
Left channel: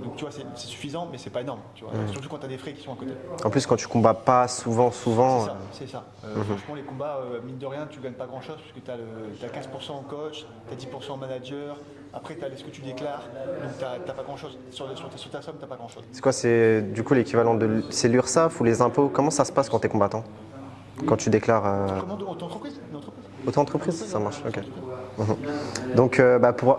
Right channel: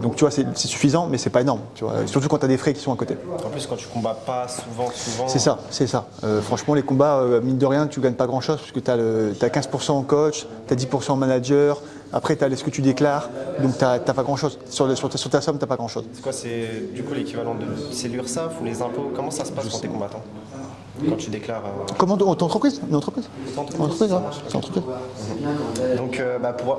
Donc tu vois, c'est suffisant, mais c'est pas énorme. Tu vois. Surtout quand tu as des frais qui sont à côté. En plus, quand tu combats pas souvent. C'est ça, c'est ça. Franchement, les combats, mine de rien, tu gagnes pas grand-chose, parce que tu as 15% en coach, tu as 10% en manager, après tu as ce que tu déclares, donc tu n'as pas grand-chose. Sur ta somme, tu n'as pas grand-chose. C'est quoi, c'est du coup l'équivalent de. C'est l'URSSAF ou les impôts? Comment ça se passe quand tu es combattant? Quand tu déclares. Comment ton entreprise? Une entreprise? Auto-entreprise, ça ouais. marche. C'est Ok. entreprise. Donc,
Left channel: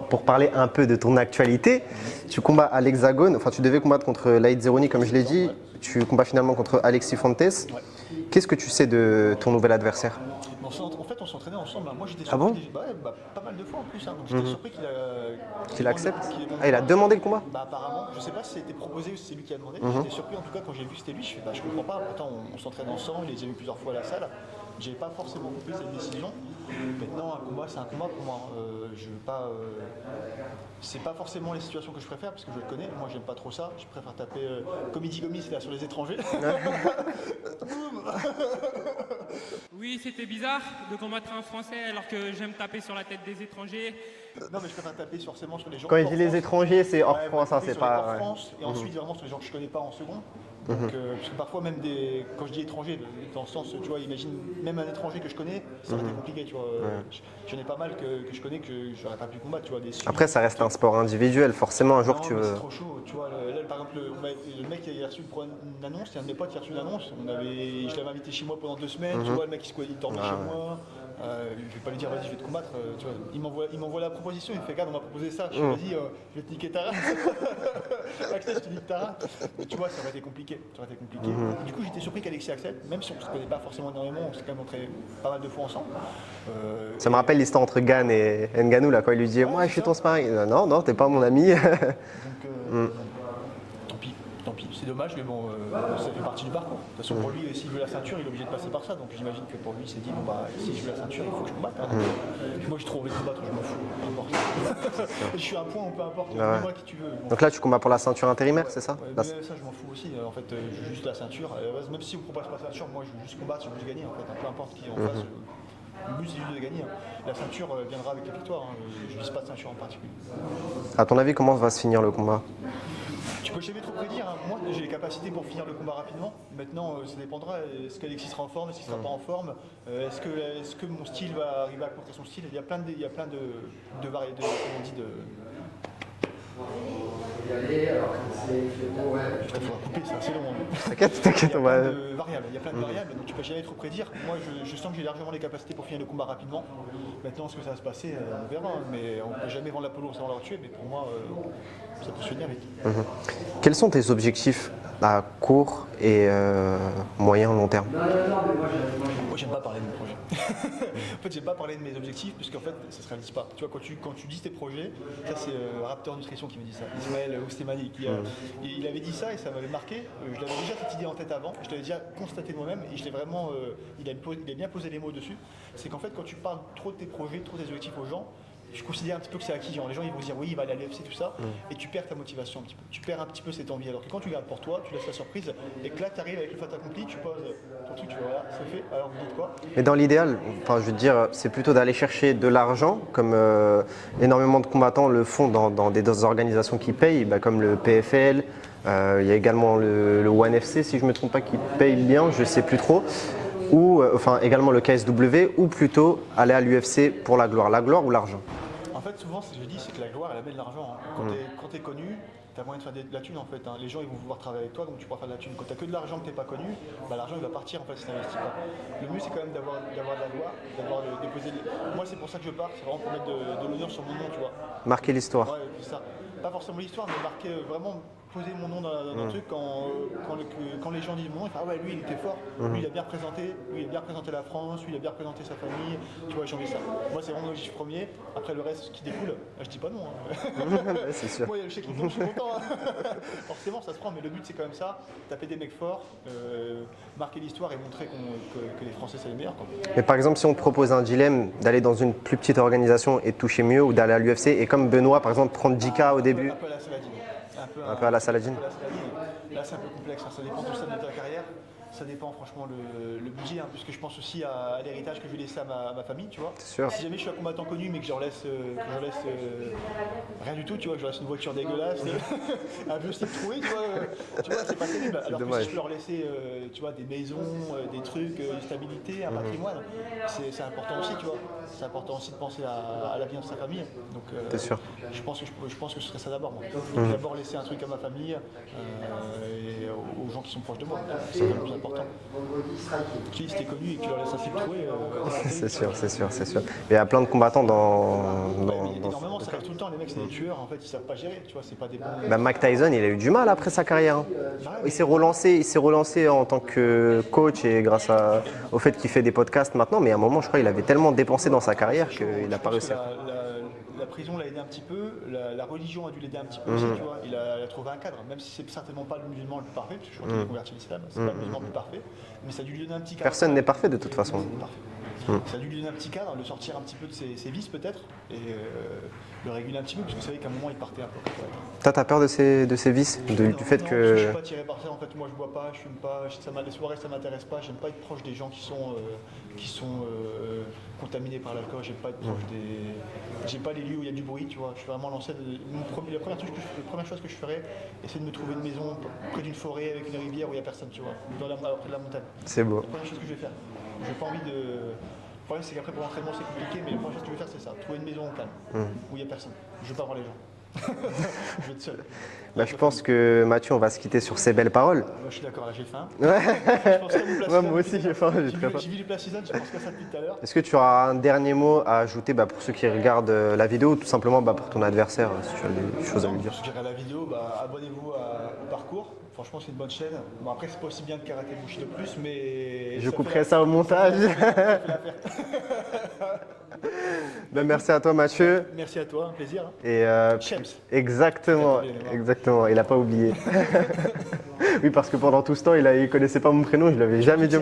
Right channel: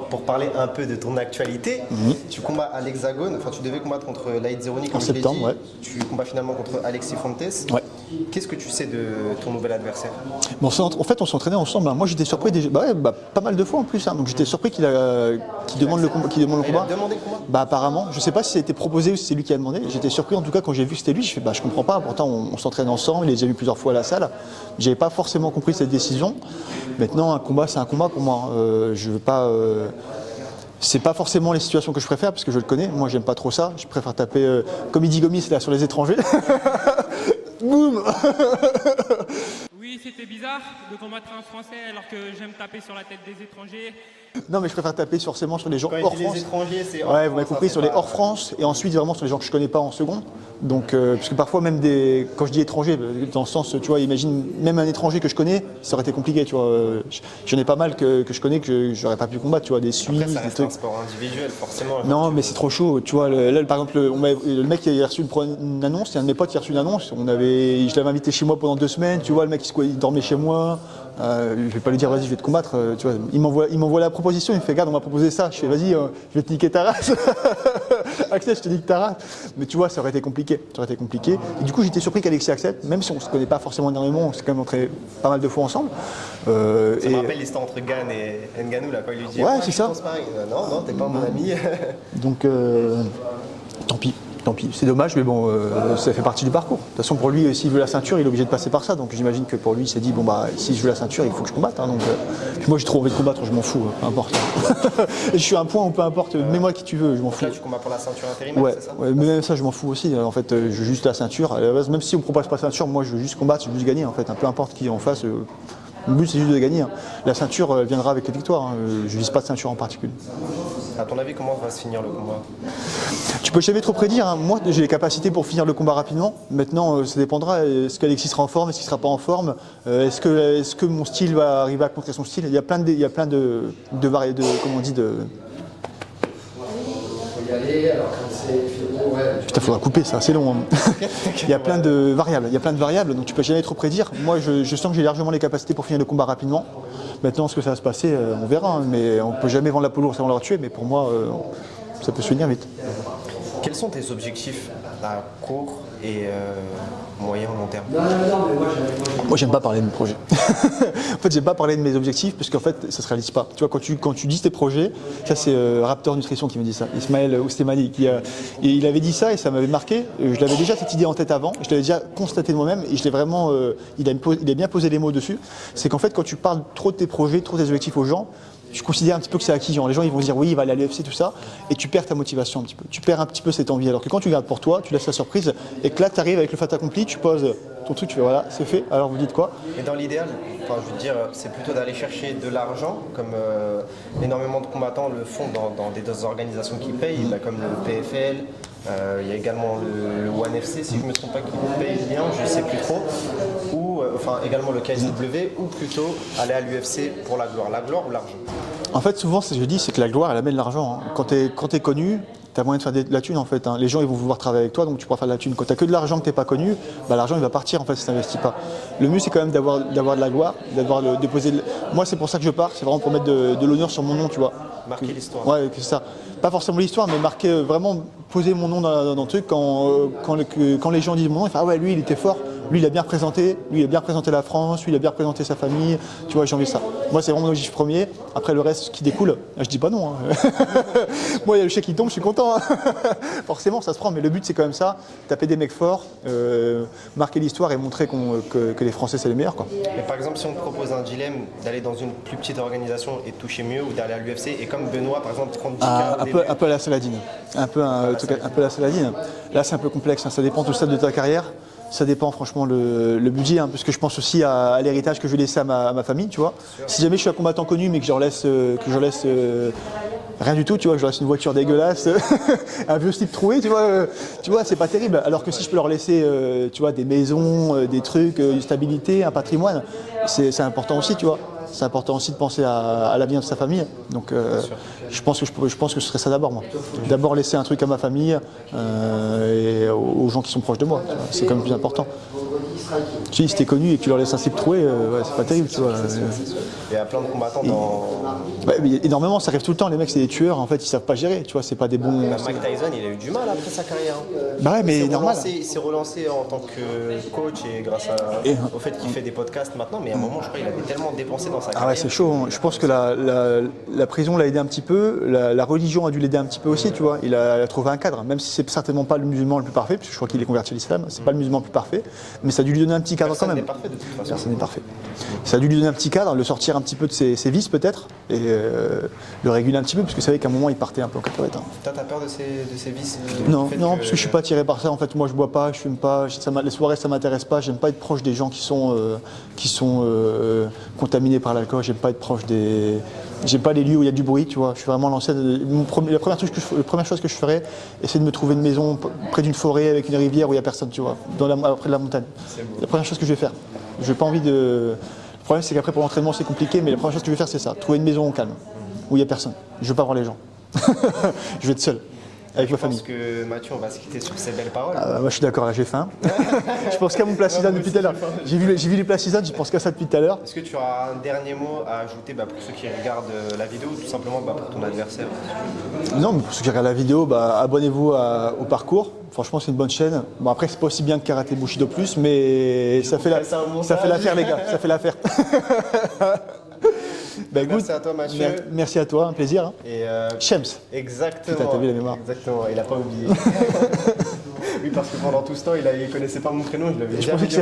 pour parler un peu de ton actualité, tu combats à l'Hexagone, enfin tu devais combattre contre Laïd Zeroni, comme En je l'ai septembre, dit. ouais. Tu combats finalement contre Alexis Fontes. Ouais. Qu'est-ce que tu sais de ton nouvel adversaire? Bon, en fait, on s'entraînait ensemble. Moi, j'étais surpris déjà, pas mal de fois en plus. Donc, j'étais surpris qu'il demande le combat. Ah, il a demandé le combat? Apparemment, je sais pas si ça a été proposé ou si c'est lui qui a demandé. J'étais surpris en tout cas quand j'ai vu que c'était lui. Je fais, je comprends pas. Pourtant, on s'entraîne ensemble. Il les a vus plusieurs fois à la salle. J'avais pas forcément compris cette décision. Maintenant, un combat, c'est un combat pour moi. Je veux pas. C'est pas forcément les situations que je préfère parce que je le connais. Moi, j'aime pas trop ça. Je préfère taper comme il dit Gomis là sur les étrangers. Boum. Oui, c'était bizarre de combattre un Français alors que j'aime taper sur la tête des étrangers. Non, mais je préfère taper forcément sur les gens Quand il hors dit France. les étrangers, c'est hors Ouais, vous France, m'avez compris, hein, sur c'est les pas- hors France et ensuite vraiment sur les gens que je connais pas en second. Donc, parce que parfois même quand je dis étranger, dans le sens, tu vois, imagine même un étranger que je connais, ça aurait été compliqué, tu vois. J'en ai pas mal que je connais que j'aurais pas pu combattre, tu vois, des Suisses. Après, ça des reste trucs. un sport individuel, forcément. un jour, Non, tu mais veux- c'est trop chaud. Tu vois, là, par exemple, le mec qui a reçu une annonce, il y a un de mes potes qui a reçu une annonce. Je l'avais invité chez moi pendant 2 semaines. Tu vois, le mec il dormait chez moi. Je vais pas lui dire vas-y, je vais te combattre. Tu vois, il m'envoie la proposition. Il me fait regarde, on m'a proposé ça. Je fais vas-y, je vais te niquer ta race. Axel, je te nique ta race. Mais tu vois, ça aurait été compliqué. Et du coup, j'étais surpris qu'Alexis accepte, même si on se connaît pas forcément énormément. On s'est quand même entraîné pas mal de fois ensemble. Ça me rappelle l'histoire entre Gann et Ngannou, là, quand il lui dit Ouais, je c'est fais ça. ton sparring. Non, t'es pas mon ami. Donc, tant pis. C'est dommage, mais bon, ça fait partie du parcours. De toute façon, pour lui, s'il veut la ceinture, il est obligé de passer par ça. Donc j'imagine que pour lui, il s'est dit, si je veux la ceinture, il faut que je combatte. Donc, puis moi, j'ai trop envie de combattre, je m'en fous, peu importe. Et je suis à un point où peu importe, mets-moi qui tu veux, je m'en Donc fous. là, tu combats pour la ceinture intérimaire, Ouais, c'est ça? ouais, mais même ça, je m'en fous aussi. En fait, je veux juste la ceinture. À la base, même si on ne propose pas la ceinture, moi, je veux juste combattre, je veux juste gagner. En fait, peu importe qui est en face. Le but, c'est juste de gagner. La ceinture viendra avec les victoires. Je ne vise pas de ceinture en particulier. À ton avis, comment va se finir le combat? Tu peux jamais trop prédire. Moi, j'ai les capacités pour finir le combat rapidement. Maintenant, ça dépendra. Est-ce qu'Alexis sera en forme? Est-ce qu'il sera pas en forme? Est-ce que mon style va arriver à contrer son style? Il y a plein de comment on dit de. Putain, faudra couper, c'est assez long. Il y a plein de variables. Donc tu peux jamais trop prédire. Moi, je sens que j'ai largement les capacités pour finir le combat rapidement. Maintenant, ce que ça va se passer, on verra. Mais on peut jamais vendre la poule ours avant de la tuer. Mais pour moi, ça peut se finir vite. Quels sont tes objectifs à court et moyen long terme? Moi, j'aime pas parler de mes projets. En fait, j'aime pas parler de mes objectifs parce qu'en fait, ça se réalise pas. Tu vois, quand tu dis tes projets, ça c'est Raptor Nutrition qui me dit ça. Ismaël Oustemani, il avait dit ça et ça m'avait marqué. Je l'avais déjà cette idée en tête avant. Je l'avais déjà constaté de moi-même et je l'ai vraiment. Il a bien posé les mots dessus. C'est qu'en fait, quand tu parles trop de tes projets, trop de tes objectifs aux gens, je considère un petit peu que c'est acquis. Genre, les gens ils vont se dire oui, il va aller à l'UFC, tout ça, et tu perds ta motivation un petit peu. Tu perds un petit peu cette envie. Alors que quand tu gardes pour toi, tu laisses la surprise, et que là, tu arrives avec le fait accompli, tu poses ton truc, tu fais voilà, c'est fait, alors vous dites quoi? Et dans l'idéal, enfin, je veux dire, c'est plutôt d'aller chercher de l'argent, comme énormément de combattants le font dans des organisations qui payent, comme le PFL. Il y a également le ONE FC, si je ne me trompe pas, qui paye bien, je ne sais plus trop. Ou également le KSW, ou plutôt aller à l'UFC pour la gloire ou l'argent. En fait, souvent, ce que je dis, c'est que la gloire, elle amène l'argent. Quand tu es connu, tu as moyen de faire de la thune en fait. Les gens ils vont vouloir travailler avec toi, donc tu pourras faire de la thune. Quand tu n'as que de l'argent que tu n'es pas connu, l'argent il va partir en fait si tu n'investis pas. Le mieux c'est quand même d'avoir de la gloire, d'avoir déposé. Moi c'est pour ça que je pars, c'est vraiment pour mettre de l'honneur sur mon nom, tu vois. Marquer l'histoire. Ouais, c'est ça. Pas forcément l'histoire, mais marquer vraiment poser mon nom dans le truc quand les gens disent mon nom, ils font ah ouais lui il était fort, lui il a bien représenté, lui il a bien représenté la France, lui il a bien représenté sa famille, tu vois j'ai envie de ça. Moi c'est vraiment l'objectif premier, après le reste qui découle, je dis pas non. Hein. Moi il y a le chèque qui tombe, je suis content. Hein. Forcément ça se prend, mais le but c'est quand même ça, taper des mecs forts, marquer l'histoire et montrer que les Français c'est les meilleurs quoi. Mais par exemple si on te propose un dilemme d'aller dans une plus petite organisation et de toucher mieux ou d'aller à l'UFC et comme Benoît par exemple 30K au début. Un peu à la Saladine. Un peu à la Saladine. Là, c'est un peu complexe. Hein. Ça dépend du stade de ta carrière. Ça dépend franchement le budget, hein, parce que je pense aussi à l'héritage que je vais laisser à ma famille, tu vois. Si jamais je suis un combattant connu, mais que je leur laisse rien du tout, tu vois, que je leur laisse une voiture dégueulasse, un vieux slip troué, tu vois, c'est pas terrible. Alors que si je peux leur laisser, tu vois, des maisons, des trucs, une stabilité, un patrimoine, c'est important aussi, tu vois. C'est important aussi de penser à l'avenir de sa famille. Donc je pense que ce serait ça d'abord, moi. D'abord laisser un truc à ma famille et aux gens qui sont proches de moi. C'est quand même plus important. Tu sais, si t'es connu et que tu leur laisses un slip troué, c'est pas terrible. C'est sûr. Il y a plein de combattants dans. Ouais, mais énormément, ça arrive tout le temps. Les mecs, c'est des tueurs, en fait, ils savent pas gérer. Tu vois, c'est pas des bons. Mike Tyson, il a eu du mal après sa carrière. Bah ouais, mais il s'est relancé en tant que coach et grâce au fait qu'il fait des podcasts maintenant. Mais à un moment, je crois qu'il avait tellement dépensé dans sa carrière. C'est chaud. Je pense que la prison l'a aidé un petit peu. La religion a dû l'aider un petit peu aussi. Tu vois, il a trouvé un cadre, même si c'est certainement pas le musulman le plus parfait, parce que je crois qu'il est converti à l'islam. C'est pas le musulman le plus parfait, mais ça a dû lui donner un petit cadre. Personne n'est parfait de toute façon. Personne n'est parfait. Ça a dû lui donner un petit cadre, le sortir un petit peu de ses vices peut-être, et le réguler un petit peu, parce que vous savez qu'à un moment il partait un peu en cacahuète. Toi, t'as peur de ces vices? Non, parce que je suis pas attiré par ça. En fait, moi je bois pas, je fume pas, les soirées ça m'intéresse pas. J'aime pas être proche des gens qui sont contaminés par l'alcool. J'aime pas être proche des. J'aime pas les lieux où il y a du bruit, tu vois. Je suis vraiment lancé. La première chose que je ferais, c'est de me trouver une maison près d'une forêt avec une rivière où il y a personne, tu vois, près de la montagne. C'est beau. La première chose que je vais faire. Je n'ai pas envie de. Le problème, c'est qu'après, pour l'entraînement, c'est compliqué, mais la première chose que je vais faire, c'est ça. Trouver une maison au calme, où il n'y a personne. Je ne veux pas voir les gens. Je vais être seul. Je pense que Mathieu, on va se quitter sur ces belles paroles. Moi, je suis d'accord, là, j'ai faim. Je pense qu'à mon plat Cisane depuis tout à l'heure. J'ai vu les plats Cisane, je pense qu'à ça depuis tout à l'heure. Est-ce que tu auras un dernier mot à ajouter pour ceux qui regardent la vidéo ou tout simplement pour ton adversaire si tu veux. Non, mais pour ceux qui regardent la vidéo, abonnez-vous au parcours. Franchement, c'est une bonne chaîne. Bon, après, c'est pas aussi bien que Karaté Bushido Plus, mais ça fait l'affaire, les gars. Ça fait l'affaire. Merci à toi Mathieu. Merci à toi, un plaisir. Et Shems. Exactement. Il n'a pas oublié. Oui, parce que pendant tout ce temps, il connaissait pas mon prénom, je l'avais jamais dit.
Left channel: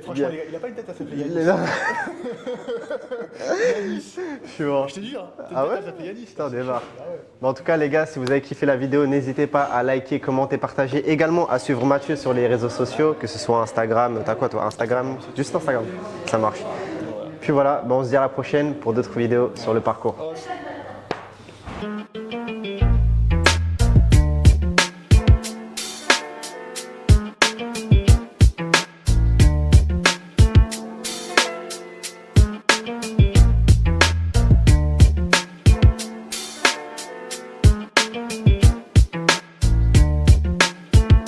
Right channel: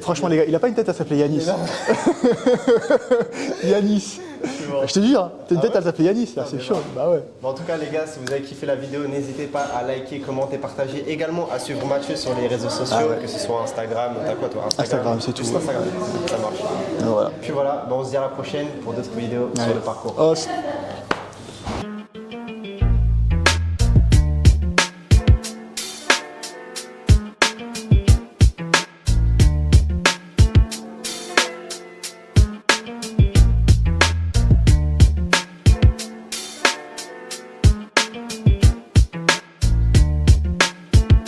Franchement, les gars, il n'a pas une tête à s'appeler Yanis. Yanis. Je te jure, t'as une tête à s'appeler Yanis, c'est chaud. Bah ouais. En tout cas, les gars, si vous avez kiffé la vidéo, n'hésitez pas à liker, commenter, partager. Également à suivre Mathieu sur les réseaux sociaux, que ce soit Instagram. T'as quoi toi? Instagram, c'est tout. Juste Instagram. Ça marche. Voilà. Puis voilà, on se dit à la prochaine pour d'autres vidéos sur le parcours. Oh,